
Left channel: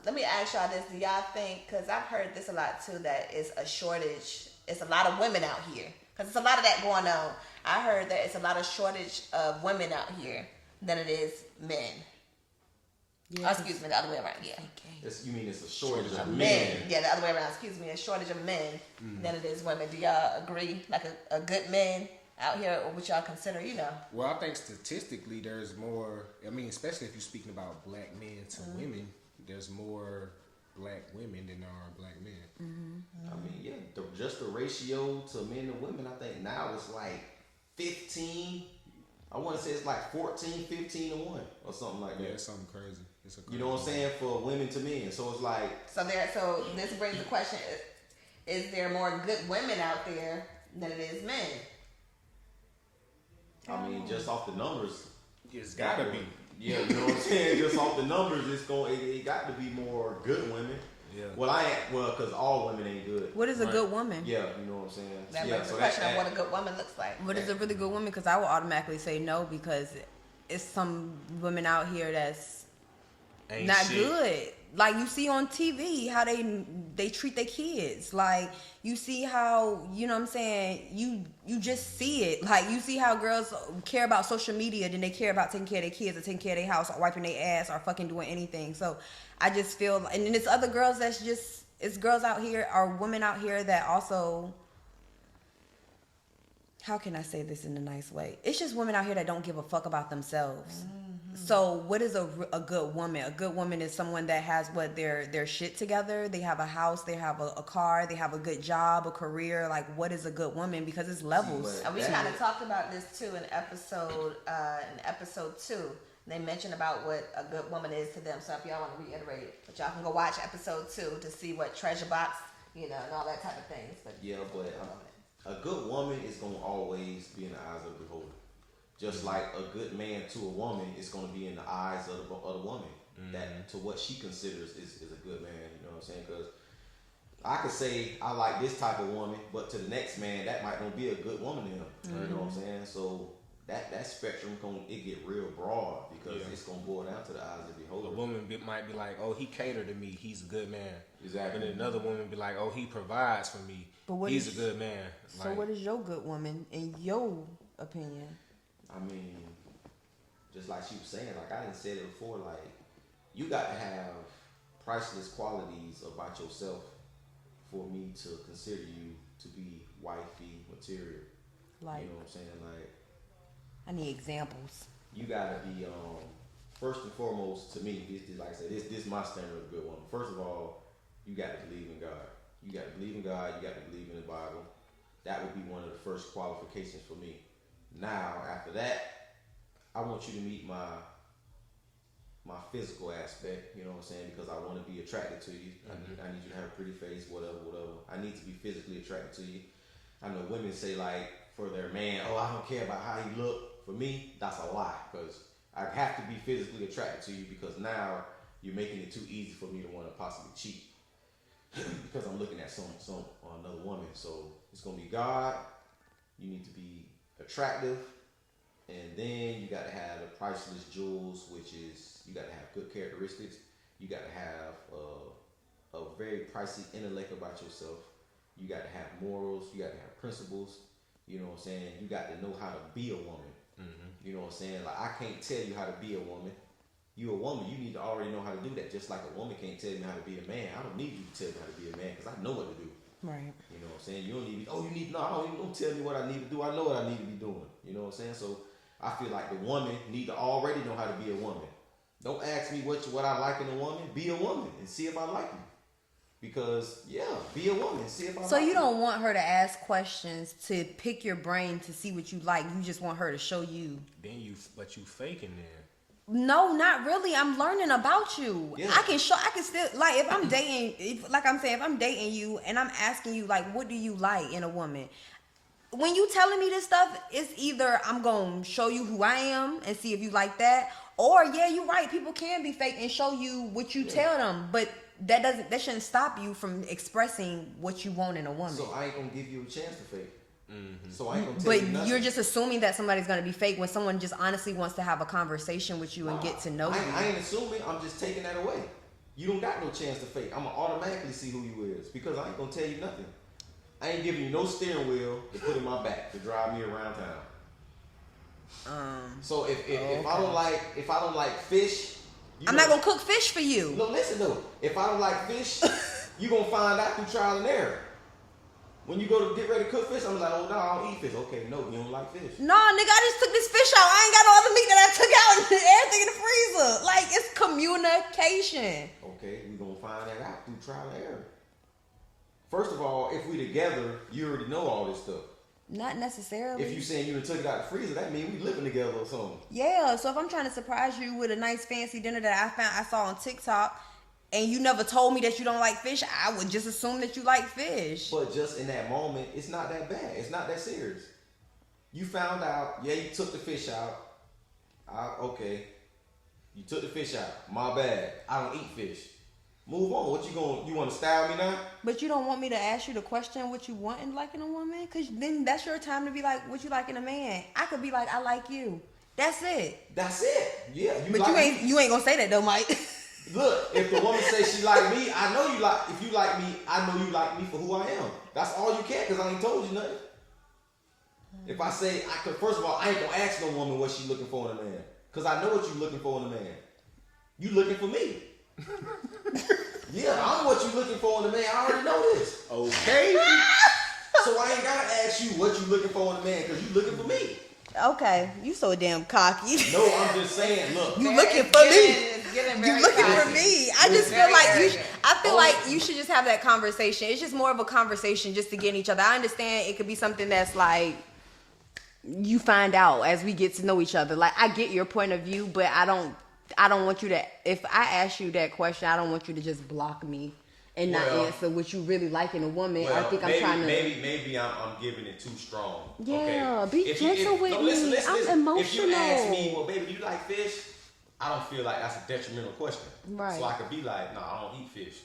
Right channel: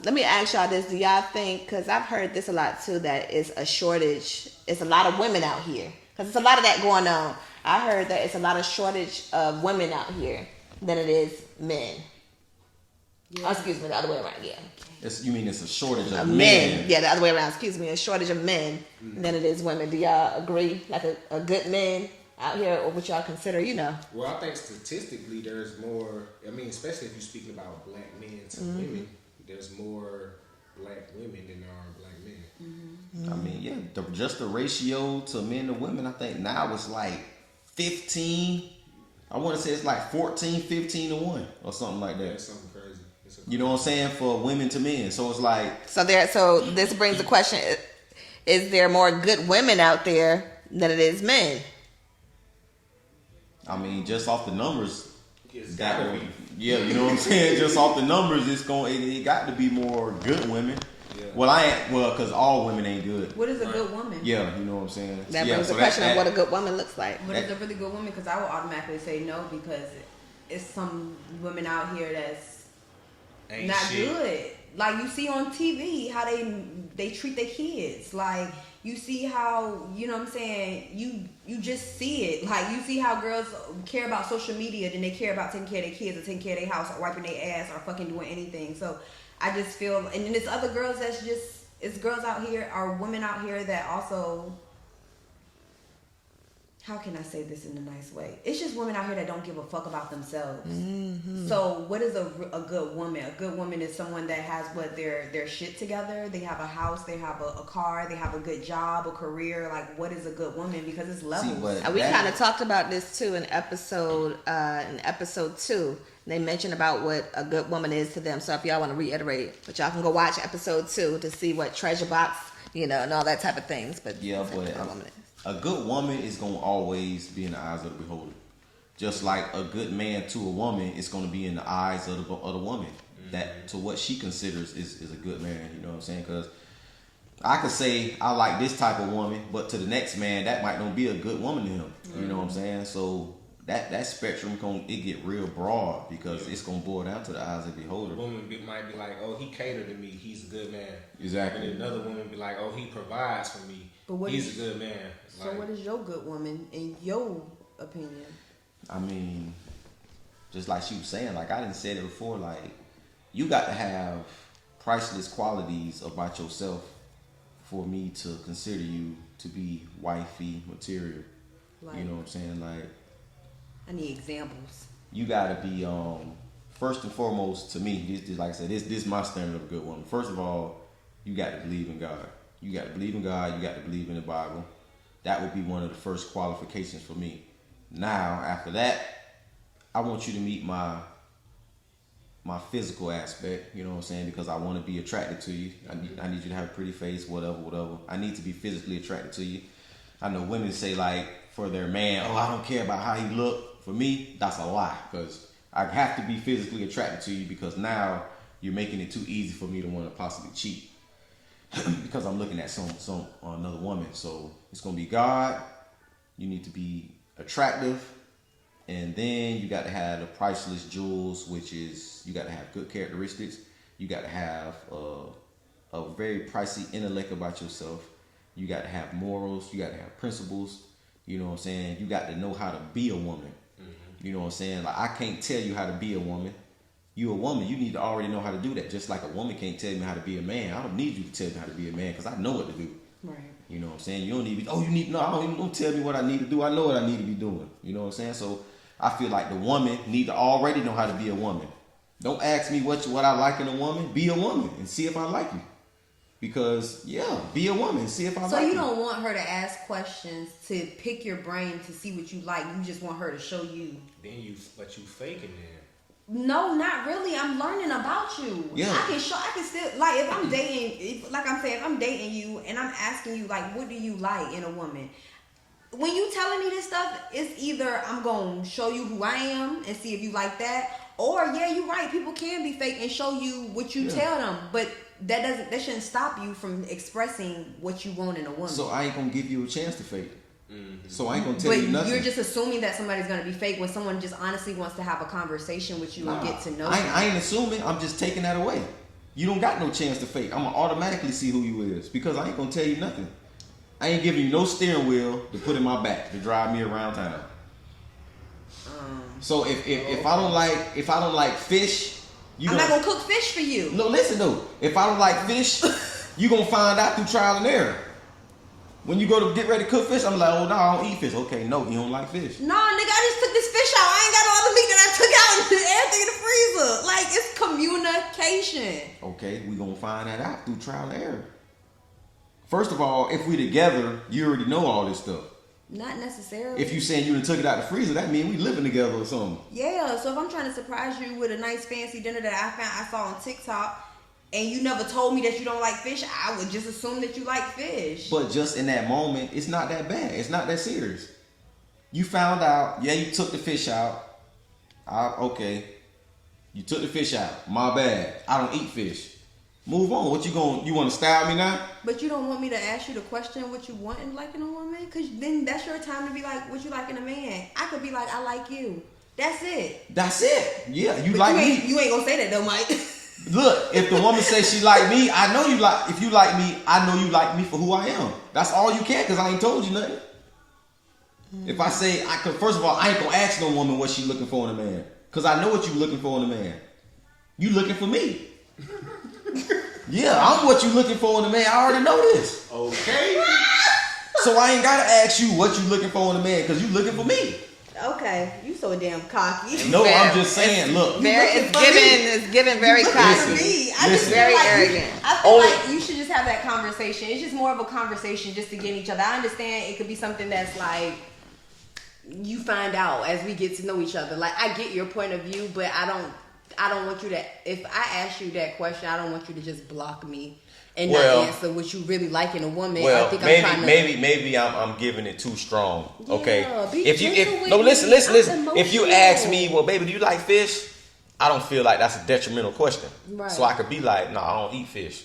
let me ask y'all this. Do y'all think, because I've heard this a lot too, that it's a shortage, it's a lot of women out here. Because there's a lot of that going on. I heard that it's a lot of shortage of women out here than it is men. Yeah. Oh, excuse me, the other way around, yeah. You mean it's a shortage of Men. men? Yeah, the other way around, excuse me. A shortage of men than it is women. Do y'all agree? Like a good man out here, or what y'all consider, you know? Well, I think statistically there's more, I mean, especially if you're speaking about black men to women, there's more black women than there are black men. I mean, yeah, just the ratio to men to women, I think now it's like 15. I want to say it's like 14, 15 to 1 or something like Yeah, that. it's something crazy. You know what I'm saying? For women to men. So it's like, So this brings the question: is there more good women out there than it is men? I mean, just off the numbers, It's gotta be. yeah, you know what I'm saying? Just off the numbers, it got to be more good women. Yeah. Well, because all women ain't good. What is a good woman? Yeah, you know what I'm saying? That yeah, brings so the question of what a good woman looks like. What is a really good woman? Because I will automatically say no, because it's some women out here that's Ain't not shit. good. Like you see on TV how they treat their kids. Like you see how, you know what I'm saying, you just see it. Like you see how girls care about social media than they care about taking care of their kids or taking care of their house or wiping their ass or fucking doing anything. So I just feel, and then it's other girls that's just, it's girls out here or women out here that also, how can I say this in a nice way? It's just women out here that don't give a fuck about themselves. So what is a good woman? A good woman is someone that has their shit together. They have a house, they have a car, they have a good job, a career. Like, what is a good woman? Because it's levels. but- And we kind of talked about this too in episode 2. They mentioned about what a good woman is to them. So if y'all want to reiterate, but y'all can go watch episode 2 to see what treasure box, you know, and all that type of things. But Yeah, that's what but a woman is. a good woman is going to always be in the eyes of the beholder. Just like a good man to a woman is going to be in the eyes of the woman. That to what she considers is a good man. You know what I'm saying? Because I could say I like this type of woman, but to the next man, that might not be a good woman to him. You know what I'm saying? So that spectrum it get real broad because it's going to boil down to the eyes of the beholder. A woman might be like, oh, he catered to me, he's a good man. Exactly. And another woman be like, oh, he provides for me, But what he's is- a good man. So Like, what is your good woman in your opinion? I mean, just like she was saying, like I didn't say it before, like you got to have priceless qualities about yourself for me to consider you to be wifey material. Like, You know what I'm saying? Like I need examples. you got to be first and foremost to me. This like I said, this is my standard of a good woman. First of all, you got to believe in God. You got to believe in God. You got to believe in the Bible. That would be one of the first qualifications for me. Now, after that, I want you to meet my physical aspect, you know what I'm saying? Because I want to be attracted to you. I need you to have a pretty face, whatever. I need to be physically attracted to you. I know women say like for their man, oh, I don't care about how he look. For me, that's a lie because I have to be physically attracted to you because now you're making it too easy for me to want to possibly cheat because I'm looking at another woman. So it's gonna be God. You need to be attractive. And then you got to have the priceless jewels, which is you got to have good characteristics. You got to have a very pricey intellect about yourself. You got to have morals. You got to have principles. You know what I'm saying? You got to know how to be a woman. You know what I'm saying? Like I can't tell you how to be a woman. You a woman, you need to already know how to do that. Just like a woman can't tell me how to be a man. I don't need you to tell me how to be a man because I know what to do. Right. You know what I'm saying? You don't need don't tell me what I need to do. I know what I need to be doing. You know what I'm saying? So I feel like the woman need to already know how to be a woman. Don't ask me what I like in a woman. Be a woman and see if I like you. Because be a woman and see if I like you. So you don't want her to ask questions to pick your brain to see what you like. You just want her to show you. but you faking that. No, not really. I'm learning about you. Yeah. I can still, like, if I'm dating you and I'm asking you, like, what do you like in a woman? When you telling me this stuff, it's either I'm going to show you who I am and see if you like that, or, yeah, you're right, people can be fake and show you what you tell them. But that shouldn't stop you from expressing what you want in a woman. So I ain't gonna give you a chance to fake. So I ain't gonna tell you nothing. But you're just assuming that somebody's gonna be fake when someone just honestly wants to have a conversation with you and get to know you. I ain't assuming. I'm just taking that away. You don't got no chance to fake. I'm gonna automatically see who you is because I ain't gonna tell you nothing. I ain't giving you no steering wheel to put in my back to drive me around town. So if I don't like fish, I'm not gonna cook fish for you. No, listen though. If I don't like fish, you gonna find out through trial and error. When you go to get ready to cook fish, I'm like, oh no, I don't eat fish. Okay, no, you don't like fish. Nah, nigga, I just took this fish out. I ain't got all the meat that I took out and everything in the freezer. Like, it's communication. Okay, we gonna find that out through trial and error. First of all, if we together, you already know all this stuff. Not necessarily. If you saying you done took it out the freezer, that means we living together or something. Yeah, so if I'm trying to surprise you with a nice fancy dinner that I saw on TikTok, and you never told me that you don't like fish, I would just assume that you like fish. But just in that moment, it's not that bad. It's not that serious. You found out, yeah, you took the fish out. Okay. You took the fish out. My bad. I don't eat fish. Move on. You want to style me now? But you don't want me to ask you the question what you want in liking a woman? Because then that's your time to be like, what you like in a man. I could be like, I like you. That's it. That's it. Yeah, you but like me. You ain't gonna say that though, Mike. Look, if the woman says she like me, I know you like. If you like me, I know you like me for who I am. That's all you can, because I ain't told you nothing. If I say first of all, I ain't gonna ask no woman what she looking for in a man, because I know what you looking for in a man. You looking for me. Yeah, I'm what you looking for in a man. I already know this. Okay. So I ain't gotta ask you what you looking for in a man, because you looking for me. Okay, you so damn cocky. No, I'm just saying. Look, It's getting very cocky. For me, I just feel like you should just have that conversation. It's just more of a conversation just to get each other. I understand it could be something that's like you find out as we get to know each other. Like I get your point of view, but I don't want you to. If I ask you that question, I don't want you to just block me and not answer what you really like in a woman. Well, I think maybe I'm giving it too strong. Yeah, okay. Listen. If you ask me, well, baby, do you like fish? I don't feel like that's a detrimental question. Right. So I could be like, no, I don't eat fish.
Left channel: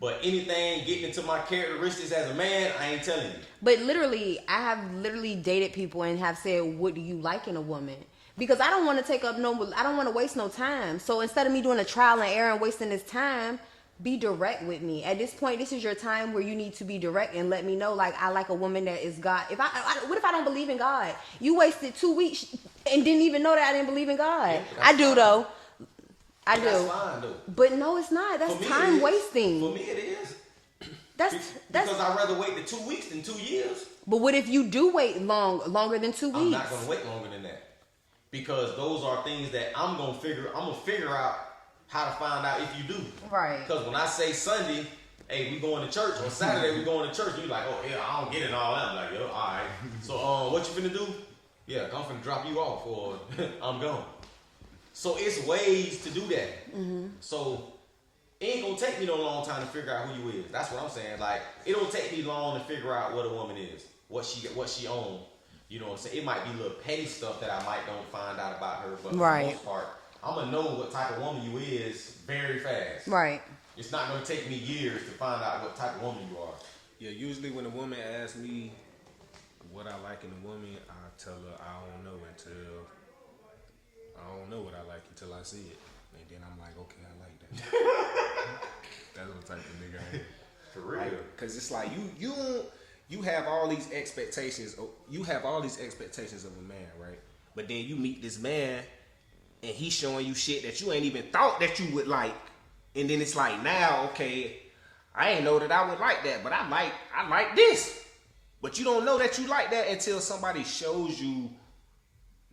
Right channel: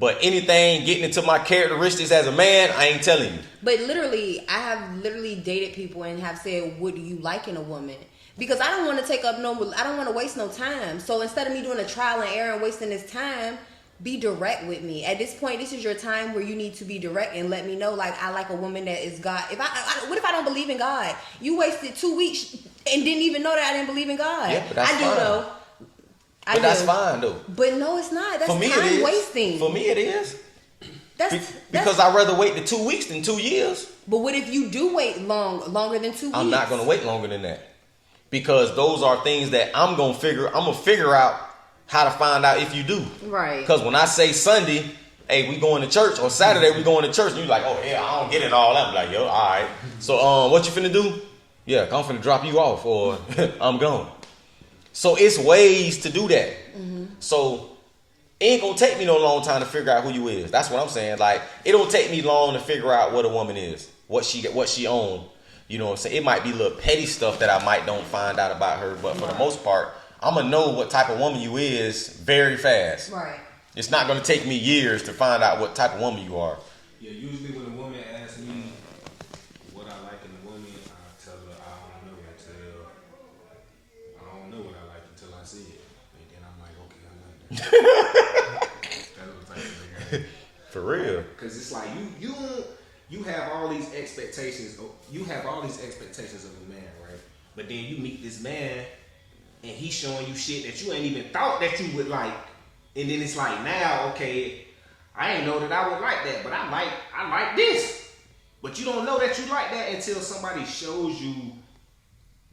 But anything getting into my characteristics as a man, I ain't telling you. But literally, I have dated people and have said, what do you like in a woman? Because I don't want to I don't want to waste no time. So instead of me doing a trial and error and wasting this time, be direct with me. At this point, this is your time where you need to be direct and let me know, like, I like a woman that is God. What if I don't believe in God? You wasted 2 weeks and didn't even know that I didn't believe in God. Yeah, but that's fine. Though. That's fine, though. But no, it's not. That's For me, time it is. wasting. For me, it is. Because I'd rather wait the 2 weeks than 2 years. But what if you do wait longer than 2 weeks? I'm not going to wait longer than that. Because those are things that I'm going to figure out how to find out if you do. Right. Because when I say Sunday, hey, we going to church, or Saturday we going to church, and you like, oh yeah, I don't get it all that. I'm like, yo, all right. So what you finna do? Yeah, I'm finna drop you off, or I'm gone. So it's ways to do that. Mm-hmm. So it ain't gonna take me no long time to figure out who you is. That's what I'm saying. Like, it don't take me long to figure out what a woman is, what she own. You know what I'm saying? It might be little petty stuff that I might don't find out about her, but for the most part, I'm gonna know what type of woman you is very fast. Right. It's not gonna take me years to find out what type of woman you are. Yeah, usually when a woman asks me what I like in a woman, I tell her I don't know what I like until I see it, and then I'm like, okay, I like that. That's what type of nigga. For real. Because it's like you have all these expectations. You have all these expectations of a man, right? But then you meet this man, and he's showing you shit that you ain't even thought that you would like. And then it's like, now, okay, I ain't know that I would like that, but I like this. But you don't know that you like that until somebody shows you,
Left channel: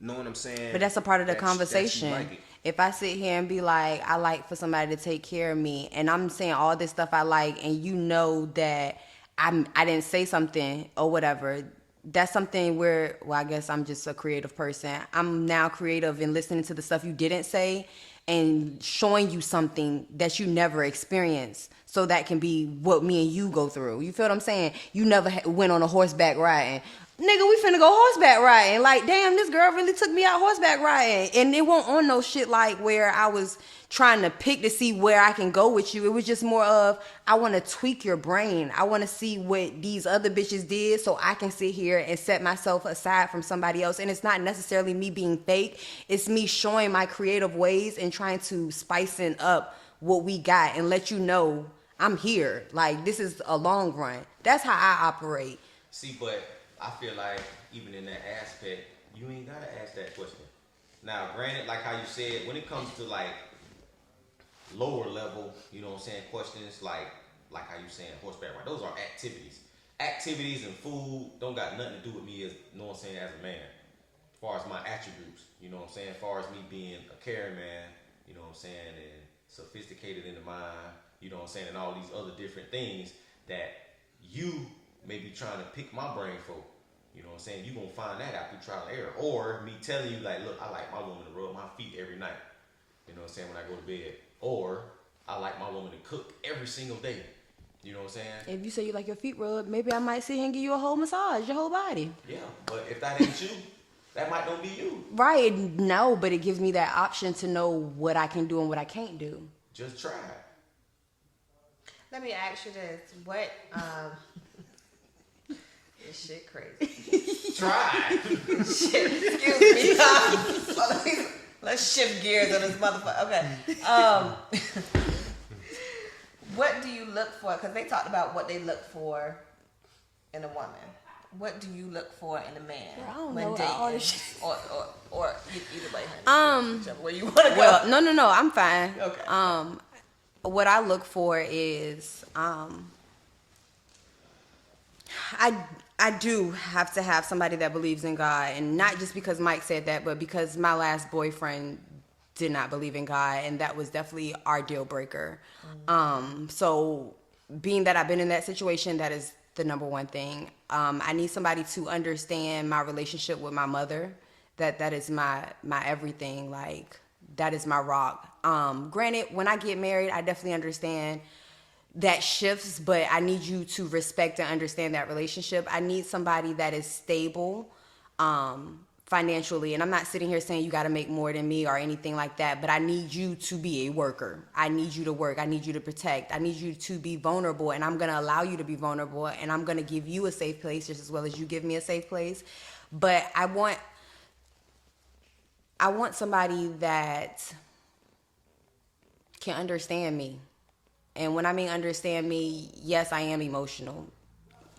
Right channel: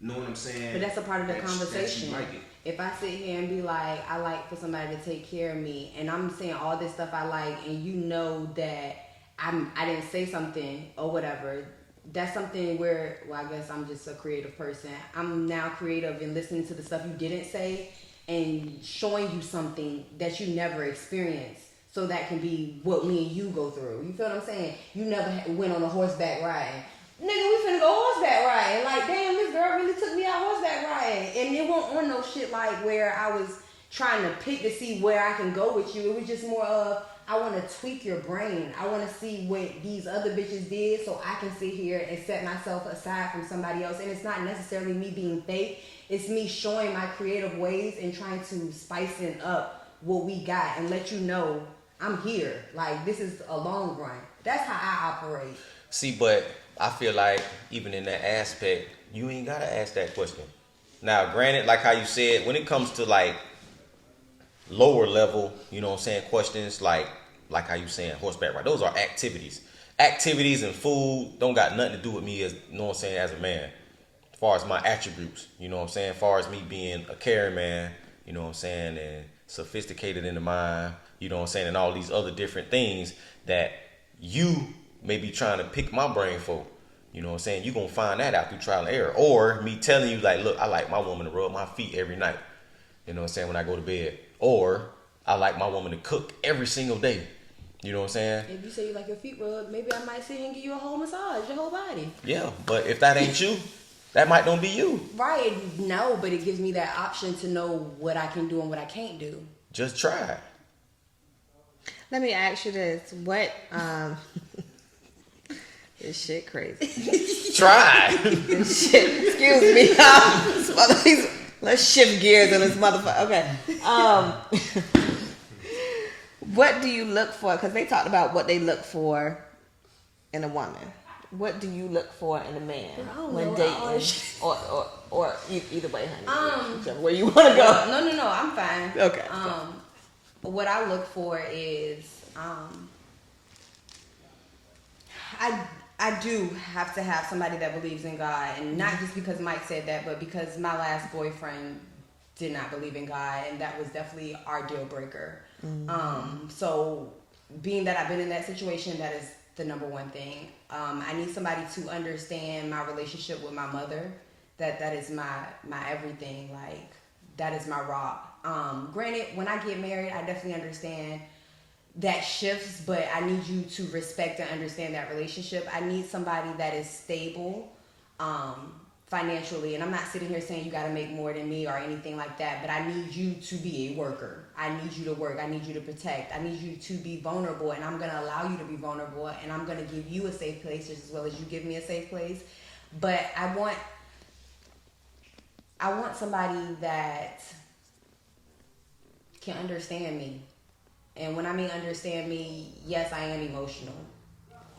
know what I'm saying? But that's a part of the conversation. Like it. If I sit here and be like, I like for somebody to take care of me, and I'm saying all this stuff I like, and you know that I didn't say something or whatever, that's something where, well, I guess I'm just a creative person. I'm now creative in listening to the stuff you didn't say and showing you something that you never experienced, so that can be what me and you go through. You feel what I'm saying? You never went on a horseback riding. Nigga, we finna go horseback riding. Like, damn, this girl really took me out horseback riding. And it won't on no shit like where I was trying to pick to see where I can go with you. It was just more of, I want to tweak your brain. I want to see what these other bitches did so I can sit here and set myself aside from somebody else. And it's not necessarily me being fake. It's me showing my creative ways and trying to spicing up what we got and let you know I'm here. Like, this is a long run. That's how I operate. See, but I feel like even in that aspect, you ain't gotta ask that question. Now, granted, like how you said, when it comes to like lower level, you know what I'm saying, questions like how you saying horseback ride, those are activities. Activities and food don't got nothing to do with me as, you know what I'm saying, as a man. As far as my attributes, you know what I'm saying, as far as me being a caring man, you know what I'm saying, and sophisticated in the mind, you know what I'm saying, and all these other different things that you may be trying to pick my brain for. You know what I'm saying? You're going to find that out through trial and error. Or me telling you, like, look, I like my woman to rub my feet every night. You know what I'm saying? When I go to bed. Or I like my woman to cook every single day. You know what I'm saying? If you say you like your feet rubbed, maybe I might sit here and give you a whole massage, your whole body. Yeah, but if that ain't you, that might don't be you. Right. No, but it gives me that option to know what I can do and what I can't do. Just try it. Let me ask you this. What, this shit crazy. Try. Shit, excuse me. Let's shift gears on this motherfucker. Okay. What do you look for? Because they talked about what they look for in a woman. What do you look for in a man when dating? Or either way, honey. Whichever way you want to go. No, I'm fine. Okay. What I look for is, I do have to have somebody that believes in God, and not just because Mike said that, but because my last boyfriend did not believe in God, and that was definitely our deal breaker. So being that I've been in that situation, that is the number one thing. I need somebody to understand my relationship with my mother. That is my everything. Like, that is my rock. Granted, when I get married, I definitely understand that shifts, but I need you to respect and understand that relationship. I need somebody that is stable financially, and I'm not sitting here saying you got to make more than me or anything like that, but I need you to be a worker. I need you to work. I need you to protect. I need you to be vulnerable, and I'm going to allow you to be vulnerable, and I'm going to give you a safe place just as well as you give me a safe place. But I want somebody that can understand me. And when I mean understand me, yes, I am emotional.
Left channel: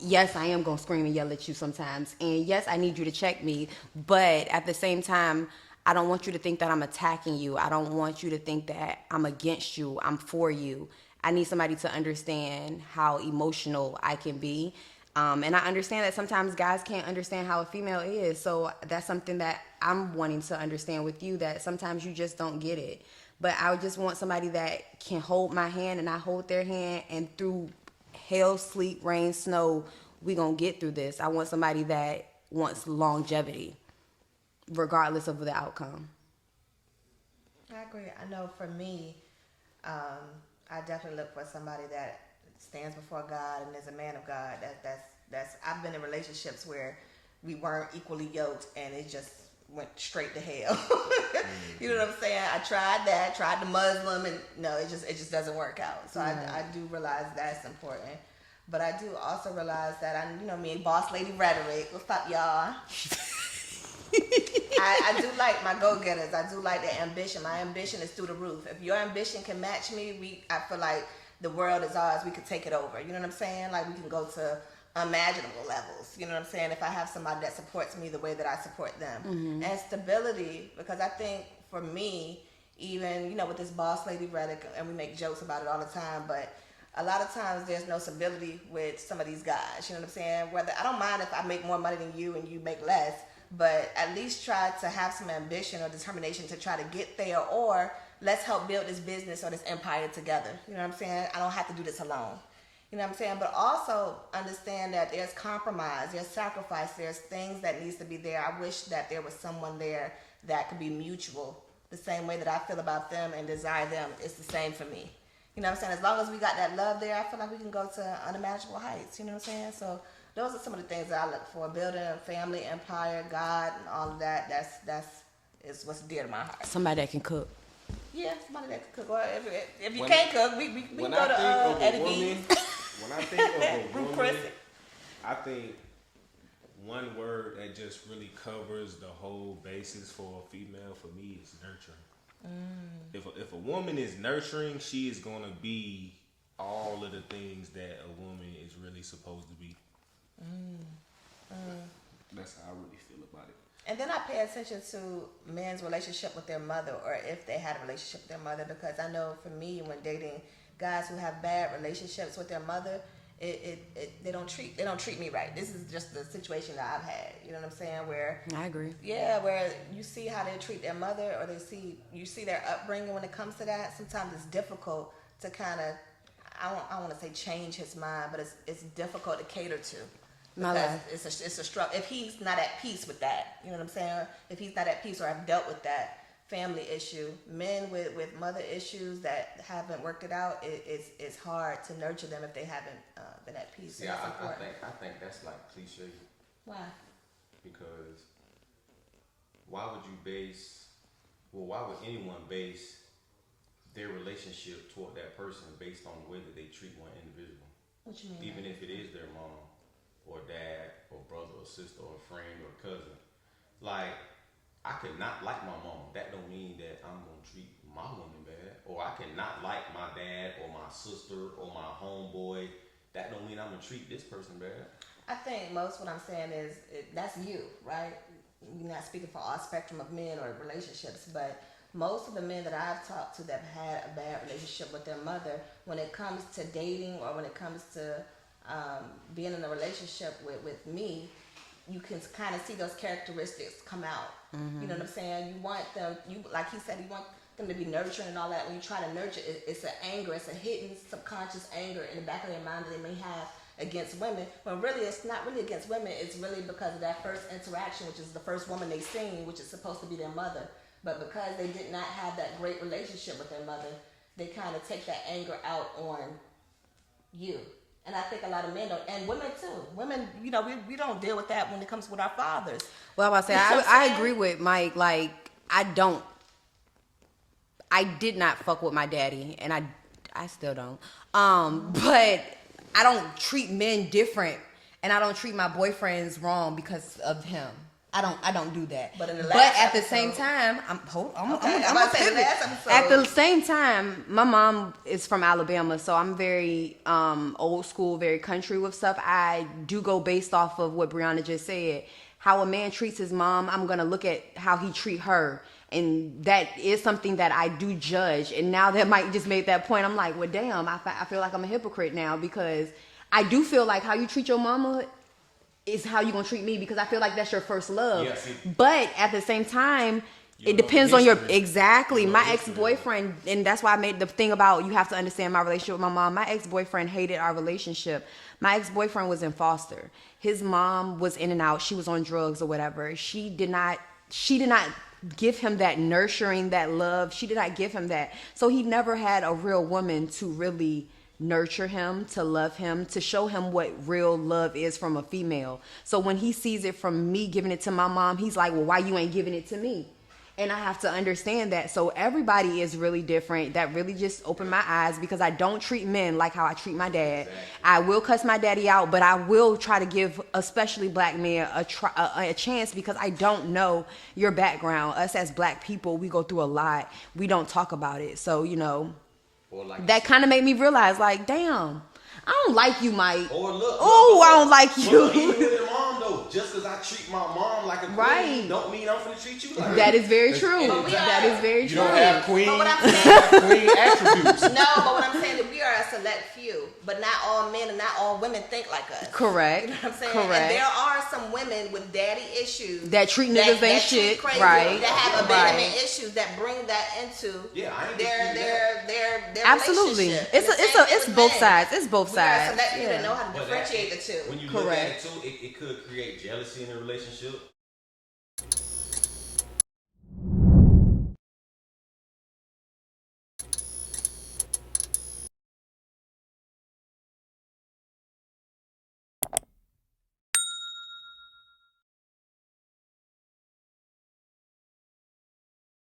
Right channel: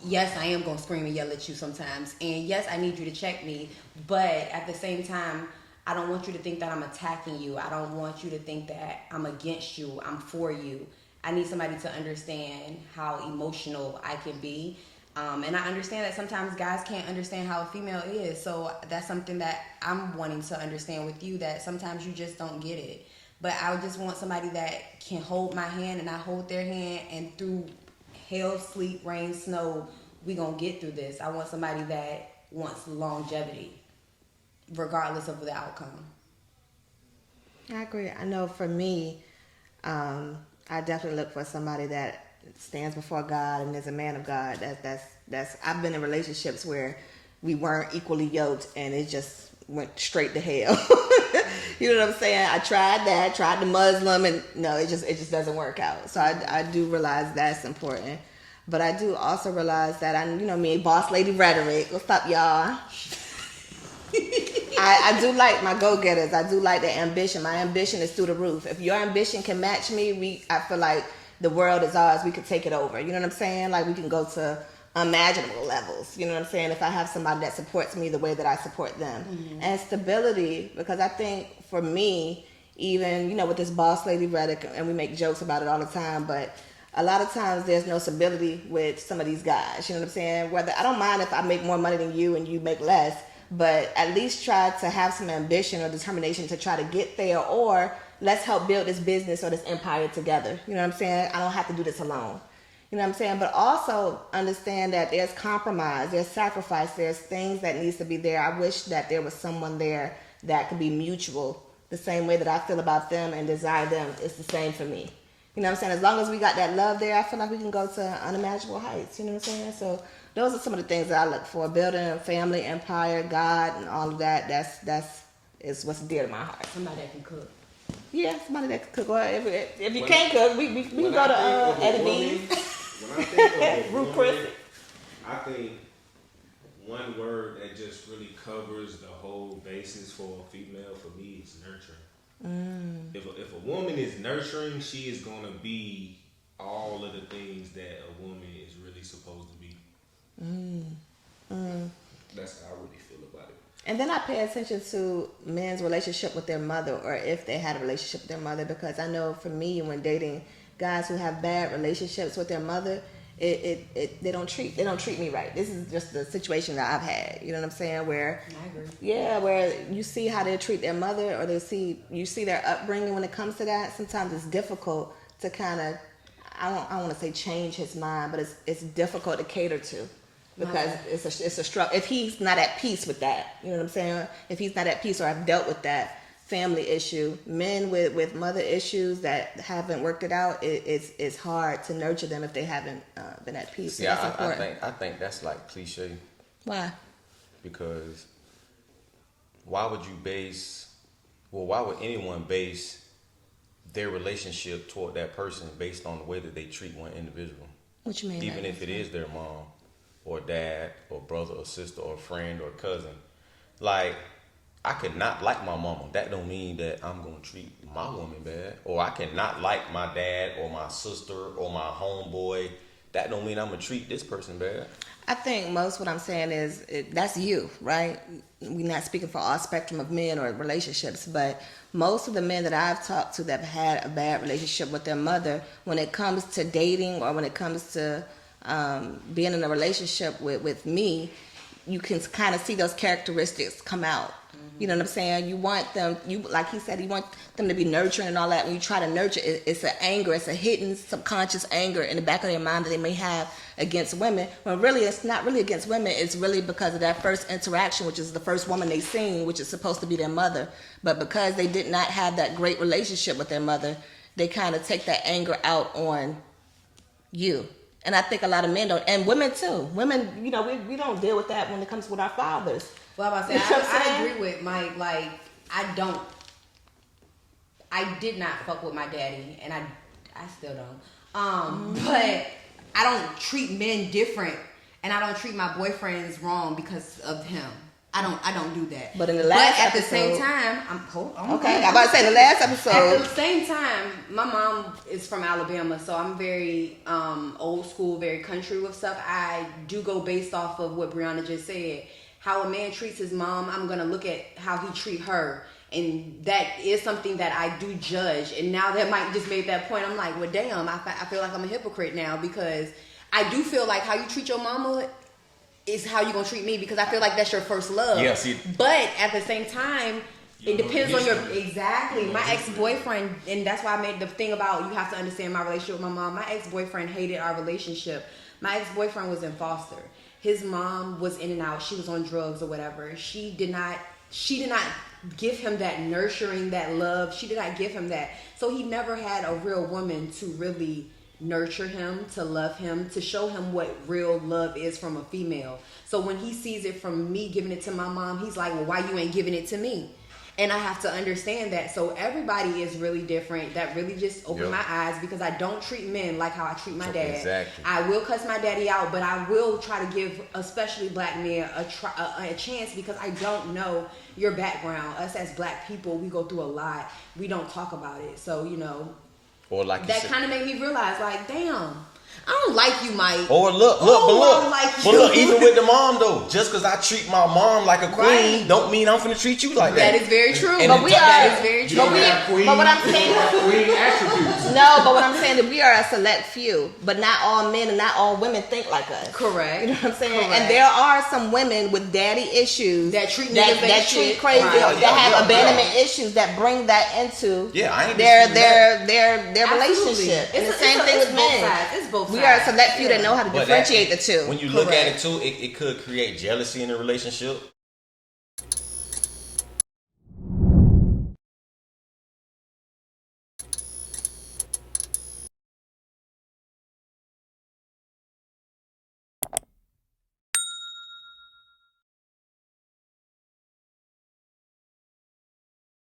Yes, I am going to scream and yell at you sometimes. And yes, I need you to check me. But at the same time, I don't want you to think that I'm attacking you. I don't want you to think that I'm against you. I'm for you. I need somebody to understand how emotional I can be. And I understand that sometimes guys can't understand how a female is. So that's something that I'm wanting to understand with you, that sometimes you just don't get it. But I just want somebody that can hold my hand and I hold their hand, and through hell, sleet, rain, snow, we gonna get through this. I want somebody that wants longevity, regardless of the outcome. I agree. I know for me, I definitely look for somebody that stands before God and is a man of God. That's I've been in relationships where we weren't equally yoked and it just went straight to hell. You know what I'm saying? I tried the Muslim, and no, it just doesn't work out. So I do realize that's important. But I do also realize that me, boss lady rhetoric. What's up, y'all? I do like my go-getters. I do like the ambition. My ambition is through the roof. If your ambition can match me, I feel like the world is ours. We could take it over. You know what I'm saying? Like, we can go to unimaginable levels. You know what I'm saying? If I have somebody that supports me the way that I support them. Mm-hmm. And stability, because I think for me, even, with this boss lady rhetoric, and we make jokes about it all the time, but a lot of times there's no stability with some of these guys. You know what I'm saying? Whether I don't mind if I make more money than you and you make less, but at least try to have some ambition or determination to try to get there, or let's help build this business or this empire together. You know what I'm saying? I don't have to do this alone. You know what I'm saying? But also understand that there's compromise, there's sacrifice, there's things that needs to be there. I wish that there was someone there that could be mutual. The same way that I feel about them and desire them, it's the same for me. You know what I'm saying? As long as we got that love there, I feel like we can go to unimaginable heights. You know what I'm saying? So those are some of the things that I look for. Building a family, empire, God, and all of that. That's what's dear to my heart. Somebody that can cook. Yeah, somebody that could cook. Or if you When- can't cook, we can When go I to think of a Eddie woman, V's. when I think of a Ruth woman, Chris. I think one word that just really covers the whole basis for a female for me is nurturing. If a woman is nurturing, she is gonna be all of the things that a woman is really supposed to be. That's how I really feel about it. And then I pay attention to men's relationship with their mother, or if they had a relationship with their mother, because I know for me, when dating guys who have bad relationships with their mother, they don't treat me right. This is just the situation that I've had. You know what I'm saying? Where I agree. yeah, where you see how they treat their mother, or you see their upbringing when it comes to that. Sometimes it's difficult to kind of, I don't want to say change his mind, but it's difficult to cater to. Because it's a struggle. If he's not at peace with that, you know what I'm saying? If he's not at peace, or I've dealt with that family issue, men with mother issues that haven't worked it out, it's hard to nurture them if they haven't been at peace. Yeah, That's important. I think that's like cliche, Why? because why would anyone base their relationship toward that person based on the way that they treat one individual? What you mean? Even if it is their mom or dad or brother or sister or friend or cousin. Like, I could not like my mama. That don't mean that I'm gonna treat my woman bad. Or I cannot like my dad or my sister or my homeboy. That don't mean I'm gonna treat this person bad. I think most what I'm saying is that's you, right? We're not speaking for all spectrum of men or relationships, but most of the men that I've talked to that have had a bad relationship with their mother, when it comes to dating or when it comes to being in a relationship with me, you can kind of see those characteristics come out. You know what I'm saying? You want them, like he said, you want them to be nurturing and all that. When you try to nurture, it's an anger, it's a hidden subconscious anger in the back of their mind that they may have against women. When really, it's not really against women. It's really because of that first interaction, which is the first woman they seen, which is supposed to be their mother. But because they did not have that great relationship with their mother, they kind of take that anger out on you. And I think a lot of men don't, and women too. Women, you know, we don't deal with that when it comes with our fathers. Well, I'm about to say, You know what I'm I saying? agree with Mike. Like, I did not fuck with my daddy, and I still don't. But I don't treat men different, and I don't treat my boyfriends wrong because of him. I don't do that. But in the last at the episode- same time, Okay, I'm about to say the last episode. At the same time, my mom is from Alabama, so I'm very old school, very country with stuff. I do go based off of what Brianna just said. How a man treats his mom, I'm going to look at how he treat her. And that is something that I do judge. And now that Mike just made that point, I'm like, well, damn, I feel like I'm a hypocrite now, because I do feel like how you treat your mama is how you going to treat me, because I feel like that's your first love. Yes, But at the same time, it depends on your, exactly. My ex-boyfriend, and that's why I made the thing about you have to understand my relationship with my mom. My ex-boyfriend hated our relationship. My ex-boyfriend was in foster. His mom was in and out. She was on drugs or whatever. She did not give him that nurturing, that love. She did not give him that. So he never had a real woman to really nurture him, to love him, to show him what real love is from a female. So when he sees it from me giving it to my mom, he's like, well, why you ain't giving it to me? And I have to understand that. So everybody is really different. That really just opened my eyes, because I don't treat men like how I treat my dad. Exactly. I will cuss my daddy out, but I will try to give especially black men a chance, because I don't know your background. Us as black people, we go through a lot. We don't talk about it. So, you know, Or like that kind of made me realize, like, damn, I don't like you, Mike. Or look, Oh, I don't like you. But look, even with the mom though, just because I treat my mom like a queen, Right. don't mean I'm finna treat you like that. That is very true. And But it- we that are. is very You true. don't have queen. But what I'm saying, queen attributes. no, but what I'm saying is we are a select few, but not all men and not all women think like us. Correct. You know what I'm saying? Correct. And there are some women with daddy issues That treat niggas that ain't treat shit. crazy, Right. that have Yeah, abandonment issues that bring that into Yeah, I ain't their disputing Absolutely. relationship. And the It's same thing it's with both men. sides. It's both We sides. are a select few that know how to But differentiate the two. When you look at Correct. it too, it could create jealousy in a relationship.